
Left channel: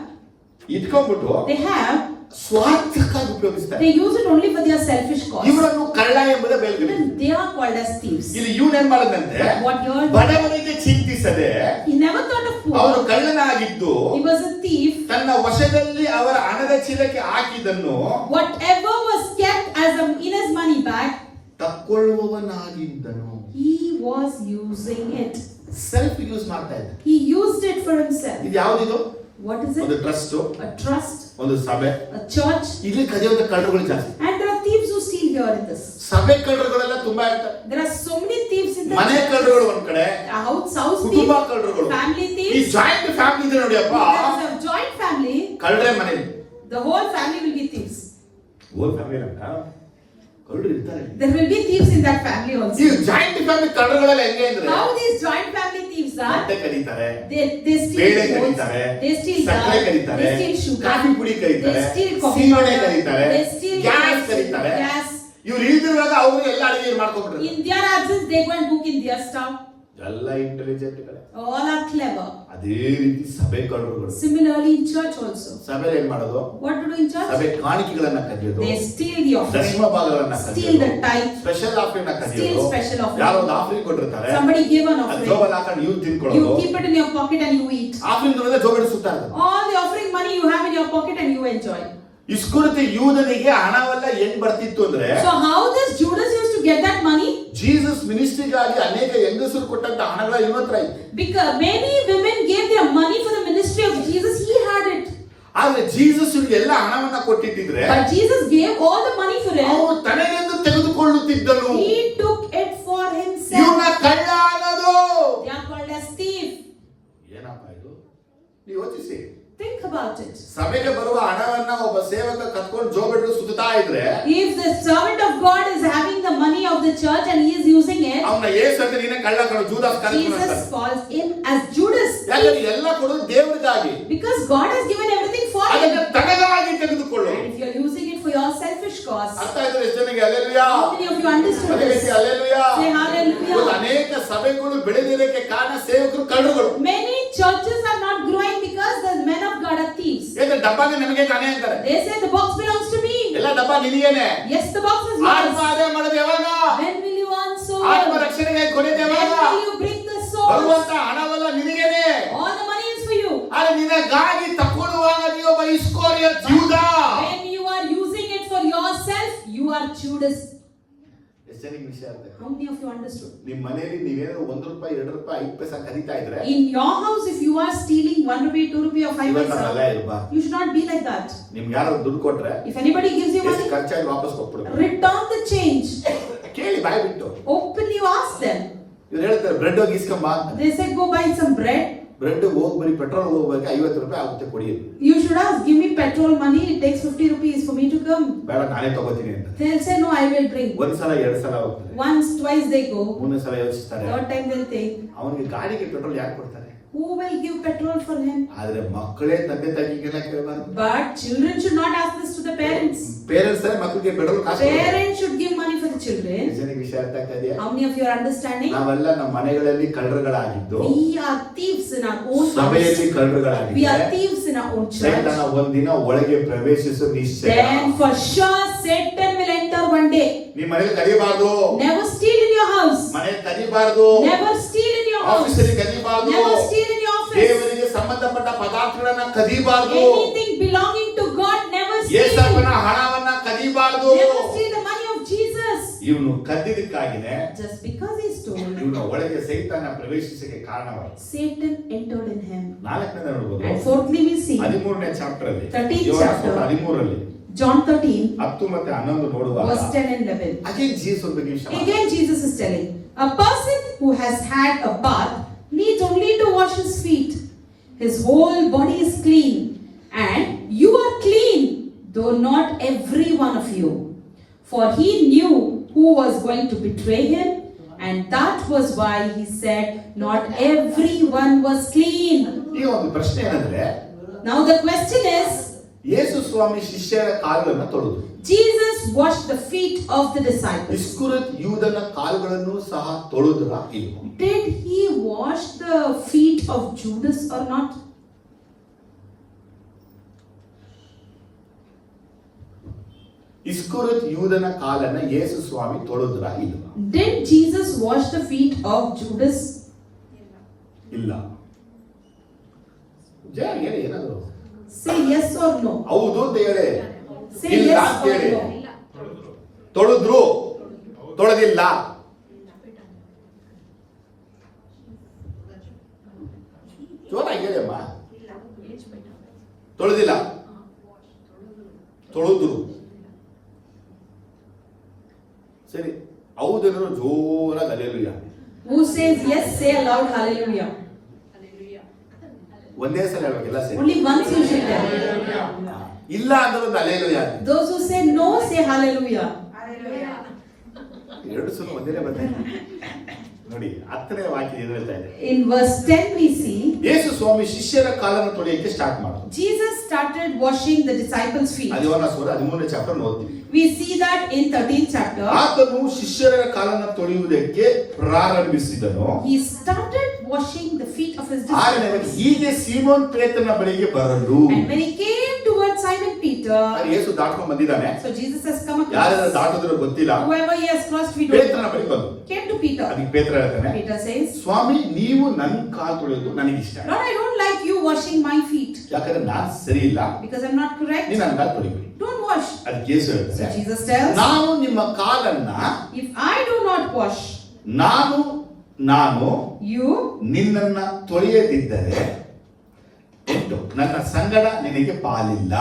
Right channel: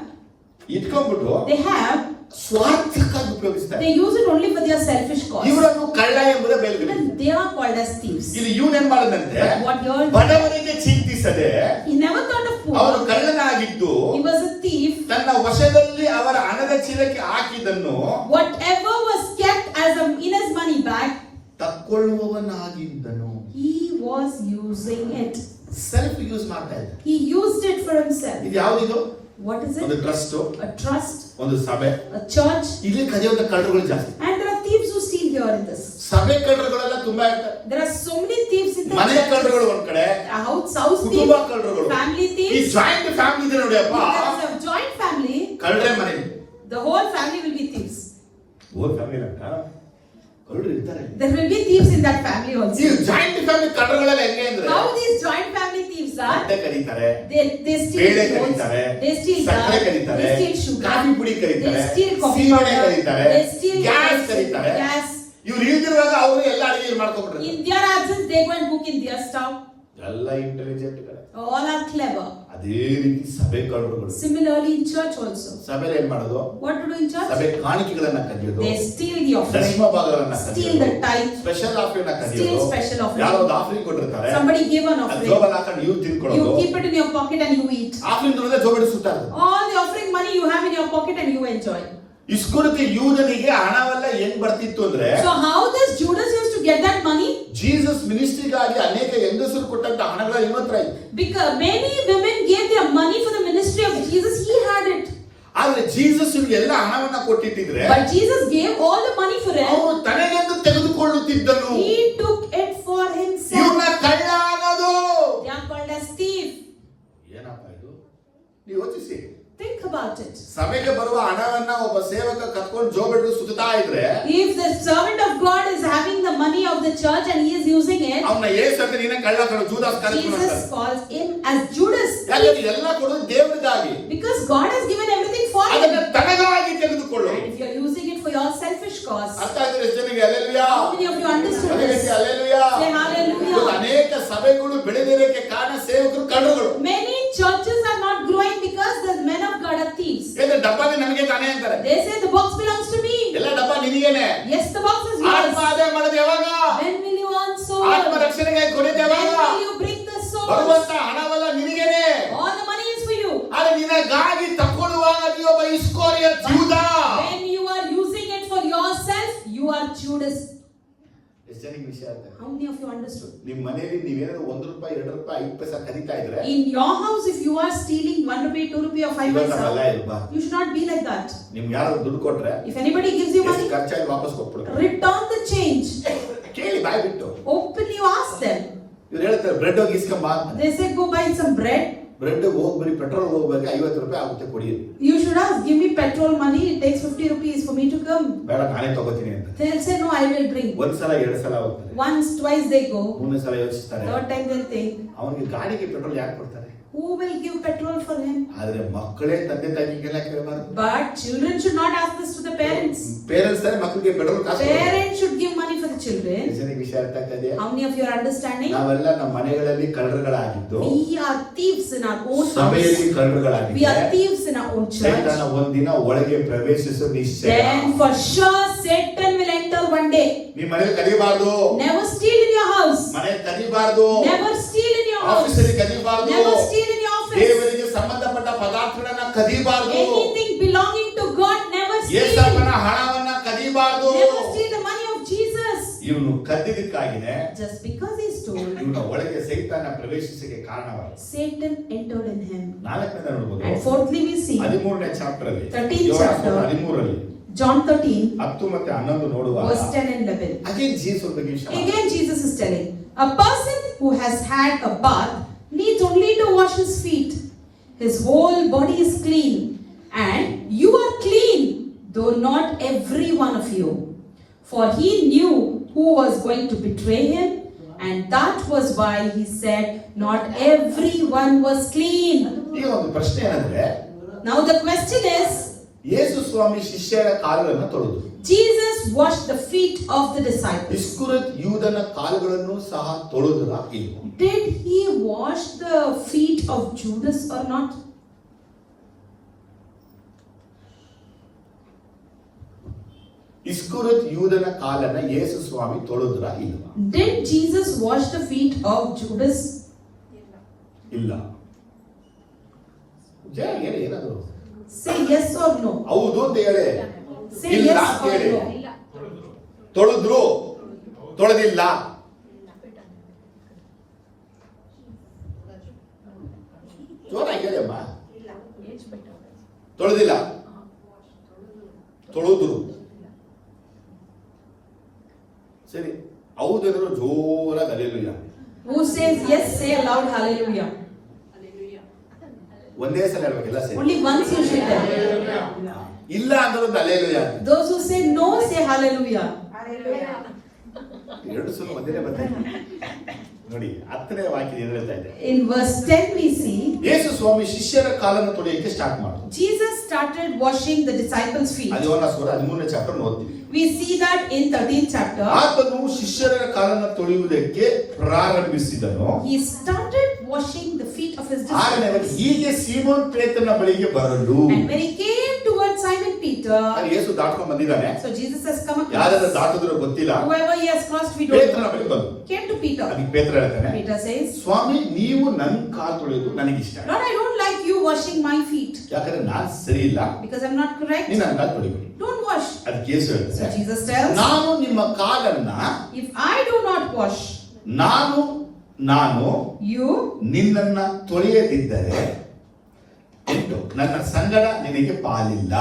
they have, ಸ್ವಾರ್ಥಕ್ಕಾಗಿ ಉಪಯೋಗಿಸ್ತಾರೆ. they use it only for their selfish cause. ಇವರನ್ನು ಕಳ್ಳ ಎಂಬುದೇ ಬೇರೆ. Even they are called as thieves. ಇಲ್ಲಿ ಇವನೇನ್ ಮಾಡದಂತೆ, What you're, ಬಡವನಿಗೆ ಚಿಂತಿಸದೆ he never thought of ಅವನು poor. ಕಳ್ಳನಾಗಿದ್ದು He was a thief. ತನ್ನ ವಶದಲ್ಲಿ ಅವರ ಹಣದ ಚೀಲಕ್ಕೆ ಹಾಕಿದ್ದನ್ನು Whatever was kept as in his money bag, ತಕ್ಕೊಳ್ಳುವವನಾಗಿದ್ದನು. he was using it. Self use ಮಾಡ್ತಾ ಇದ್ದ. He used it for himself. ಇದು ಯಾವ್ದಿದು? What is ಒಂದು it? ಟ್ರಸ್ಟ್, A trust, ಒಂದು ಸಭೆ. a church. ಇಲ್ಲಿ ಕದಿಯೋದ ಕಳ್ಳರುಗಳು ಜಾಸ್ತಿ. And there are thieves who steal here in this. ಸಭೆ ಕಳ್ಳರುಗಳೆಲ್ಲ ತುಂಬಾ ಇರ್ತಾರೆ. There are so many thieves in the ಮನೆ ಕಳ್ಳರುಗಳು ಒಂದ್ ಕಡೆ, house ಕುಟುಂಬ thieves, ಕಳ್ಳರುಗಳು, family ಈ thieves. ಜಾಯಿಂಟ್ ಫ್ಯಾಮಿಲಿ ಇದೆ ನೋಡಿ ಅಪ್ಪ. There is a joint family. ಕಳ್ಳರೇ ಮನೆ, The whole family will be thieves. ಓ ಫ್ಯಾಮಿಲಿ ಅಂತ ಕಳ್ಳರು ಇರ್ತಾರೆ. There will be thieves in that family ಈ also. ಜಾಯಿಂಟ್ ಫ್ಯಾಮಿಲಿ ಕಳ್ಳರುಗಳೆಲ್ಲ ಹೆಂಗೆ ಅಂದ್ರೆ, How these joint family thieves are? ಬಟ್ಟೆ ಕರೀತಾರೆ, They steal ಬೇಳೆ clothes, ಕರೀತಾರೆ, they steal ಸಕ್ಕರೆ dal, ಕರೀತಾರೆ, they steal sugar, ಕಾಫಿ ಪುಡಿ ಕರೀತಾರೆ, they steal coffee ಸೀಮೆ powder, ಕರೀತಾರೆ, they steal ಗ್ಯಾಸ್ ಕರೀತಾರೆ. gas, ಇವ್ರು ಇಲ್ದಿರುವಾಗ ಅವರು ಎಲ್ಲ ಅಡಿಗೆ ಮಾಡ್ಕೊಂಡ್ಬಿಟ್ರೆ In their absence, they go and cook in their stove. ಎಲ್ಲ ಇಂಟೆಲಿಜೆಂಟ್ All are clever. ಅದೇ ರೀತಿ ಸಭೆ ಕಳ್ಳರುಗಳು. Similarly, in church also. ಸಭೆಯಲ್ಲಿ ಏನ್ ಮಾಡೋದು? What to do in church? ಸಭೆ ಕಾಣಿಕೆಗಳನ್ನ ಕದಿಯೋದು, They steal the offering, ದಶಮ ಭಾಗಗಳನ್ನ steal the ಕದಿಯೋದು, tithe, ಸ್ಪೆಷಲ್ ಆಫರಿಂಗ್ ನ steal ಕದಿಯೋದು. special offering. ಯಾರೋ ಒಂದು ಆಫರಿಂಗ್ ಕೊಟ್ಟಿರ್ತಾರೆ, Somebody give an ಅದು offering. ಜೋಬಲ್ಲಿ ಹಾಕೊಂಡು ನೀವು You ತಿನ್ಕೊಳ್ಳೋದು. keep it in your pocket and you eat. Offering ನೋಡಿದ್ರೆ ಜೋಬಿಡಿಸುತ್ತಾ ಇರೋದು. All the offering money you have in your pocket and you enjoy. ಇಸ್ಕರಿಯೋತ ಯೂದನಿಗೆ ಹಣವೆಲ್ಲ ಹೆಂಗ್ ಬರ್ತಿತ್ತು ಅಂದ್ರೆ, So how does Judas used to get that money? Jesus ಮಿನಿಸ್ಟ್ರಿಗಾಗಿ ಅನೇಕ ಹೆಂಗಸರು ಕೊಟ್ಟಂತ ಹಣಗಳ ಇವತ್ರ ಇದೆ. Because many women gave their money for the ministry of Jesus. He had it. ಆದ್ರೆ ಜೀಸಸ್ ಎಲ್ಲ ಹಣವನ್ನ ಕೊಟ್ಟಿಟ್ಟಿದ್ರೆ But Jesus gave all the money for him. ಅವನು ತನಗೆಂದು ತೆಗೆದುಕೊಳ್ಳುತ್ತಿದ್ದನು. He took it for himself. ಇವನ್ನ ಕಳ್ಳ ಅನ್ನೋದು. They are called as thief. ಏನಪ್ಪ ಇದು? ನೀವು ಯೋಚಿಸಿ. Think about it. ಸಭೆಗೆ ಬರುವ ಹಣವನ್ನ ಒಬ್ಬ ಸೇವಕ ಕತ್ಕೊಂಡು ಜೋಬಿಟ್ಟು ಸುತ್ತಾ ಇದ್ರೆ, If the servant of God is having the money of the church and he is using it, ಅವನ ಯೇಸು ಅಂತ ನೀನೇ ಕಳ್ಳ ಕಣೋ, ಜೂದಾಸ್ correct Jesus calls him as Judas. ಯಾಕಂದ್ರೆ ಎಲ್ಲ ಕೊಡೋದು ದೇವರಿಗಾಗಿ, Because God has given everything for him. ಅದನ್ನ ತನಗಾಗಿ ತೆಗೆದುಕೊಳ್ಳು. And if you are using it for your selfish cause, ಅರ್ಥ ಆದ್ರೆ ಎಷ್ಟು ಜನಕ್ಕೆ hallelujah? how many of you understood ಅದೇ this? ರೀತಿ ಹಲ್ಲೆಲೂಯಾ. Say hallelujah. ಇವತ್ತು ಅನೇಕ ಸಭೆಗಳು ಬೆಳೆದಿರಕ್ಕೆ ಕಾರಣ ಸೇವಕರು ಕಳ್ಳರುಗಳು. Many churches are not growing because the men of God are thieves. ಏಕೆ ಡಬ್ಬನೇ ನಮಗೆ ತಾನೇ ಅಂತಾರೆ. They say the box belongs to me. ಎಲ್ಲ ಡಬ್ಬ ನಿನಗೇನೆ. Yes, the box is ಆತ್ಮ yours. ಅದೇ ಮಾಡೋದು ಯಾವಾಗ? When will you earn soul? ಆತ್ಮ ರಕ್ಷಣೆಗೆ ಕೊನೆದು When ಯಾವಾಗ? will you bring the soul? ಬರುವಂತ ಹಣವೆಲ್ಲ ನಿನಗೇನೆ. All the money is for you. ಆದ್ರೆ ನಿನಗಾಗಿ ತಕೊಳ್ಳುವಾಗ ನೀವೊಬ್ಬ ಇಸ್ಕರಿಯೋತ ಯೂದ. When you are using it for yourself, you are Judas. ಎಷ್ಟು ಜನಕ್ಕೆ ವಿಷಯ ಅರ್ಥ? How many of you understood? ನಿಮ್ಮ ಮನೆಯಲ್ಲಿ ನೀವೇನಾದ್ರು ₹1, ₹2, ₹5 ಕದೀತಾ ಇದ್ರೆ, In your house, if you are stealing ₹1, ₹2, or 5 ಇವತ್ತಲ್ಲ paisa, ಇಲ್ವಾ? you should not be like that. ನಿಮ್ಗೆ ಯಾರು ದುಡ್ಡು ಕೊಟ್ರೆ If anybody gives you ಎಷ್ಟು money, ಖರ್ಚಾಗಿ ವಾಪಸ್ ಕೊಟ್ಬಿಡ್ಬೇಕು. return the change. ಕೇಳಿ ಬಾಯ್ ಬಿಟ್ಟು. Openly you ask them. ಇವ್ರು ಹೇಳ್ತಾರೆ ಬ್ರೆಡ್ ಹೋಗಿ ಇಸ್ಕೊಂಬ ಅಂತ. They say go buy some bread. Bread ಹೋಗಿ ಬರೀ ಪೆಟ್ರೋಲ್ ಹೋಗ್ಬೇಕು ₹50 ಆಗುತ್ತೆ ಕೊಡಿ. You should ask, give me petrol money. It takes ₹50 for me to come. ಬೇಡ ನಾನೇ ತಗೋತೀನಿ ಅಂತ. They'll say no, I will bring. ಒಂದ್ಸಲ 2 ಸಲ ಹೋಗ್ತಾರೆ, Once, twice they go. 3ನೇ ಸಲ ಯೋಚಿಸ್ತಾರೆ. Third time they'll think, ಅವನಿಗೆ ಗಾಡಿಗೆ ಪೆಟ್ರೋಲ್ ಯಾಕೆ ಕೊಡ್ತಾರೆ? who will give petrol for him? ಆದ್ರೆ ಮಕ್ಕಳೇ ತಂದೆ ತಾಯಿಗೆಲ್ಲ ಕೇಳಬಾರ್ದು. But children should not ask this to the parents. Parents ಮಕ್ಕಳಿಗೆ ಪೆಟ್ರೋಲ್ ಕಾಸು ಕೊಡ್ತಾರೆ. Parents should give money for the children. ಜನಕ್ಕೆ ವಿಷಯ ಅರ್ಥ ಆಗ್ತಾ ಇದೆಯಾ? How many of you are understanding? ನಾವೆಲ್ಲ ನಮ್ಮ ಮನೆಗಳಲ್ಲಿ ಕಳ್ಳರುಗಳಾಗಿದ್ದು, We are thieves in our own house. ಸಭೆಯಲ್ಲಿ We are ಕಳ್ಳರುಗಳಾಗಿದ್ದೆ, thieves in our own church. ಸೈತಾನ ಒಂದಿನ ಒಳಗೆ ಪ್ರವೇಶಿಸೋ ನಿಶ್ಚಯ. Then for sure Satan will enter one day. ನಿಮ್ಮ ಮನೆಯಲ್ಲಿ ಕದಿಬಾರ್ದು, Never steal in your house. ಮನೆಯಲ್ಲಿ ಕದಿಬಾರ್ದು, Never steal in your house. ಆಫೀಸಲ್ಲಿ ಕದಿಬಾರ್ದು, Never steal in your office. ದೇವರಿಗೆ ಸಂಬಂಧಪಟ್ಟ ಪದಾರ್ಥಗಳನ್ನ ಕದಿಬಾರ್ದು, Anything belonging to God, never ಯೇಸಪ್ಪನ steal. ಹಣವನ್ನ ಕದಿಬಾರ್ದು. Never steal the money of Jesus. ಇವನು ಕದ್ದಿದ್ದಕ್ಕಾಗಿದೆ Just because he stole, ಇವನ ಒಳಗೆ ಸೈತಾನ ಪ್ರವೇಶಿಸಕ್ಕೆ ಕಾರಣವಾಯಿತು. Satan entered in him. 4ನೇ ನೋಡಬಹುದು, And fourthly we see 13ನೇ ಚಾಪ್ಟರ್ ಅಲ್ಲಿ, 13th chapter. 13ರಲ್ಲಿ John 13, 10 ಮತ್ತೆ 11 ನೋಡುವಾಗ verse 10 and 11. ಅಗೇನ್ ಜೀಸಸ್ ಬಗ್ಗೆ ವಿಷಯ. Again Jesus is telling, a person who has had a bath needs only to wash his feet. His whole body is clean, and you are clean, though not every one of you. For he knew who was going to betray him, and that was why he said, not everyone was clean. ಈಗ ಒಂದು ಪ್ರಶ್ನೆ ಏನಂದ್ರೆ, Now the question is, ಯೇಸು ಸ್ವಾಮಿ ಶಿಷ್ಯರ ಕಾಲುಗಳನ್ನು ತೊಳೆದು, Jesus washed the feet of the disciples. ಇಸ್ಕರಿಯೋತ ಯೂದನ ಕಾಲುಗಳನ್ನು ಸಹ ತೊಳೆದರ ಇಲ್ವೋ? Did he wash the feet of Judas or not? ಇಸ್ಕರಿಯೋತ ಯೂದನ ಕಾಲನ್ನ ಯೇಸು ಸ್ವಾಮಿ ತೊಳೆದರ ಇಲ್ವಾ? Did Jesus wash the feet of Judas? ಇಲ್ಲ. ಜಯ ಹೇಳಿ ಏನಾದ್ರು. Say yes or no. ಹೌದು ಅಂತ ಹೇಳಿ. Say ಇಲ್ಲ yes ಅಂತ or ಹೇಳಿ. no. ತೊಳೆದ್ರು, ತೊಳೆದಿಲ್ಲ. ಜೋರಾಗಿ ಹೇಳಿಯಮ್ಮ. ತೊಳೆದಿಲ್ಲ, ತೊಳೆದ್ರು. ಸರಿ, ಹೌದೇನಾದ್ರು ಜೋರಾಗಿ alleluia. Who says yes, say aloud hallelujah. ಒಂದೇ ಸಲ ಹೇಳ್ಬೇಕಿಲ್ಲ ಸರಿ. Only once you should tell. ಇಲ್ಲ ಅಂದ್ರೆ ಒಂದು alleluia. Those who say no, say hallelujah. ಎರಡು ಸಲ ಒಂದೇ ಬಂದಿದೆ ನೋಡಿ. 10ನೇ ವಾಕ್ಯ ಏನು ಹೇಳ್ತಾ ಇದೆ? In verse 10 we see, ಯೇಸು ಸ್ವಾಮಿ ಶಿಷ್ಯರ ಕಾಲನ್ನು ತೊಳೆಯಕ್ಕೆ ಸ್ಟಾರ್ಟ್ ಮಾಡಿದ್ರು. Jesus started started washing the disciples' feet. ಅದು ಯೋಹನ ಸುವಾರ್ತೆ 13ನೇ ಚಾಪ್ಟರ್ ಓದ್ತೀವಿ. We see that in 13th chapter. ಆತನು ಶಿಷ್ಯರ ಕಾಲನ್ನು ತೊಳೆಯುವುದಕ್ಕೆ ಪ್ರಾರಂಭಿಸಿದನು. He started washing the feet of his disciples. ಹೀಗೆ ಸೀಮೋನ್ ಪೇತ್ರನ ಬಳಿಗೆ ಬರಲು And when he came towards Simon Peter, ಯೇಸು ದಾಟ್ಕೊಂಡು ಬಂದಿದ್ದಾನೆ. so Jesus has come ಯಾರೆಲ್ಲ across. ದಾಟಿದ್ರು ಗೊತ್ತಿಲ್ಲ. Whoever he has crossed, we don't ಪೇತ್ರನ know. ಬಳಿ ಬಂದು Came to Peter. ಅದಕ್ಕೆ ಪೇತ್ರ ಹೇಳ್ತಾನೆ, Peter says, ಸ್ವಾಮಿ ನೀವು ನನ್ನ ಕಾಲು ತೊಳೆಯೋದು ನನಗಿಷ್ಟ. Lord, I don't like you washing my feet ಯಾಕಂದ್ರೆ ನಾನು ಸರಿ ಇಲ್ಲ, because I'm not correct. ನೀನು ನನ್ನ ಕಾಲು ತೊಳಿಬೇಡಿ. Don't wash. ಅದಕ್ಕೆ ಯೇಸು So ಹೇಳ್ತಾನೆ, Jesus tells, ನಾನು ನಿಮ್ಮ ಕಾಲನ್ನ if I do not wash ನಾನು you, ನಿನ್ನನ್ನ ತೊಳೆಯದಿದ್ದರೆ ನನ್ನ ಸಂಗಡ ನಿನಗೆ ಪಾಲಿಲ್ಲ.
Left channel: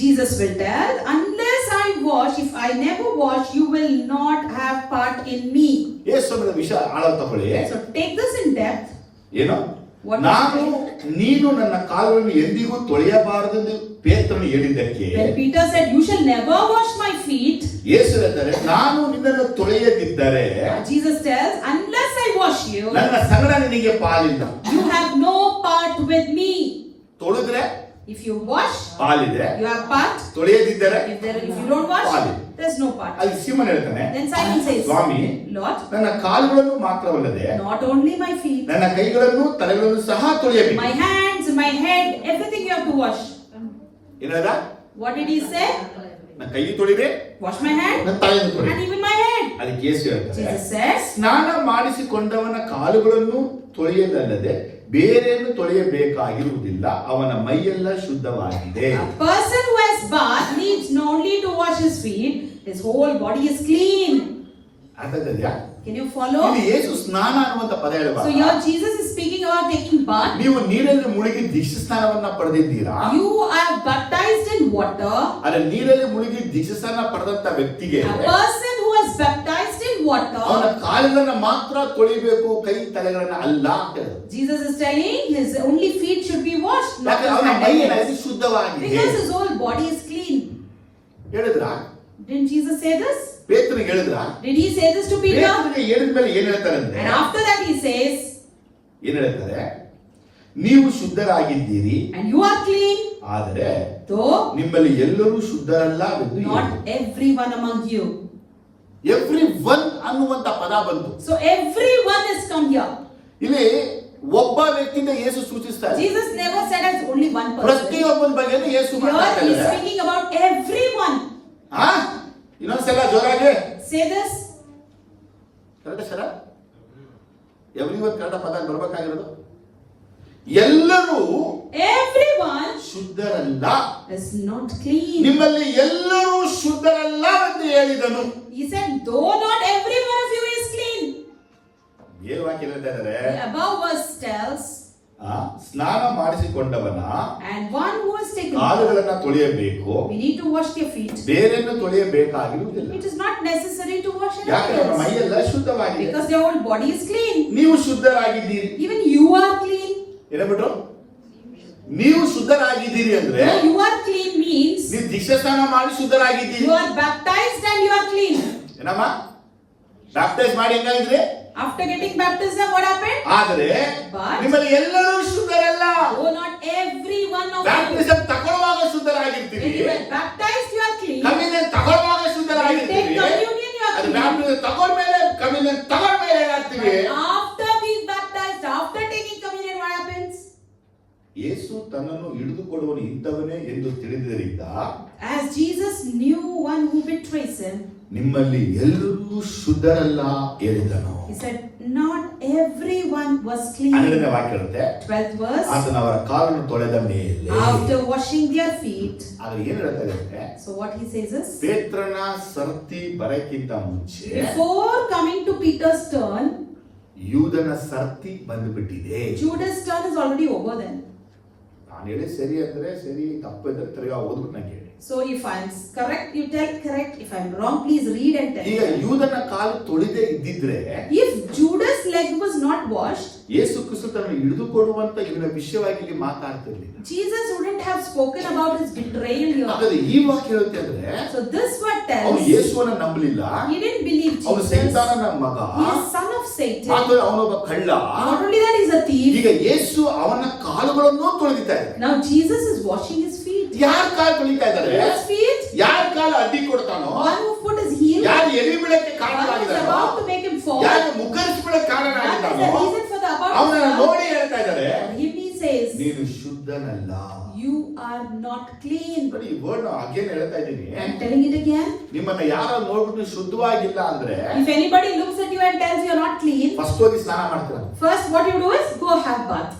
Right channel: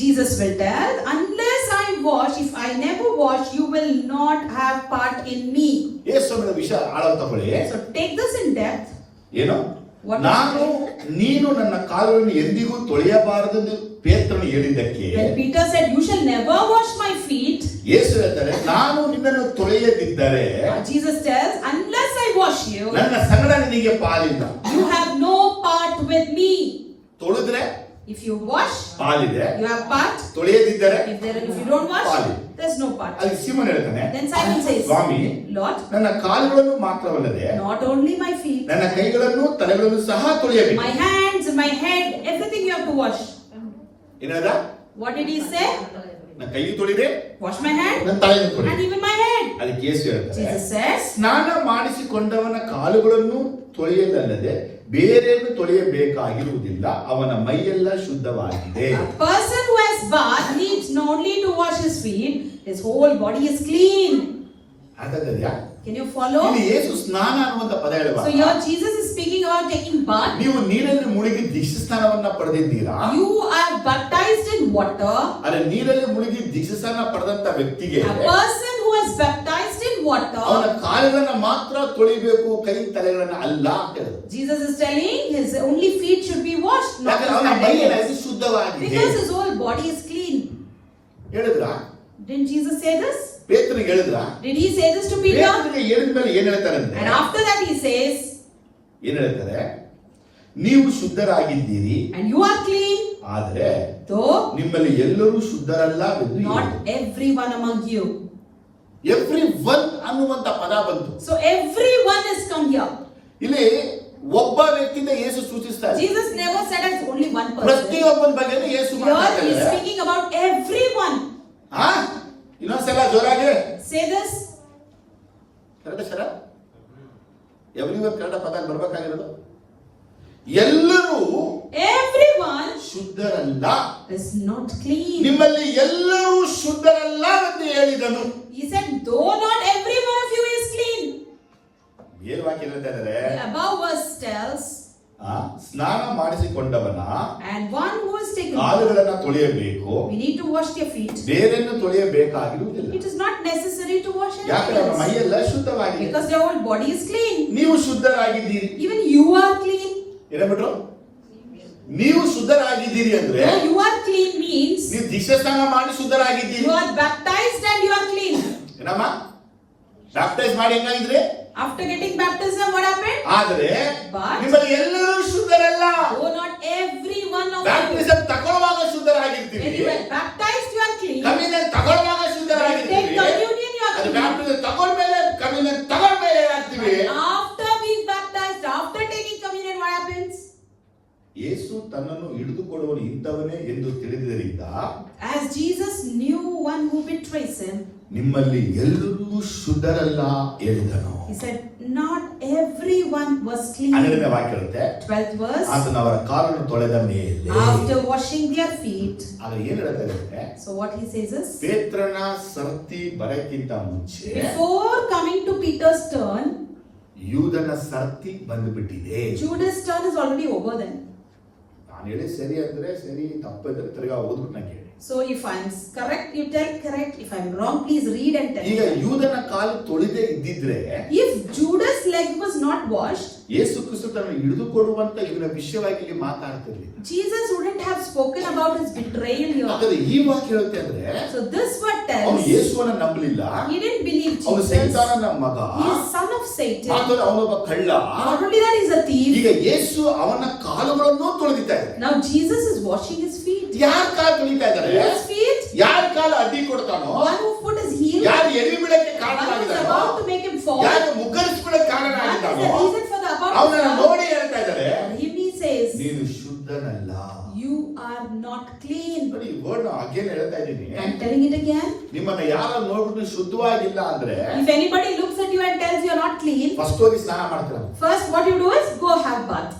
Jesus will tell, unless I wash, if I never wash, you will not have part in me. ಯೇಸುವಿನ ವಿಷಯ ಆಳವಾಗಿ ತಗೊಳ್ಳಿ. So take this in depth. ಏನು ನೀನು ನನ್ನ ಕಾಲುಗಳನ್ನು ಎಂದಿಗೂ ತೊಳೆಯಬಾರದೆಂದು ಪೇತ್ರನು ಹೇಳಿದ್ದಕ್ಕೆ When Peter said, you shall never wash my feet, ಯೇಸು ಹೇಳ್ತಾರೆ, ನಾನು ನಿನ್ನನ್ನು ತೊಳೆಯದಿದ್ದರೆ Jesus tells, unless I wash you, ನನ್ನ ಸಂಗಡ ನಿನಗೆ ಪಾಲಿಲ್ಲ. you have no part with me. ತೊಳೆದ್ರೆ If you wash, ಪಾಲಿದೆ, you have part. ತೊಳೆಯದಿದ್ದರೆ If you don't wash, there's no part. ಅಲ್ಲಿ ಸೀಮೋನ್ ಹೇಳ್ತಾನೆ, Then Simon says, ಸ್ವಾಮಿ Lord, ನನ್ನ ಕಾಲುಗಳನ್ನು ಮಾತ್ರವಲ್ಲದೆ not only my feet, ನನ್ನ ಕೈಗಳನ್ನು ತಲೆಗಳನ್ನು ಸಹ ತೊಳೆಯಬೇಕು. my hands, my head, everything you have to wash. ಏನದ? What did he say? ನನ್ನ ಕೈ ತೊಳಿದೆ, Wash my hand ನನ್ನ ತಲೆಯನ್ನು ತೊಳಿ. and even my head. ಅದಕ್ಕೆ ಯೇಸು ಹೇಳ್ತಾರೆ, Jesus says, ಸ್ನಾನ ಮಾಡಿಸಿಕೊಂಡವನ ಕಾಲುಗಳನ್ನು ತೊಳೆಯದಲ್ಲದೆ ಬೇರೇನು ತೊಳೆಯಬೇಕಾಗಿರುವುದಿಲ್ಲ, ಅವನ ಮೈಯೆಲ್ಲ ಶುದ್ಧವಾಗಿದೆ. a person who has bathed needs not only to wash his feet, his whole body is clean. ಅರ್ಥಾಗ್ತದ್ಯಾ? Can you follow? ಇಲ್ಲಿ ಯೇಸು ಸ್ನಾನ ಅನ್ನುವಂತ ಪದ ಹೇಳುವಾಗ So here Jesus is speaking about taking bath. ನೀವು ನೀರಲ್ಲಿ ಮುಳುಗಿ ದೀಕ್ಷಾಸ್ನಾನವನ್ನ ಪಡೆದಿದ್ದೀರಾ. You are baptized in water. ಅದೇ ನೀರಲ್ಲಿ ಮುಳುಗಿ ದೀಕ್ಷಾಸ್ನಾನ ಪಡೆದಂತ ವ್ಯಕ್ತಿಗೆ A person who is baptized in water, ಅವನ ಕಾಲುಗಳನ್ನ ಮಾತ್ರ ತೊಳಿಬೇಕು, ಕೈ ತಲೆಗಳನ್ನ ಅಲ್ಲ ಅಂತ ಹೇಳಿದ್ರು. Jesus is telling his only feet should be washed, not ಯಾಕಂದ್ರೆ his ಅವನ hand and ಮೈಯಲ್ಲಿ legs. ಶುದ್ಧವಾಗಿದೆ Because his whole body is clean. ಹೇಳಿದ್ರ? Didn't Jesus say this? ಪೇತ್ರನಿಗೆ ಹೇಳಿದ್ರ? Did he say this to Peter? ಪೇತ್ರನಿಗೆ ಹೇಳಿದ್ಮೇಲೆ ಏನ್ ಹೇಳ್ತಾರೆ ಅಂದ್ರೆ, And after that he says, ಏನ್ ಹೇಳ್ತಾರೆ? ನೀವು ಶುದ್ಧರಾಗಿದ್ದೀರಿ, and you are clean, ಆದರೆ though ನಿಮ್ಮಲ್ಲಿ ಎಲ್ಲರೂ ಶುದ್ಧರಲ್ಲವೆಂದು not everyone among you. Every one ಅನ್ನುವಂತ ಪದ ಬಂತು. So everyone has come here. ಇಲ್ಲಿ ಒಬ್ಬ ವ್ಯಕ್ತಿಯಿಂದ ಯೇಸು ಸೂಚಿಸ್ತಾರೆ. Jesus never said as only one person. ಪ್ರತಿಯೊಬ್ಬನ ಬಗ್ಗೆನೂ ಯೇಸು Here he is ಮಾತಾಡ್ತಾರೆ. speaking about everyone. ಇನ್ನೊಂದ್ಸಲ ಜೋರಾಗಿ Say this. ಕರೆಕ್ಟ್ ಸರ? ಎವ್ರಿವನ್ ಕನ್ನಡ ಪದ ಬರ್ಬೇಕಾಗಿರೋದು. ಎಲ್ಲರೂ Everyone ಶುದ್ಧರಲ್ಲ, is not clean. ನಿಮ್ಮಲ್ಲಿ ಎಲ್ಲರೂ ಶುದ್ಧರಲ್ಲ ಎಂದು ಹೇಳಿದನು. He said, though not every one of you is clean. ಏನು ವಾಕ್ಯ ಹೇಳ್ತಾ ಇದ್ದಾರೆ? The above verse tells, ಸ್ನಾನ ಮಾಡಿಸಿಕೊಂಡವನ and one who has taken bath, ಕಾಲುಗಳನ್ನ ತೊಳೆಯಬೇಕು, we need to wash their feet. ಬೇರೆಯನ್ನು ತೊಳೆಯಬೇಕಾಗಿರುವುದಿಲ್ಲ. It is not necessary to wash ಯಾಕಂದ್ರೆ anything ಅವರ else, ಮೈಯೆಲ್ಲ ಶುದ್ಧವಾಗಿದೆ. because their whole body is clean. ನೀವು ಶುದ್ಧರಾಗಿದ್ದೀರಿ. Even you are clean. ಏನಬಿಟ್ರು? ನೀವು ಶುದ್ಧರಾಗಿದ್ದೀರಿ ಅಂದ್ರೆ Though you are clean means ನೀವು ದೀಕ್ಷಾಸ್ನಾನ ಮಾಡಿ ಶುದ್ಧರಾಗಿದ್ದೀರಿ. you are baptized and you are clean. ಏನಮ್ಮ? ಬ್ಯಾಪ್ಟೈಸ್ ಮಾಡಿ ಹೆಂಗಾಗಿದ್ರೆ? After getting baptism, what happened? ಆದರೆ But ನಿಮ್ಮಲ್ಲಿ ಎಲ್ಲರೂ ಶುದ್ಧರಲ್ಲ. though not every one of you, baptism ತಗೊಳ್ಳುವಾಗ when ಶುದ್ಧರಾಗಿರ್ತೀರಿ, you are baptized, you are clean. Communion ತಗೊಳ್ಳುವಾಗ When you take ಶುದ್ಧರಾಗಿರ್ತೀರಿ. communion, you are ಅದು clean. ಬ್ಯಾಪ್ಟಿಸಮ್ ತಗೊಳ್ಮೇಲೆ ಕಮ್ಯುನಿಯನ್ ತಗೊಳ್ಮೇಲೆ ಆಗ್ತೀವಿ. After being baptized, after taking communion, what happens? ಯೇಸು ತನ್ನನ್ನು ಹಿಡಿದುಕೊಡುವನು ಇಂಥವನೇ ಎಂದು ತಿಳಿದಿದ್ದರಿಂದ As Jesus knew one who betrays him, ನಿಮ್ಮಲ್ಲಿ ಎಲ್ಲರೂ ಶುದ್ಧರಲ್ಲ ಹೇಳಿದನು. he said, not everyone was clean. 12ನೇ ವಾಕ್ಯ ಹೇಳುತ್ತೆ, 12th verse, ಆತನು ಅವರ ಕಾಲನ್ನು ತೊಳೆದ ಮೇಲೆ. after washing their feet. ಆದ್ರೆ ಏನ್ ಹೇಳ್ತಾರೆ ಅಂದ್ರೆ, So what he says is, ಪೇತ್ರನ ಸರ್ತಿ ಬರಕ್ಕಿಂತ ಮುಂಚೆ before coming to Peter's turn, ಯೂದನ ಸರ್ತಿ ಬಂದುಬಿಟ್ಟಿದೆ. Judas' turn is already over then. ನಾನು ಹೇಳಿ ಸರಿ ಅಂದ್ರೆ ಸರಿ, ತಪ್ಪಿದ್ರೆ ತಿರ್ಗಾ ಓದ್ಬಿಟ್ಟು ನಂಗೆ ಹೇಳಿ. So if I'm correct, you tell correct. If I'm wrong, please read and tell. ಈಗ ಯೂದನ ಕಾಲು ತೊಳೆದೇ ಇದ್ದಿದ್ರೆ If Judas' leg was not washed, Yesu ಕ್ರಿಸ್ತ ತನ್ನ ಹಿಡಿದುಕೊಡುವಂತ ಇದರ ವಿಷಯವಾಗಿ ಇಲ್ಲಿ ಮಾತಾಡ್ತಿರ್ಲಿಲ್ಲ. Jesus wouldn't have spoken about his betrayal here. ಹಾಗಾದ್ರೆ ಈ ವಾಕ್ಯ ಹೇಳುತ್ತೆ ಅಂದ್ರೆ, So this word ಅವನು tells, ಯೇಸುವನ್ನ ನಂಬಲಿಲ್ಲ, he didn't believe ಅವನು Jesus. ಸೈತಾನನ ಮಗ, He is son of Satan. ಅವನೊಬ್ಬ ಕಳ್ಳ. Not only that, he's a thief. ಈಗ ಯೇಸು ಅವನ ಕಾಲುಗಳನ್ನು ತೊಳೆದಿದ್ದಾರೆ. Now Jesus is washing his feet. ಯಾರ ಕಾಲು ತೊಳಿತಾ ಇದ್ದಾರೆ? Whose feet? ಯಾರ ಕಾಲು ಅಡ್ಡಿ ಕೊಡ್ತಾನೋ, One whose foot is healed. ಯಾರು ಎಳಿ ಬೀಳಕ್ಕೆ One is ಕಾರಣವಾಗಿದ್ದಾನೋ, about to make him fall. ಯಾರು ಮುಗ್ಗರಿಸ್ಬಿಡಕ್ಕೆ One is ಕಾರಣವಾಗಿದ್ದಾನೋ, the reason for the about ಅವನನ್ನ to ನೋಡಿ ಹೇಳ್ತಾ ಇದ್ದಾರೆ, fall. He says, ನೀನು ಶುದ್ಧನಲ್ಲ. you are not clean. ನೋಡಿ ಈ ವರ್ಡ್ ಅಗೇನ್ ಹೇಳ್ತಾ ಇದ್ದೀನಿ. I'm telling it again. ನಿಮ್ಮನ್ನ ಯಾರು ನೋಡ್ಬಿಟ್ಟು ಶುದ್ಧವಾಗಿಲ್ಲ ಅಂದ್ರೆ If anybody looks at you and tells you are not clean, first ಹೋಗಿ ಸ್ನಾನ ಮಾಡ್ತೀರ. first what you do is go have bath.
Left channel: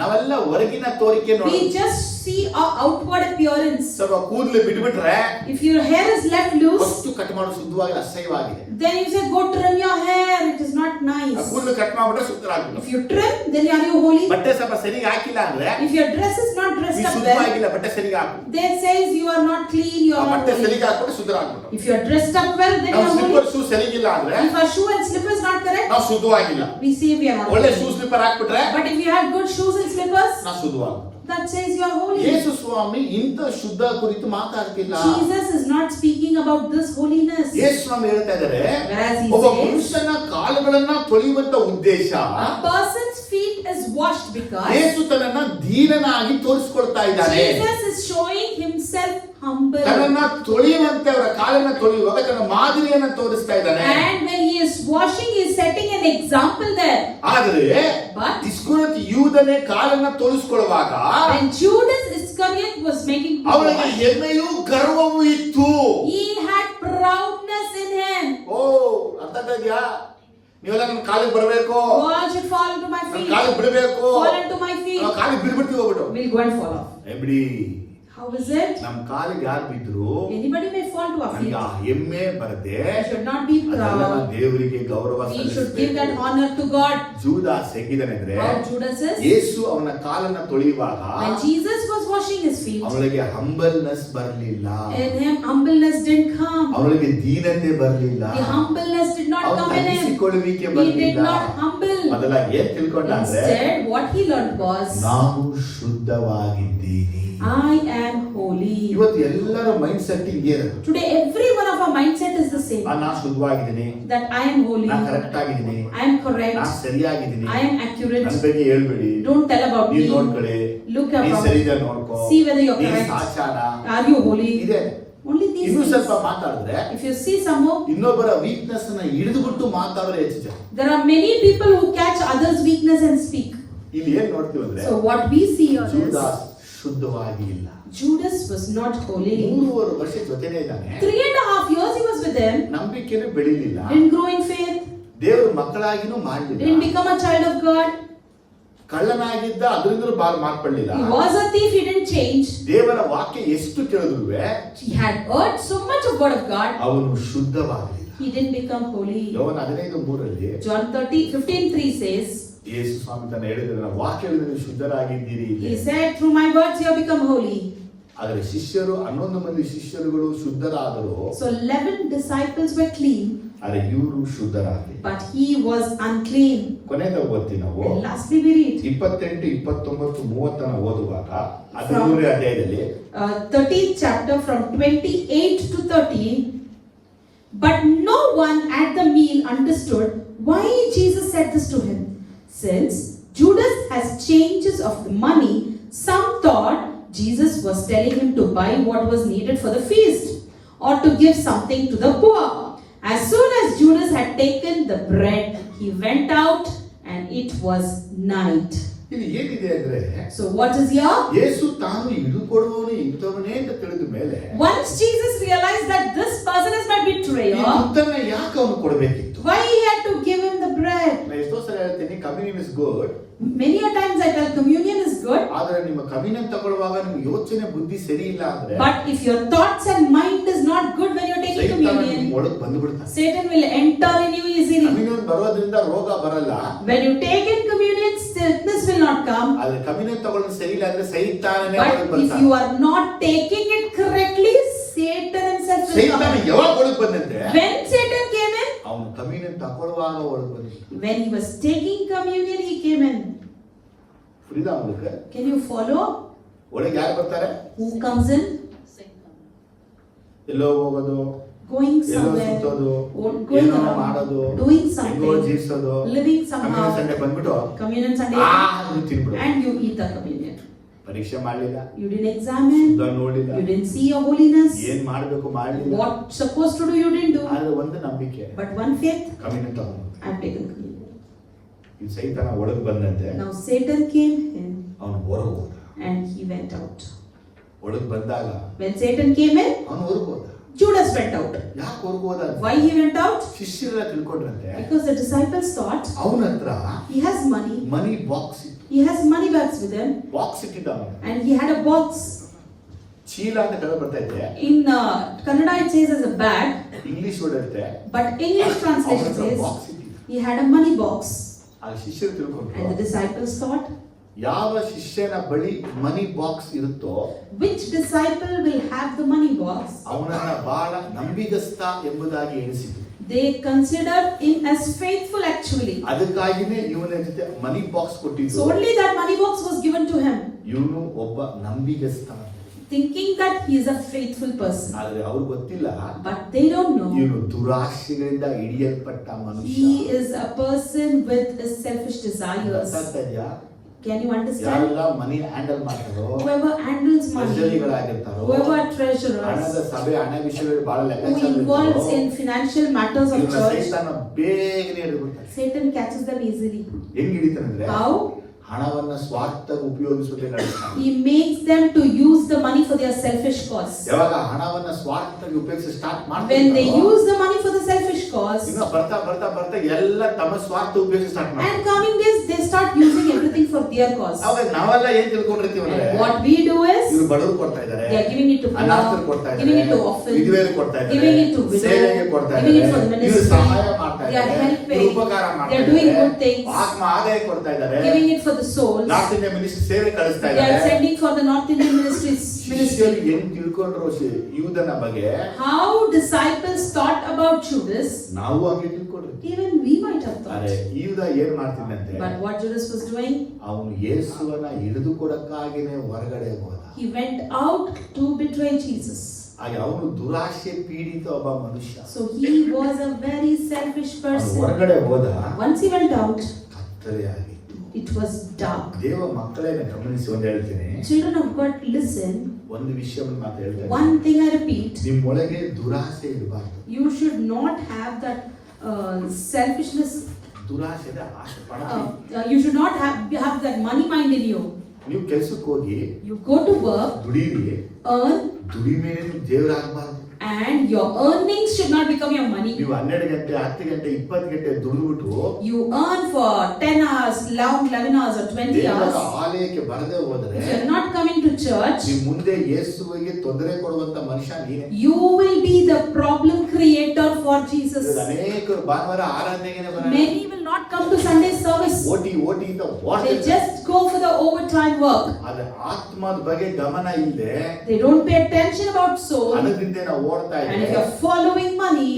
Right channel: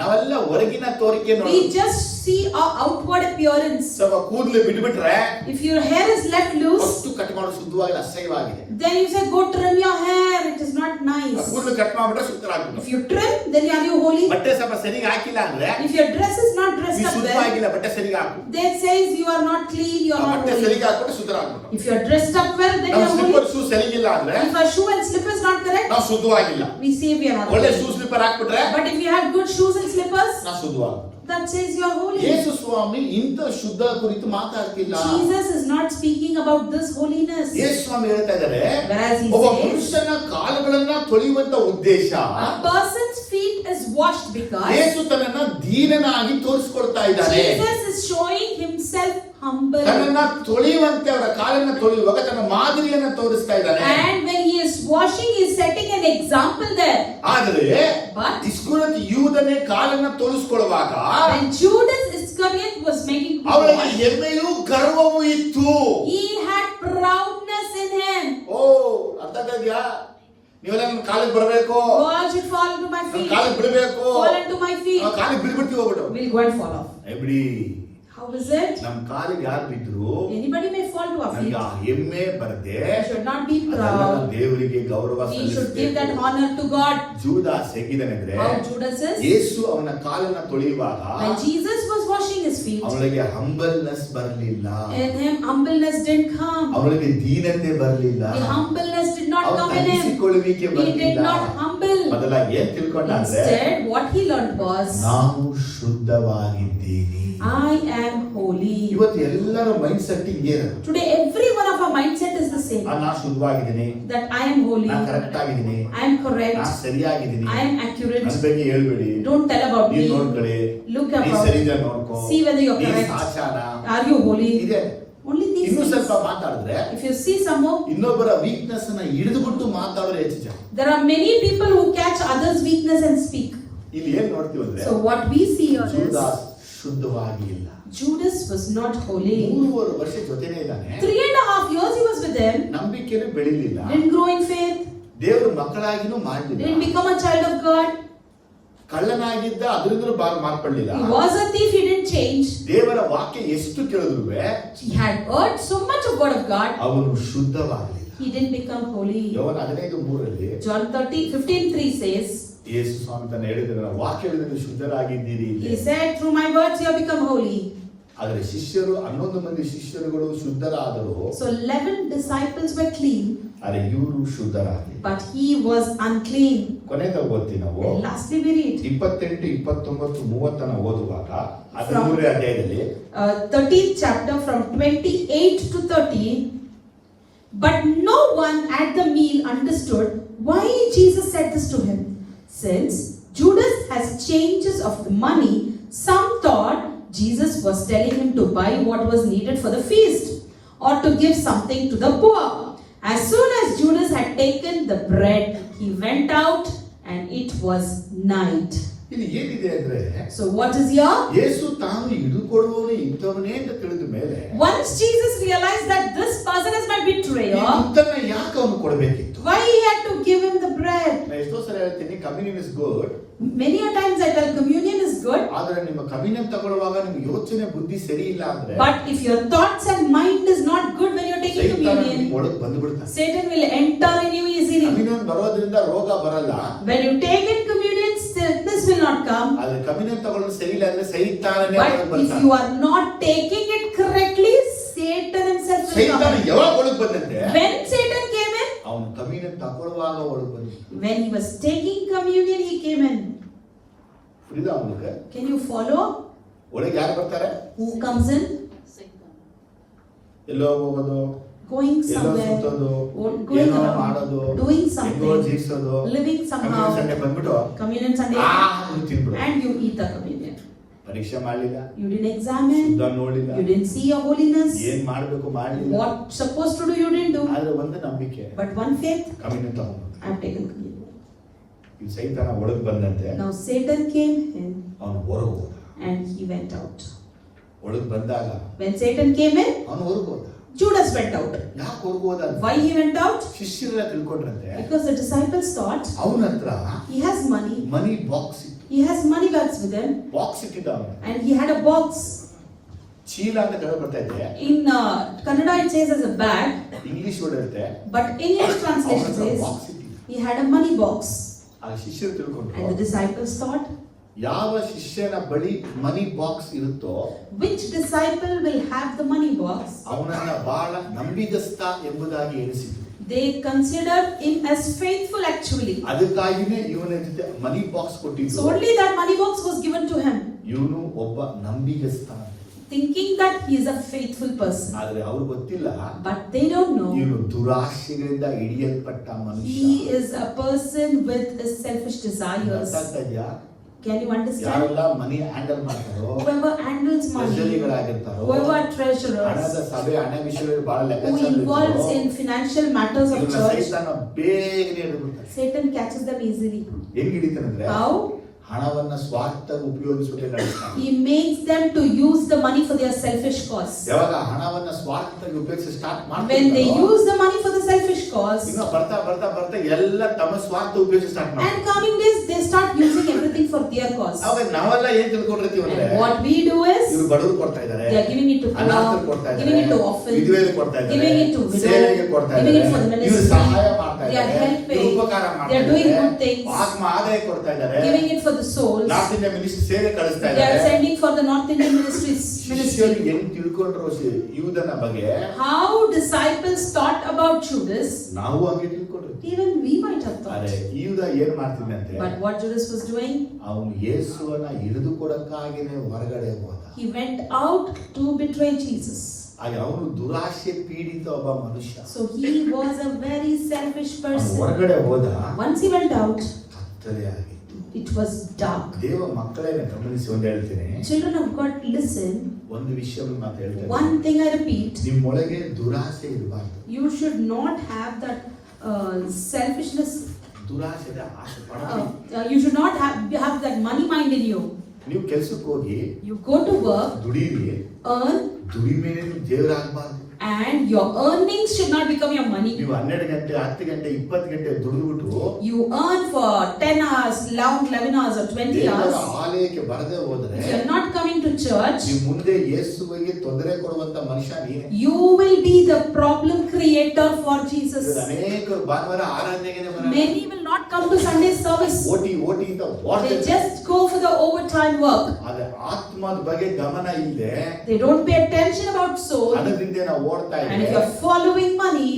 ನಾವೆಲ್ಲ ಹೊರಗಿನ ತೋರಿಕೆ ನೋಡಿ We just see our outward appearance. ಸ್ವಲ್ಪ ಕೂದಲು ಬಿಟ್ಬಿಟ್ರೆ If your hair is left loose, first cut ಮಾಡೋ ಶುದ್ಧವಾಗಿ ಅಸಹ್ಯವಾಗಿದೆ. then you say go trim your hair. It is not ಆ nice. ಕೂದಲು ಕಟ್ ಮಾಡ್ಬಿಟ್ರೆ ಶುದ್ಧರಾಗ್ಬಿಟ್ಟು. If you trim, then are you holy? ಬಟ್ಟೆ ಸ್ವಲ್ಪ ಸರಿಯಾಗಿ ಹಾಕಿಲ್ಲ ಅಂದ್ರೆ If your dress is not ನೀ dressed up well, ಶುದ್ಧವಾಗಿಲ್ಲ, ಬಟ್ಟೆ ಸರಿಯಾಗಿ ಹಾಕು. then says you are not clean, you ಆ are not ಬಟ್ಟೆ holy. ಸರಿಯಾಗಿ ಹಾಕ್ಬಿಟ್ಟು ಶುದ್ಧರಾಗ್ಬಿಟ್ಟು. If you are dressed up well, then you ನಾವು are holy. ಸ್ಲಿಪ್ಪರ್ ಶೂ ಸರಿಗಿಲ್ಲ ಅಂದ್ರೆ If our shoe and slipper is not correct, ನಾವು ಶುದ್ಧವಾಗಿಲ್ಲ. we say we are not ಒಳ್ಳೆ holy. ಶೂ ಸ್ಲಿಪ್ಪರ್ ಹಾಕ್ಬಿಟ್ರೆ But if you have good shoes and slippers, ನಾವು ಶುದ್ಧವಾಗ್ಬಿಟ್ಟು. that says you are holy. ಯೇಸು ಸ್ವಾಮಿ ಇಂಥ ಶುದ್ಧ ಕುರಿತು ಮಾತಾಡ್ತಿಲ್ಲ. Jesus is not speaking about this holiness. ಯೇಸು ಸ್ವಾಮಿ ಹೇಳ್ತಾ ಇದ್ದಾರೆ, Whereas he ಒಬ್ಬ says, ಪುರುಷನ ಕಾಲುಗಳನ್ನ ತೊಳೆಯುವಂತ ಉದ್ದೇಶ a person's feet is washed because ಯೇಸು ತನ್ನನ್ನ ದೀನನಾಗಿ ತೋರಿಸ್ಕೊಳ್ತಾ ಇದ್ದಾನೆ. Jesus is showing himself humble. ತನ್ನನ್ನ ತೊಳೆಯುವಂತೆ ಅವರ ಕಾಲನ್ನ ತೊಳೆಯುವಾಗ ತನ್ನ ಮಾದರಿಯನ್ನ ತೋರಿಸ್ತಾ ಇದ್ದಾನೆ. And when he is washing, he is setting an example there. ಆದ್ರೆ But ಇಸ್ಕರಿಯೋತ ಯೂದನೇ ಕಾಲನ್ನ ತೋರಿಸ್ಕೊಳ್ಳುವಾಗ when Judas Iscariot was making him ಅವನಿಗೆ wash, ಹೆಮ್ಮೆಯೂ ಗರ್ವವೂ ಇತ್ತು. he had proudness in him. ಓ, ಅರ್ಥ ಆಗ್ತಾ ಇದೆಯಾ? ನೀವೆಲ್ಲ ನನ್ನ ಕಾಲಿಗೆ ಬರಬೇಕು, You all should fall into my ನನ್ನ feet. ಕಾಲಿಗೆ ಬಿಡಬೇಕು, Fall into my feet. ನಾವು ಕಾಲಿಗೆ ಬಿದ್ಬಿಡ್ತೀವಿ ಹೋಗ್ಬಿಟ್ಟು. We'll go and fall off. ಬಿಡಿ, How is it? ನಮ್ಮ ಕಾಲಿಗೆ ಯಾರು ಬಿದ್ರು Anybody may fall to our feet. ನಮ್ಗೆ ಆ ಹೆಮ್ಮೆ ಬರದೆ We should not be proud. ದೇವರಿಗೆ ಗೌರವ We should give that ಸಲ್ಲಿಸಬೇಕು. honor to God. ಜೂದಾಸ್ ಹೇಗಿದ್ದಾನೆಂದ್ರೆ, How Judas is? ಯೇಸು ಅವನ ಕಾಲನ್ನ ತೊಳೆಯುವಾಗ When Jesus was washing his feet, ಅವಳಿಗೆ ಹಂಬಲ್ನೆಸ್ ಬರಲಿಲ್ಲ, in him humbleness didn't come. ಅವಳಿಗೆ ದೀನತೆ ಬರಲಿಲ್ಲ, The humbleness did not ಅವನ come in him. ತಗ್ಗಿಸಿಕೊಳ್ಳುವಿಕೆ He did ಬರಲಿಲ್ಲ. not humble. ಬದಲಾಗಿ ಏನ್ ತಿಳ್ಕೊಂಡ ಅಂದ್ರೆ, Instead, what he learned was, ನಾನು ಶುದ್ಧವಾಗಿದ್ದೀನಿ. I am holy. ಇವತ್ತು ಎಲ್ಲರ ಮೈಂಡ್ ಸೆಟ್ ಏನು? Today, every one of our mindset is the same. ನಾನು ಶುದ್ಧವಾಗಿದ್ದೀನಿ, That I am holy. ನಾನು ಕರೆಕ್ಟ್ ಆಗಿದ್ದೀನಿ, I am correct. ನಾನು ಸರಿಯಾಗಿದ್ದೀನಿ, I am accurate. ನನ್ನ ಬಗ್ಗೆ ಹೇಳ್ಬೇಡಿ, Don't tell about ನೀನ್ me. ನೋಡ್ಕೊಳ್ಳಿ, Look ನೀನ್ about. ಸರಿದ ನೋಡ್ಕೋ, See whether you're ನೀನ್ correct. ಸಾಚಾನ Are you holy? ಇದೆ. Only these ಇನ್ನು things. ಸ್ವಲ್ಪ ಮಾತಾಡಿದ್ರೆ If you see some more, ಇನ್ನೊಬ್ಬರ ವೀಕ್ನೆಸ್ ಅನ್ನ ಹಿಡಿದುಬಿಟ್ಟು ಮಾತಾಡಿದ್ರೆ ಹೆಚ್ಚು ಜನ. there are many people who catch others' weakness and speak. ಇಲ್ಲಿ ಏನ್ ನೋಡ್ತೀವಿ ಅಂದ್ರೆ, So what we see here is, ಜೂದಾಸ್ ಶುದ್ಧವಾಗಿ ಇಲ್ಲ. Judas was not holy. 3 ವರ್ಷ ಜೊತೆನೇ ಇದ್ದಾನೆ, 3.5 years he was with them. ನಂಬಿಕೆನೂ ಬೆಳಿಲಿಲ್ಲ, Didn't grow in faith. ದೇವ್ರ ಮಕ್ಕಳಾಗಿನೂ ಮಾಡಲಿಲ್ಲ, Didn't become a child of God. ಕಳ್ಳನಾಗಿದ್ದ ಅದರಿಂದಲೂ ಮಾರ್ಪಡಲಿಲ್ಲ. He was a thief. He didn't change. ದೇವರ ವಾಕ್ಯ ಎಷ್ಟು ಕೇಳಿದ್ರು He had heard so much of word of God. ಅವನು ಶುದ್ಧವಾಗಲಿಲ್ಲ. He didn't become holy. ಯೋಹನ 15:3 John 15:3 says, ಯೇಸು ಸ್ವಾಮಿ ತನ್ನ ಹೇಳಿದ್ರೆ, ವಾಕ್ಯದಲ್ಲಿ ಶುದ್ಧರಾಗಿದ್ದೀರಿ. he said, through my words you have become holy. ಆದರೆ ಶಿಷ್ಯರು 11 ಮಂದಿ ಶಿಷ್ಯರುಗಳು ಶುದ್ಧರಾದರು, So 11 disciples were clean, ಆದರೆ ಇವರು ಶುದ್ಧರಾಗಲಿಲ್ಲ. but he was unclean. ಕೊನೆದ ಓದ್ತೀವಿ ನಾವು And lastly we read 28, 29, 30 ಓದುವಾಗ 13ನೇ ಅಧ್ಯಾಯದಲ್ಲಿ 13th chapter from 28 to 30. But no one at the meal understood why Jesus said this to him. Since Judas has changes of the money, some thought Jesus was telling him to buy what was needed for the feast or to give something to the poor. As soon as Judas had taken the bread, he went out and it was night. ಇದು ಏನಿದೆ ಅಂದ್ರೆ, So what is here? ಯೇಸು ತಾನು ಇದು ಕೊಡುವವನು ಇಂಥವನೇ ಅಂತ ತಿಳಿದ ಮೇಲೆ Once Jesus realized that this person is my ಈ betrayer, ದುಡ್ಡನ್ನ ಯಾಕೆ ಅವನು ಕೊಡಬೇಕಿತ್ತು? why he had to give him the bread? ನಾನು ಎಷ್ಟೋ ಸಲ ಹೇಳ್ತೀನಿ, communion is good, Many a times I tell communion is good, ಆದ್ರೆ ನಿಮ್ಮ ಕಮ್ಯುನಿಯನ್ ತಗೊಳ್ಳುವಾಗ ನಿಮ್ಗೆ ಯೋಚನೆ ಬುದ್ಧಿ ಸರಿ ಇಲ್ಲ ಅಂದ್ರೆ but if your thoughts and mind is not good when you're taking ಸೈತಾನ communion, ನಿಮ್ಗೆ ಒಳಗೆ ಬಂದ್ಬಿಡ್ತಾನೆ. Satan will enter in you easily. Communion ಬರೋದ್ರಿಂದ ರೋಗ ಬರಲ್ಲ, When you take in communion, sickness will not come. ಆದ್ರೆ ಕಮ್ಯುನಿಯನ್ ತಗೊಳ್ಳೋದು ಸರಿ ಇಲ್ಲ ಅಂದ್ರೆ ಸೈತಾನನೇ ಒಳಗೆ But if ಬರ್ತಾನೆ. you are not taking it correctly, Satan himself will ಸೈತಾನ come. ಯಾವಾಗ ಒಳಗೆ ಬಂದಂತೆ, When Satan came in, ಅವನು ಕಮ್ಯುನಿಯನ್ ತಗೊಳ್ಳುವಾಗ ಒಳಗೆ ಬಂದ. when he was taking communion, he came in. Freedom ಅವನಿಗೆ Can you follow? ಒಳಗೆ ಯಾರು ಬರ್ತಾರೆ? Who comes in? ಎಲ್ಲೋ ಹೋಗೋದು, going ಎಲ್ಲೋ somewhere, ಸುತ್ತೋದು, going ಏನೋ around, ಮಾಡೋದು, doing ಹೆಂಗೋ something, ಜೀವಿಸೋದು, living ಕಮ್ಯುನಿಟಿ somehow, ಸಂಡೆ ಬಂದ್ಬಿಟ್ಟು communion Sunday, ತಿನ್ಬಿಡು. and you eat the communion. ಪರೀಕ್ಷೆ ಮಾಡ್ಲಿಲ್ಲ, You didn't examine, ಶುದ್ಧ ನೋಡಿಲ್ಲ, you didn't see your holiness, ಏನ್ ಮಾಡ್ಬೇಕು ಮಾಡ್ಲಿಲ್ಲ. what supposed to do you didn't do, ಆದ್ರೆ ಒಂದು ನಂಬಿಕೆ, but one faith, ಕಮ್ಯುನಿಟಿ ತಗೊಂಡು I have taken communion. ಈ ಸೈತಾನ ಒಳಗೆ ಬಂದಂತೆ Now Satan came in ಅವನು ಹೊರಗೆ ಹೋದ. and he went out. ಒಳಗೆ ಬಂದಾಗ When Satan came in, ಅವನು ಹೊರಗೆ ಹೋದ. Judas went out. ಯಾಕೆ ಹೊರಗೆ ಹೋದ? Why he went out? ಶಿಷ್ಯರೆಲ್ಲ ತಿಳ್ಕೊಂಡ್ರಂತೆ Because the disciples thought ಅವನ ಹತ್ರ he has money. ಮನಿ ಬಾಕ್ಸ್ ಇತ್ತು. He has money bags with him, box ಇಟ್ಟಿದ್ದ ಅವನು. and he had a box. ಚೀಲ ಅಂತ ಕಡೆ ಬರ್ತಾ ಇದೆ, In Kannada it says as a bag, English word ಇರುತ್ತೆ, but English translation says box ಇಟ್ಟಿದ್ದ. he had a money box. ಆ ಶಿಷ್ಯರು And the ತಿಳ್ಕೊಂಡ್ರು, disciples thought, ಯಾವ ಶಿಷ್ಯನ ಬಳಿ ಮನಿ ಬಾಕ್ಸ್ ಇರುತ್ತೋ which disciple will have the money box? ಅವನನ್ನ ಬಹಳ ನಂಬಿಗಸ್ತ ಎಂಬುದಾಗಿ ಎಣಿಸಿದ್ರು. They considered him as faithful actually. ಅದಕ್ಕಾಗಿನೇ ಇವನ ಜೊತೆ ಮನಿ ಬಾಕ್ಸ್ So ಕೊಟ್ಟಿದ್ದು. only that money box was given to him, ಇವನು ಒಬ್ಬ ನಂಬಿಗಸ್ತ ಅಂತ. thinking that he is a faithful person. ಆದ್ರೆ ಅವ್ರು ಗೊತ್ತಿಲ್ಲ, But they don't know ಇವನು ದುರಾಶೆಗಳಿಂದ ಹಿಡಿಯಲ್ಪಟ್ಟ ಮನುಷ್ಯ. he is a person with selfish desires. ಗೊತ್ತಾಗ್ತದ್ಯಾ? Can you understand? ಯಾರೆಲ್ಲ ಮನಿ ಹ್ಯಾಂಡಲ್ ಮಾಡ್ತಾರೋ, Whoever handles money, ಟ್ರೆಜರಿಗಳಾಗಿರ್ತಾರೋ, whoever ಹಣದ treasurers, ಸಭೆ ಹಣ ವಿಷಯಗಳು ಬಹಳ who ಲೆಕ್ಕಾಚಾರ involves ಇರ್ತಾರೋ, in financial matters of ಇವ್ರನ್ನ church, ಸೈತಾನ ಬೇಗನೆ ಹಿಡಿದ್ಬಿಡ್ತಾನೆ. Satan catches them easily. ಹೆಂಗ್ ಹಿಡಿತಾನಂದ್ರೆ How? ಹಣವನ್ನ ಸ್ವಾರ್ಥ ಉಪಯೋಗಿಸುವುದೇ ನಡೆಸ್ತಾನೆ. He makes them to use the money for their selfish cause. ಯಾವಾಗ ಹಣವನ್ನ ಸ್ವಾರ್ಥಕ್ಕೆ ಉಪಯೋಗಿಸಿ ಸ್ಟಾರ್ಟ್ When they ಮಾಡ್ತಾರೆ, use the money for the selfish cause, ಇನ್ನು ಬರ್ತಾ ಬರ್ತಾ ಬರ್ತಾ ಎಲ್ಲ ತಮ್ಮ ಸ್ವಾರ್ಥ ಉಪಯೋಗಿಸಿ ಸ್ಟಾರ್ಟ್ and ಮಾಡ್ತಾರೆ. coming days they start using everything for their cause. ಅವಾಗ ನಾವೆಲ್ಲ ಏನ್ ತಿಳ್ಕೊಂಡಿರ್ತೀವಿ ಅಂದ್ರೆ, And what we do is, ಇವ್ರು ಬಡವರು ಕೊಡ್ತಾ ಇದ್ದಾರೆ, they are giving it to ಅನಾಥರು poor, ಕೊಡ್ತಾ giving it to ಇದ್ದಾರೆ, orphans, ವಿಧವೆಯರು ಕೊಡ್ತಾ giving ಇದ್ದಾರೆ, it to widow, ಸೇವೆಗೆ ಕೊಡ್ತಾ giving it for the ಇದ್ದಾರೆ, ಇವ್ರು ministry, ಸಹಾಯ ಮಾಡ್ತಾ they are ಇದ್ದಾರೆ, helping, ಇವ್ರು ಉಪಕಾರ they ಮಾಡ್ತಾ are doing ಇದ್ದಾರೆ, good things, ಆತ್ಮ ಆದಾಯ ಕೊಡ್ತಾ ಇದ್ದಾರೆ, giving it for the souls, north India ministry ಸೇವೆ ಕಳಿಸ್ತಾ they are ಇದ್ದಾರೆ. sending for the North Indian ministries. ಶಿಷ್ಯರು ಹೆಂಗ್ ತಿಳ್ಕೊಂಡ್ರು ಯೂದನ ಬಗ್ಗೆ, How disciples thought about Judas, ನಾವು ಹಂಗೆ ತಿಳ್ಕೊಂಡ್ರು. even we might have ಅರೆ thought. ಯೂದ ಏನ್ ಮಾಡ್ತಿದ್ದಂತೆ, But what Judas was doing, ಅವನು ಯೇಸುವನ್ನ ಹಿಡಿದು ಕೊಡಕ್ಕಾಗಿನೇ ಹೊರಗಡೆ ಹೋದ. he went out to betray Jesus. ಆಗ ಅವನು ದುರಾಶೆ ಪೀಡಿತ ಒಬ್ಬ ಮನುಷ್ಯ. So he was a very selfish ಅವನು person. ಹೊರಗಡೆ ಹೋದ, Once he went out, ಕತ್ತಲೆ ಆಗಿತ್ತು. it was dark. ದೇವ ಮಕ್ಕಳೇನ ಗಮನಿಸಿ ಒಂದು ಹೇಳ್ತೀನಿ, Children of God, listen. ಒಂದು ವಿಷಯವನ್ನು ಮಾತು ಹೇಳ್ತೇನೆ, One thing I repeat, ನಿಮ್ಮೊಳಗೆ ದುರಾಸೆ ಇರಬಾರ್ದು. you should not have that selfishness. ದುರಾಸೆದ ಆಸೆ ಪಡಬೇಡಿ. You should not have that money mind in you. ನೀವು ಕೆಲ್ಸಕ್ಕೆ ಹೋಗಿ You go to work, ದುಡೀರಿ, earn, ದುಡಿಮೆ ದೇವರಾಗಬಾರ್ದು. and your earnings should not become your money. ನೀವು 12 ಗಂಟೆ 10 ಗಂಟೆ 20 ಗಂಟೆ ದುಡಿದ್ಬಿಟ್ಟು You earn for 10 hours, long 11 hours or 20 ದೇವರ hours. ಆಲಯಕ್ಕೆ ಬರದೆ ಹೋದ್ರೆ If you are not coming to church, ನೀವು ಮುಂದೆ ಯೇಸುವಿಗೆ ತೊಂದರೆ ಕೊಡುವಂತ ಮನುಷ್ಯ ನೀನೇ. you will be the problem creator for Jesus. ಇವತ್ತು ಅನೇಕರು ಭಾನುವಾರ ಆರಾಧನೆಗೆ ಬರಲ್ಲ, Many will not come to Sunday service. ಓಟಿ ಅಂತ They ಓಡ್ತಾರೆ. just go for the overtime work. ಆದ್ರೆ ಆತ್ಮದ ಬಗ್ಗೆ ಗಮನ ಇಲ್ಲದೆ They don't pay attention about soul. ಹಣದಿಂದ ನಾವು ಓಡ್ತಾ And if ಇದ್ರೆ you're following money,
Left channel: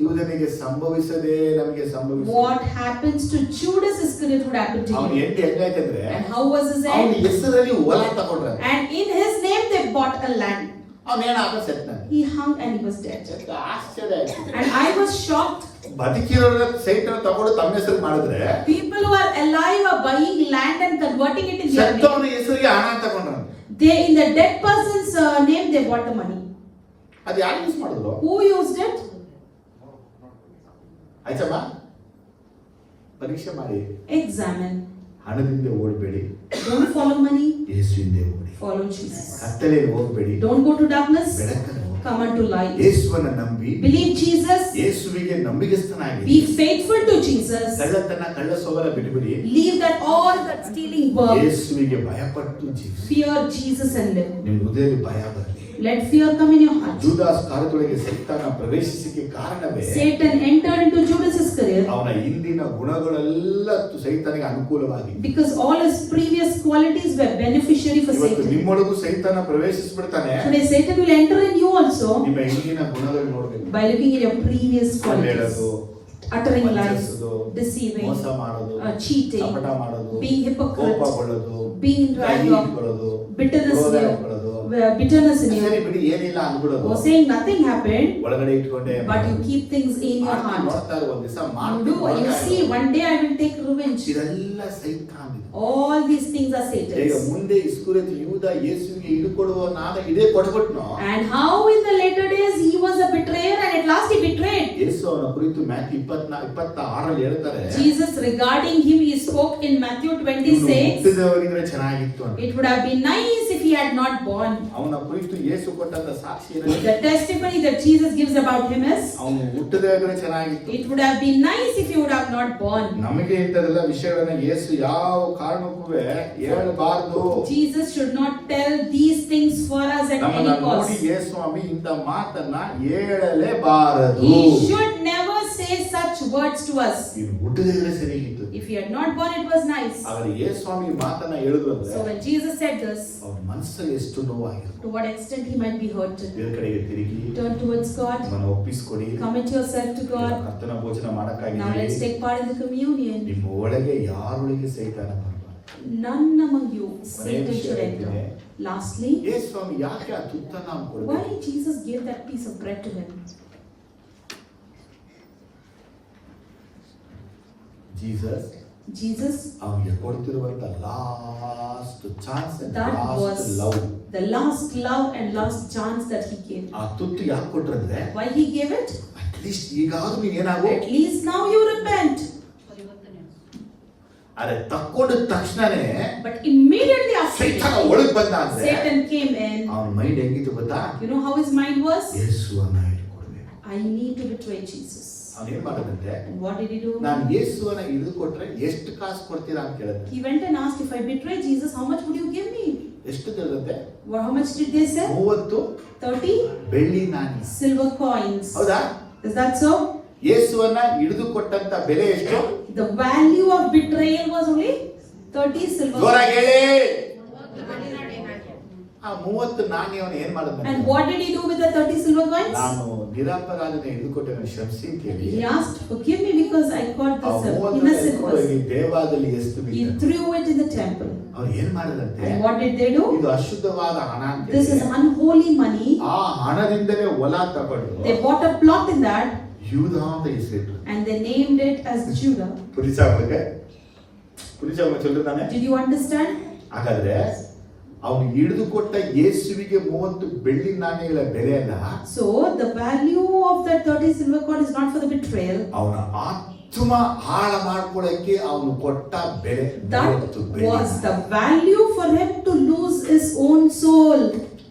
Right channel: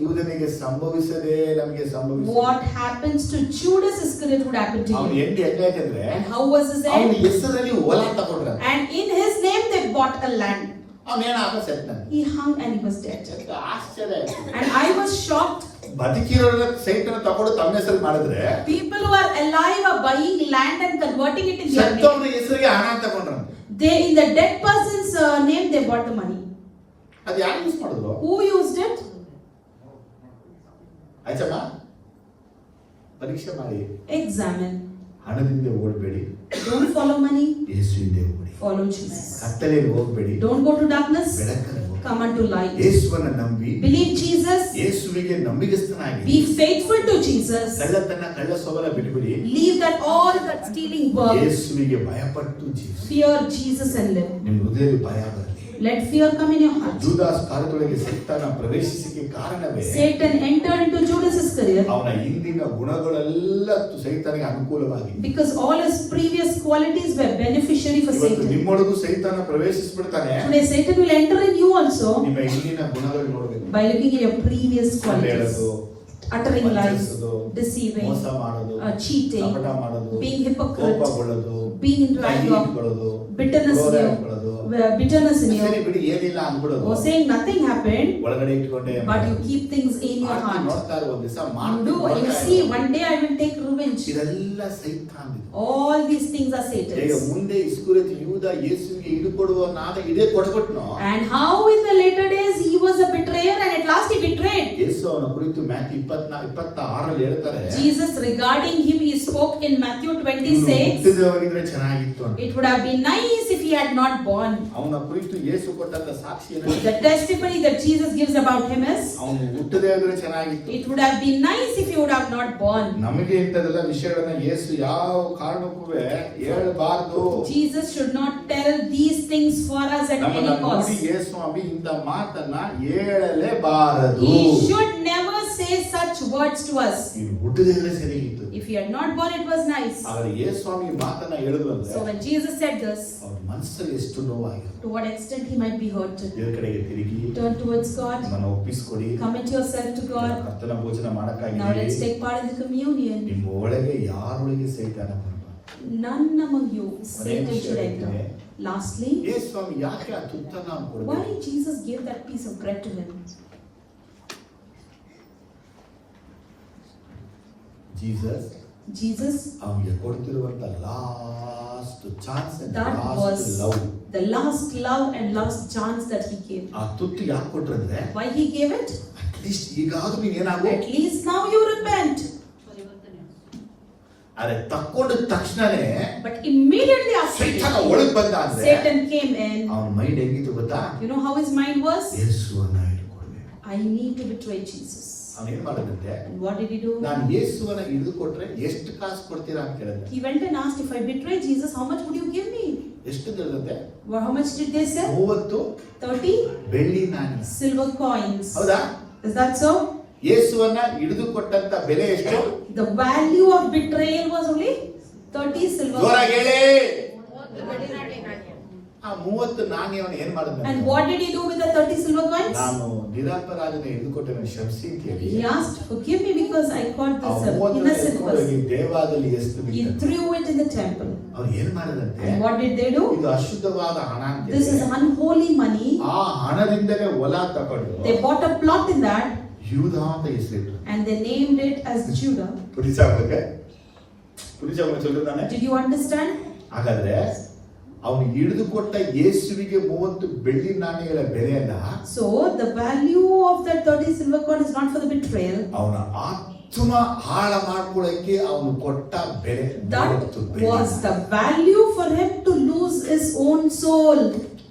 ಯೂದನಿಗೆ ಸಂಭವಿಸದೆ ನಮಗೆ ಸಂಭವಿಸ. what happens to Judas Iscariot would happen to ಅವನು him. ಎಂಟು ಹೆಂಗಾಯ್ತಂದ್ರೆ, And how was his ಅವನ end? ಹೆಸರಲ್ಲಿ ಹೊಲ ತಗೊಂಡ್ರ, And in his name they bought a land. ಅವನೇನಾಗ ಸೆಟ್ನ. He hung and he was dead. ಆಶ್ಚರ್ಯ ಆಯ್ತು. And I was shocked. ಬದುಕಿರೋರ ಸೈಟ್ ತಗೊಂಡು ತಮ್ಮ ಹೆಸರು ಮಾಡಿದ್ರೆ, People who are alive are buying land and converting it in their name. ಸತ್ತವನ ಹೆಸರಿಗೆ ಹಣ ತಗೊಂಡ್ರ. They, in the dead person's name, they bought the money. ಅದು ಯಾಕೆ ಯೂಸ್ ಮಾಡಿದ್ರು? Who used it? ಆಯ್ತಮ್ಮ, ಪರೀಕ್ಷೆ ಮಾಡಿ. Examine. ಹಣದಿಂದ ಓಡಬೇಡಿ, Don't follow money. ಯೇಸುವಿಂದ ಓಡಿ. Follow Jesus. ಕತ್ತಲೆಯಲ್ಲಿ ಹೋಗಬೇಡಿ, Don't go to darkness. ಬೆಳಕಲ್ಲಿ ಹೋಗಿ. Come unto light. ಯೇಸುವನ್ನ ನಂಬಿ, Believe Jesus. ಯೇಸುವಿಗೆ ನಂಬಿಗಸ್ತನಾಗಿ, Be faithful to Jesus. ಕಳ್ಳತನ ಕಳ್ಳ ಸ್ವಭಾವ ಬಿಡಬೇಡಿ. Leave that all that stealing work. ಯೇಸುವಿಗೆ ಭಯಪಟ್ಟು ಜೀವಿಸಿ. Fear Jesus and live. ನಿಮ್ಮ ಹೃದಯದಲ್ಲಿ ಭಯ ಬರಲಿ. Let fear come in your heart. ಜೂದಾಸ್ ಕಾರ್ಯದೊಳಗೆ ಸೈತಾನ ಪ್ರವೇಶಿಸಿಕೆ ಕಾರಣವೇ Satan entered into Judas Iscariot ಅವನ ಹಿಂದಿನ ಗುಣಗಳೆಲ್ಲ ಸೈತಾನಿಗೆ ಅನುಕೂಲವಾಗಿ. because all his previous qualities were beneficiary for ಇವತ್ತು Satan. ನಿಮ್ಮೊಳಗೂ ಸೈತಾನ ಪ್ರವೇಶಿಸ್ಬಿಡ್ತಾನೆ. Today Satan will enter in you also ನಿಮ್ಮ ಹಿಂದಿನ ಗುಣಗಳು ನೋಡಬೇಕು. by looking at your previous ಸುಳ್ಳು qualities. ಹೇಳೋದು, Uttering lies, ವಂಚಿಸೋದು, deceiving, ಮೋಸ ಮಾಡೋದು, cheating, ಕಪಟ ಮಾಡೋದು, being hypocrite, ಕೋಪಗೊಳ್ಳೋದು, being in ಕೈ trial, ಇಟ್ಕೊಳ್ಳೋದು, bitterness ಕ್ರೋಧ in ಇಟ್ಕೊಳ್ಳೋದು, you, bitterness in ಸರಿ you, ಬಿಡಿ ಏನಿಲ್ಲ ಅಂದ್ಬಿಡೋದು, or saying nothing happened, ಒಳಗಡೆ ಇಟ್ಕೊಂಡೆ but you keep things in your heart. ನೋಡ್ತಾ ಇರೋ ಒಂದ್ ದಿವಸ You do, you see, one day I will take revenge. ಇದೆಲ್ಲ ಸೈತಾನ್ ಇದು. All these things are ಈಗ Satan's. ಮುಂದೆ ಇಸ್ಕರಿಯೋತ ಯೂದ ಯೇಸುವಿಗೆ ಹಿಡುಕೊಡುವ ನಾದ ಇದೇ ಕೊಟ್ಬಿಟ್ನು. And how in the later days he was a betrayer and at last he betrayed. ಯೇಸು ಅವನ ಕುರಿತು ಮ್ಯಾಥ್ಯೂ 26 ಹೇಳ್ತಾರೆ, Jesus regarding him, he spoke in Matthew ಇವ್ನು 26. ಹುಟ್ಟಿದ ಹೋಗಿದ್ರೆ ಚೆನ್ನಾಗಿತ್ತು ಅಂತ. It would have been nice if he had not born. ಅವನ ಕುರಿತು ಯೇಸು ಕೊಟ್ಟಂತ ಸಾಕ್ಷಿ ಏನಂದ್ರೆ, The testimony that Jesus gives about him is, ಅವನು ಹುಟ್ಟದೇ ಹೋಗಿದ್ರೆ ಚೆನ್ನಾಗಿತ್ತು. it would have been nice if he would have not born. ನಮಗೆ ಇಂಥದೆಲ್ಲ ವಿಷಯಗಳನ್ನ ಯೇಸು ಯಾವ ಕಾರಣಕ್ಕೂ ಹೇಳಬಾರ್ದು. Jesus should not tell these things for us at ನಮ್ಮನ್ನ any cost. ನೋಡಿ ಯೇಸು ಸ್ವಾಮಿ ಇಂಥ ಮಾತನ್ನ ಹೇಳಲೇಬಾರದು. He should never say such words to us. ನೀನು ಹುಟ್ಟದೇ ಇದ್ರೆ ಸರಿಗಿತ್ತು. If he had not born, it was nice. ಆದರೆ ಯೇಸು ಸ್ವಾಮಿ ಮಾತನ್ನ ಹೇಳಿದ್ರು ಅಂದ್ರೆ So when Jesus said this, ಅವನ ಮನಸ್ಸಲ್ಲಿ ಎಷ್ಟು ನೋವಾಗಿತ್ತು. to what extent he might be hurt. ದೇವರ ಕಡೆಗೆ ತಿರುಗಿ Turn towards God. ನಮ್ಮನ್ನು ಒಪ್ಪಿಸಿಕೊಡಿ. Commit yourself to God. ಕರ್ತನ ಭೋಜನ Now let's ಮಾಡಕ್ಕಾಗಿ take part in the communion. ನಿಮ್ಮ ಒಳಗೆ ಯಾರೊಳಗೆ ಸೈತಾನ ಬಂದ? None among you Satan should enter. Lastly, ಯೇಸು ಸ್ವಾಮಿ ಯಾಕೆ ಆ ತುತ್ತನ್ನ ಕೊಡಬೇಕು? why Jesus gave that piece of bread to him? Jesus, ಅವನಿಗೆ ಕೊಡ್ತಿರುವಂತ last chance, that last was love. the last love and last chance that he gave. ಆ ತುತ್ತು ಯಾಕೆ ಕೊಟ್ರಂದ್ರೆ, Why he gave it? At least ಈಗಾದ್ರೂ ನೀನ್ ಏನಾಗು, At least now you repent. ಅರೆ ತಕ್ಕೊಂಡ ತಕ್ಷಣನೇ But immediately after ಸೈತಾನ that, ಒಳಗ್ ಬಂದ ಅಂದ್ರೆ Satan came in. ಅವನ ಮೈಂಡ್ ಹೆಂಗಿತ್ತು ಗೊತ್ತಾ? You know how his mind was? ಯೇಸುವನ್ನ ಹಿಡ್ಕೊಡ್ಬೇಕು. I need to betray Jesus. ಅವನು ಏನ್ ಮಾಡೋದಂತೆ, And what did he do? ನಾನು ಯೇಸುವನ್ನ ಹಿಡಿದು ಕೊಟ್ರೆ ಎಷ್ಟು ಕಾಸು ಕೊಡ್ತೀರಾ ಅಂತ ಕೇಳಿದ್ರೆ, He went and asked, if I betray Jesus, how much would you give me? ಎಷ್ಟು ತಿಳಿದಂತೆ? Well, how much did they say? 30 30 ಬೆಳ್ಳಿ ನಾಣ್ಯ. silver coins. ಹೌದಾ? Is that so? ಯೇಸುವನ್ನ ಹಿಡಿದು ಕೊಟ್ಟಂತ ಬೆಲೆ ಎಷ್ಟು? The value of betrayal was only 30 silver ಜೋರಾಗಿ coins. ಹೇಳಿ. ಆ 30 ನಾಣ್ಯವನ್ನು ಏನ್ ಮಾಡಿದ? And what did he do with the 30 silver coins? ನಾನು ನಿರಪರಾಧನ ಹಿಡಿದು ಕೊಟ್ಟೆ ಕ್ಷಮಿಸಿ ಅಂತ ಹೇಳಿ He asked, forgive me because I caught ಆ this 30 innocent person. ದೇವಾಲಯದಲ್ಲಿ ಎಷ್ಟು He threw it in the temple. ಅವ್ರು ಏನ್ ಮಾಡಿದಂತೆ? And what did they do? ಇದು ಅಶುದ್ಧವಾದ ಹಣ ಅಂತ This is unholy money. ಆ ಹಣದಿಂದಲೇ ಹೊಲ ತಗೊಂಡು They bought a plot in that ಯೂದ ಅಂತ ಹೆಸರಿಟ್ಟು and they named it as Judah. ಪುರಿಸಾವನಿಗೆ ಚೊಲ್ಲಿದ್ದಾನೆ. Did you understand? ಹಾಗಾದ್ರೆ ಅವನು ಹಿಡಿದು ಕೊಟ್ಟ ಯೇಸುವಿಗೆ 30 ಬೆಳ್ಳಿ ನಾಣ್ಯಗಳ ಬೆಲೆ ಅಲ್ಲ, So the value of that 30 silver coin is not for the betrayal. ಅವನ ಆತ್ಮ ಹಾಳ ಮಾಡ್ಕೊಳಕ್ಕೆ ಅವನು ಕೊಟ್ಟ ಬೆಲೆ. That was the value for him to lose his own soul.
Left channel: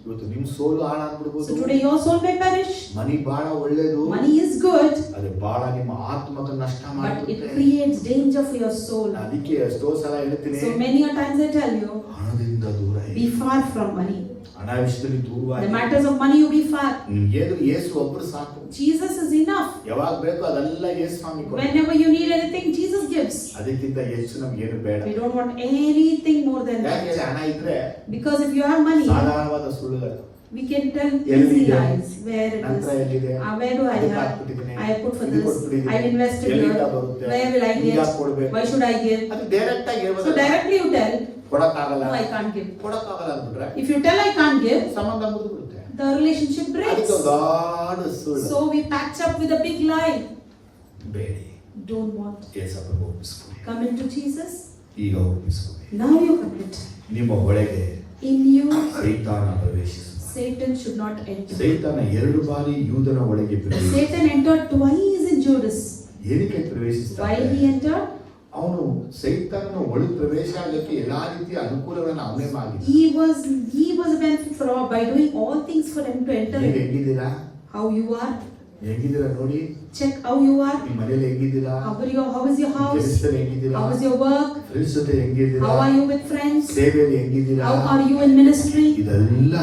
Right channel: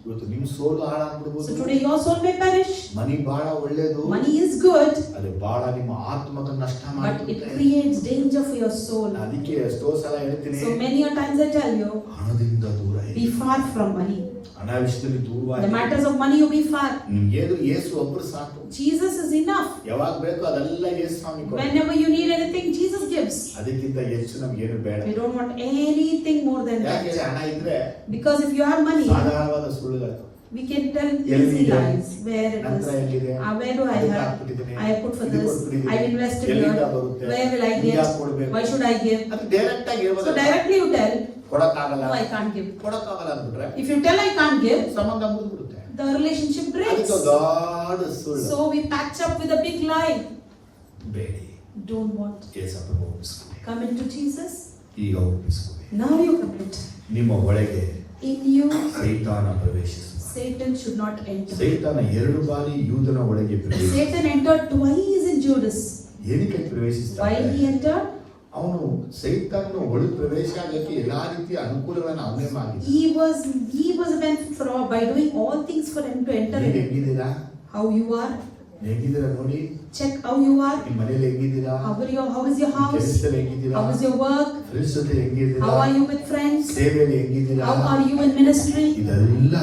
ಇವತ್ತು ನಿಮ್ ಸೋಲು So ಹಾಳಾಗ್ಬಿಡ್ಬೋದು. today your soul may perish. ಮನಿ ಬಹಳ ಒಳ್ಳೇದು, Money is good, ಅದು ಬಹಳ ನಿಮ್ಮ ಆತ್ಮದ ನಷ್ಟ but it ಮಾಡುತ್ತೆ. creates danger for your soul. ಅದಕ್ಕೆ ಎಷ್ಟೋ ಸಲ ಹೇಳ್ತೀನಿ, So many a times I tell you, ಹಣದಿಂದ ದೂರ be ಇರಿ. far from money. ಹಣ ವಿಷಯದಲ್ಲಿ The ದೂರವಾಗಿ matters of money you be far. ನಿಮ್ಗೇನು ಯೇಸು ಒಬ್ಬರು ಸಾಕು. Jesus is enough. ಯಾವಾಗ ಬೇಕು ಅದೆಲ್ಲ ಯೇಸು ಸ್ವಾಮಿ ಕೊಡ್ತಾರೆ. Whenever you need anything, Jesus gives. ಅದಕ್ಕಿಂತ ಹೆಚ್ಚು ನಮ್ಗೇನು ಬೇಡ. We don't want anything more than ಯಾಕೆ that. ಹಣ ಇದ್ರೆ Because if you have money, ಸಾಧಾರಣವಾದ ಸುಳ್ಳುಗಳು we can tell ಎಲ್ಲಿ easy ಇದೆ? lies. Where it ನಂತರ is. ಎಲ್ಲಿದೆ? Where do I ಅದಕ್ಕೆ have? ಹಾಕ್ಬಿಟ್ಟಿದ್ದೀನಿ. I have put for ಇದು this. ಕೊಟ್ಬಿಟ್ಟಿದ್ದೀನಿ. I have invested ಎಲ್ಲಿಂದ here. ಬರುತ್ತೆ? Where will I ನಿಮ್ಗೆ get? ಯಾಕೆ ಕೊಡ್ಬೇಕು? Why should I give? ಅದು ಡೈರೆಕ್ಟ್ ಆಗಿ So ಹೇಳ್ಬೋದು. directly you tell, ಕೊಡಕ್ಕಾಗಲ್ಲ, no, I can't give. ಕೊಡಕ್ಕಾಗಲ್ಲ ಅಂದ್ಬಿಟ್ರೆ If you tell I can't give, ಸಂಬಂಧ ಮುಗಿದ್ಬಿಡುತ್ತೆ. the relationship breaks. ಅದಕ್ಕೆ ದೊಡ್ಡ ಸುಳ್ಳು. So we patch up with a big lie. Bedi, Don't want. ಯೇಸಪ್ಪನ ಒಪ್ಪಿಸ್ಕೊಳ್ಳಿ. Come into Jesus. ಈಗ ಒಪ್ಪಿಸ್ಕೊಳ್ಳಿ. Now you commit. ನಿಮ್ಮ ಒಳಗೆ In you, ಸೈತಾನ ಪ್ರವೇಶಿಸ. Satan should not enter. ಸೈತಾನ 2 ಬಾರಿ ಯೂದನ ಒಳಗೆ ಪ್ರವೇಶಿಸಿದ. Satan entered twice in Judas. ಏನಕ್ಕೆ ಪ್ರವೇಶಿಸಿದ? Why he entered? ಅವನು ಸೈತಾನನ ಒಳಗೆ ಪ್ರವೇಶ ಆಗಲಿಕ್ಕೆ ಎಲ್ಲಾ ರೀತಿಯ ಅನುಕೂಲವನ್ನು ಅವನೇ ಮಾಡಿದ. He was a benefit for all by doing all things for him to enter ನೀವು in. ಹೆಂಗಿದ್ದೀರಾ? How you are? ಹೆಂಗಿದ್ದೀರಾ ನೋಡಿ. Check how you are. ನಿಮ್ಮ ಮನೇಲಿ ಹೆಂಗಿದ್ದೀರಾ? How is your house? ಕೆಲಸದಲ್ಲಿ ಹೆಂಗಿದ್ದೀರಾ? How is your work? Friends ಜೊತೆ ಹೆಂಗಿದ್ದೀರಾ? How are you with friends? ಸೇವೆಯಲ್ಲಿ ಹೆಂಗಿದ್ದೀರಾ? How are you in ministry? ಇದೆಲ್ಲ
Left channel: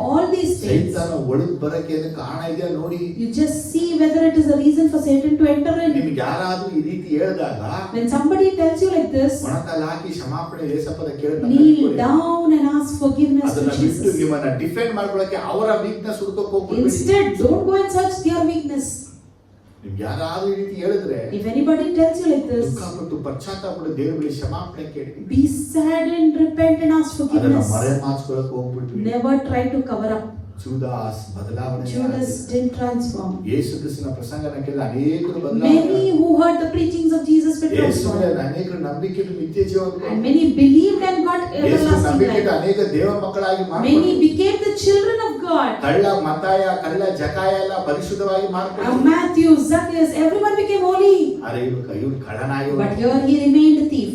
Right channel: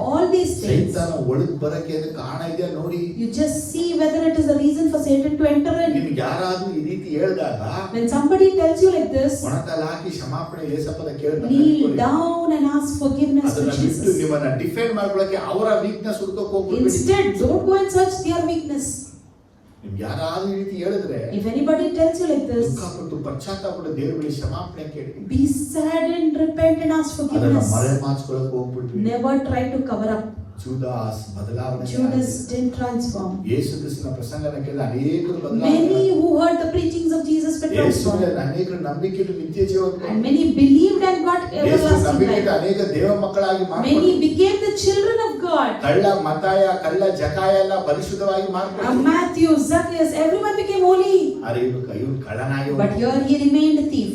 All these things. ಸೈತಾನ ಒಳಗೆ ಬರಕ್ಕೆ ಕಾರಣ ಇದೆಯಾ ನೋಡಿ. You just see whether it is a reason for Satan to enter in. ನಿಮ್ಗೆ ಯಾರಾದ್ರೂ ಈ ರೀತಿ ಹೇಳಿದಾಗ When somebody tells you like this, ಮೊಣಕಾಲು ಹಾಕಿ ಕ್ಷಮಾಪಣೆ ಲೇಸಪ್ಪದ kneel down and ask forgiveness to ಅದನ್ನ ಬಿಟ್ಟು Jesus. ನಿಮ್ಮನ್ನ ಡಿಫೆಂಡ್ ಮಾಡ್ಕೊಳಕ್ಕೆ ಅವರ ವೀಕ್ನೆಸ್ ಹುಡುಕಕ್ಕೆ ಹೋಗ್ಬಿಡಿ. Instead, don't go and search their weakness. ನಿಮ್ಗೆ ಯಾರಾದ್ರೂ ಈ ರೀತಿ ಹೇಳಿದ್ರೆ If anybody tells you like this, ದುಃಖಪಟ್ಟು ಪಶ್ಚಾತ್ತಾಪಪಟ್ಟು ದೇವರ ಬಳಿ ಕ್ಷಮಾಪಣೆ ಕೇಳಿ. be sad and repent and ask ಅದನ್ನ forgiveness. ಮರೆಮಾಚ್ಕೊಳ್ಳಕ್ಕೆ ಹೋಗ್ಬಿಟ್ವಿ. Never try to cover up. ಜೂದಾಸ್ ಬದಲಾವಣೆ Judas didn't transform. ಯೇಸು ಕ್ರಿಸ್ತನ ಪ್ರಸಂಗನ ಕೇಳಿ ಅನೇಕರು ಬದಲಾವಣೆ. Many who heard the preachings of Jesus were transformed. ಯೇಸುವಿನ ಅನೇಕರು ನಂಬಿಕೆಟ್ಟು ನಿತ್ಯ ಜೀವ And many believed and got ಯೇಸು everlasting ನಂಬಿಕೆಟ್ಟು life. ಅನೇಕ ದೇವ ಮಕ್ಕಳಾಗಿ Many ಮಾರ್ಪಟ್ಟರು. became the children of God. ಕಳ್ಳ ಮತ್ತಾಯ ಕಳ್ಳ ಜಕಾಯ ಎಲ್ಲ ಪರಿಶುದ್ಧವಾಗಿ ಮಾರ್ಪಟ್ಟರು. Matthew, Zacchaeus, everyone became holy. ಅರೆ ಇವರು ಕಳ್ಳನಾಗಿ But here he remained a thief.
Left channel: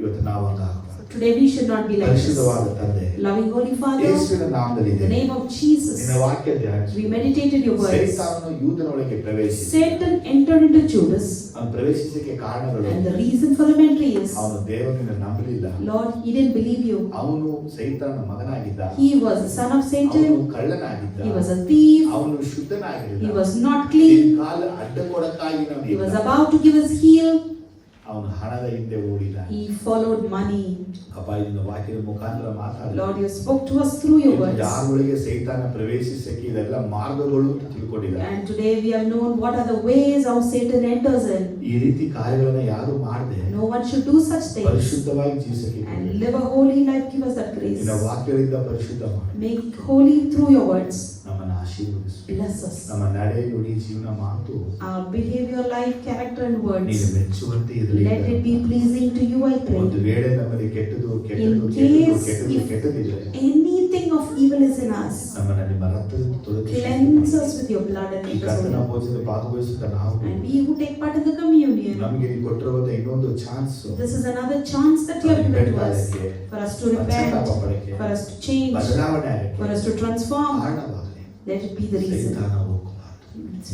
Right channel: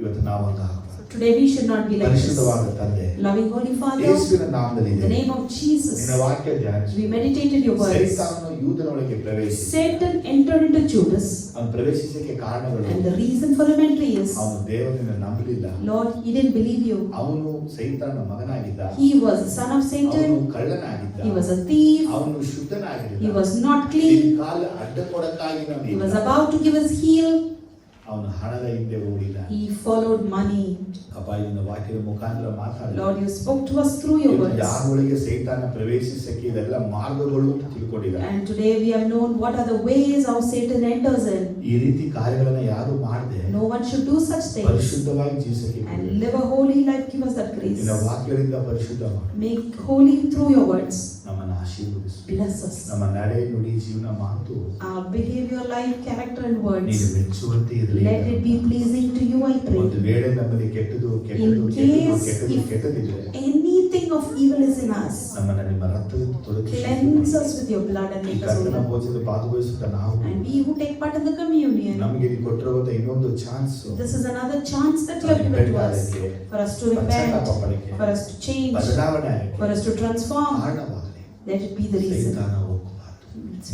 ಇವತ್ತು ನಾವು ಹಂಗಾಗಬಾರದು. Today we should not be like this. ಪರಿಶುದ್ಧವಾದ ತಂದೆ Loving Holy Father, ಯೇಸುವಿನ ನಾಮದಲ್ಲಿ in the name of Jesus, ನಿನ್ನ ವಾಕ್ಯ ಧ್ಯಾನಿಸಿ. we meditated your words. ಸೈತಾನನು ಯೂದನೊಳಗೆ ಪ್ರವೇಶಿಸಿ. Satan entered into Judas, ಅವನು ಪ್ರವೇಶಿಸಕ್ಕೆ ಕಾರಣಗಳು and the reason for him entry is, ಅವನು ದೇವರನ್ನು ನಂಬಲಿಲ್ಲ. Lord, he didn't believe you. ಅವನು ಸೈತಾನನ ಮಗನಾಗಿದ್ದ. He was the son of ಅವನು Satan. ಕಳ್ಳನಾಗಿದ್ದ. He was a thief. ಅವನು ಶುದ್ಧನಾಗಿರಲಿಲ್ಲ. He was not clean. ಕಾಲ ಅಡ್ಡ ಕೊಡಕ್ಕಾಗಿ ನಾವು He was about to give his heel. ಅವನು ಹಣದ ಹಿಂದೆ ಓಡಿದ. He followed money. ಅಪ್ಪ ನಿನ್ನ ವಾಕ್ಯದ ಮುಖಾಂತರ ಮಾತಾಡ. Lord, you spoke to us through your words. ಯಾರೊಳಗೆ ಸೈತಾನ ಪ್ರವೇಶಿಸಕ್ಕೆ ಇದೆಲ್ಲ ಮಾರ್ಗಗಳು ಅಂತ ತಿಳ್ಕೊಂಡಿದ್ದಾರೆ. And today we have known what are the ways how Satan enters in. ಈ ರೀತಿ ಕಾರ್ಯಗಳನ್ನ ಯಾರು ಮಾಡದೆ No one should do such things. ಪರಿಶುದ್ಧವಾಗಿ ಜೀವಿಸಕ್ಕೆ And live a holy life. Give us that grace. ನಿನ್ನ ವಾಕ್ಯಗಳಿಂದ ಪರಿಶುದ್ಧ ಮಾಡು. Make holy through your words. ನಮ್ಮನ್ನು ಆಶೀರ್ವದಿಸು. Bless us. ನಮ್ಮ ನಡೆ ನುಡಿ ಜೀವನ ಮಾತು Our behavior, life, character and ನೀನು words. ಮೆಚ್ಚುವಂತೆ ಇರಲಿ. Let it be pleasing to you, I ಒಂದು pray. ವೇಳೆ ನಮ್ಮಲ್ಲಿ ಕೆಟ್ಟದು In case if ಕೆಟ್ಟದಿದ್ರೆ anything of evil is in us, ನಮ್ಮನ್ನು ನಿಮ್ಮ ರಕ್ತದಿಂದ ತೊಳೆದು cleanse us with your blood and ಈ make us ಕರ್ತನ holy. ಭೋಜನದ ಭಾಗವಹಿಸಿದ ನಾವು And we who take part in the communion, ನಮಗೆ ನೀವು ಕೊಟ್ಟಿರುವಂತ ಇನ್ನೊಂದು chance this is another chance that you have given to us, for us to repent, for us to change, ಬದಲಾವಣೆ ಆಗಕ್ಕೆ for us to transform. ಕಾರಣವಾಗಲಿ. Let it be the reason. ಸೈತಾನ ಹೋಗಬಾರದು.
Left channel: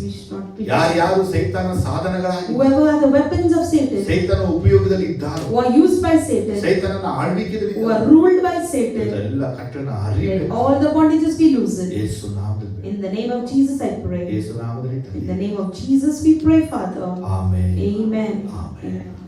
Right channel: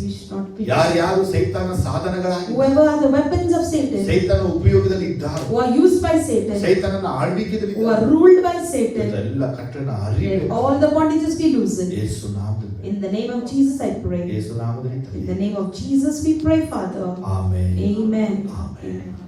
We should not be. ಯಾರು ಸೈತಾನ ಸಾಧನಗಳಾಗಿ Whoever are the weapons of Satan, ಸೈತಾನ ಉಪಯೋಗದಲ್ಲಿ ಇದ್ದಾರೆ, who are used by Satan, ಸೈತಾನನ ಆಳ್ವಿಕೆಯಲ್ಲಿ who are ಇದ್ದಾರೆ, ruled by Satan, ಎಲ್ಲ ಕಟ್ಟಣ let ಅರಿಬೇಕು. all the bondages be loosened. ಯೇಸು ನಾಮದಲ್ಲಿ In the name of Jesus I pray. ಯೇಸು ನಾಮದಲ್ಲಿ In the name of Jesus we pray, Father. Amen. Amen. Amen. Amen.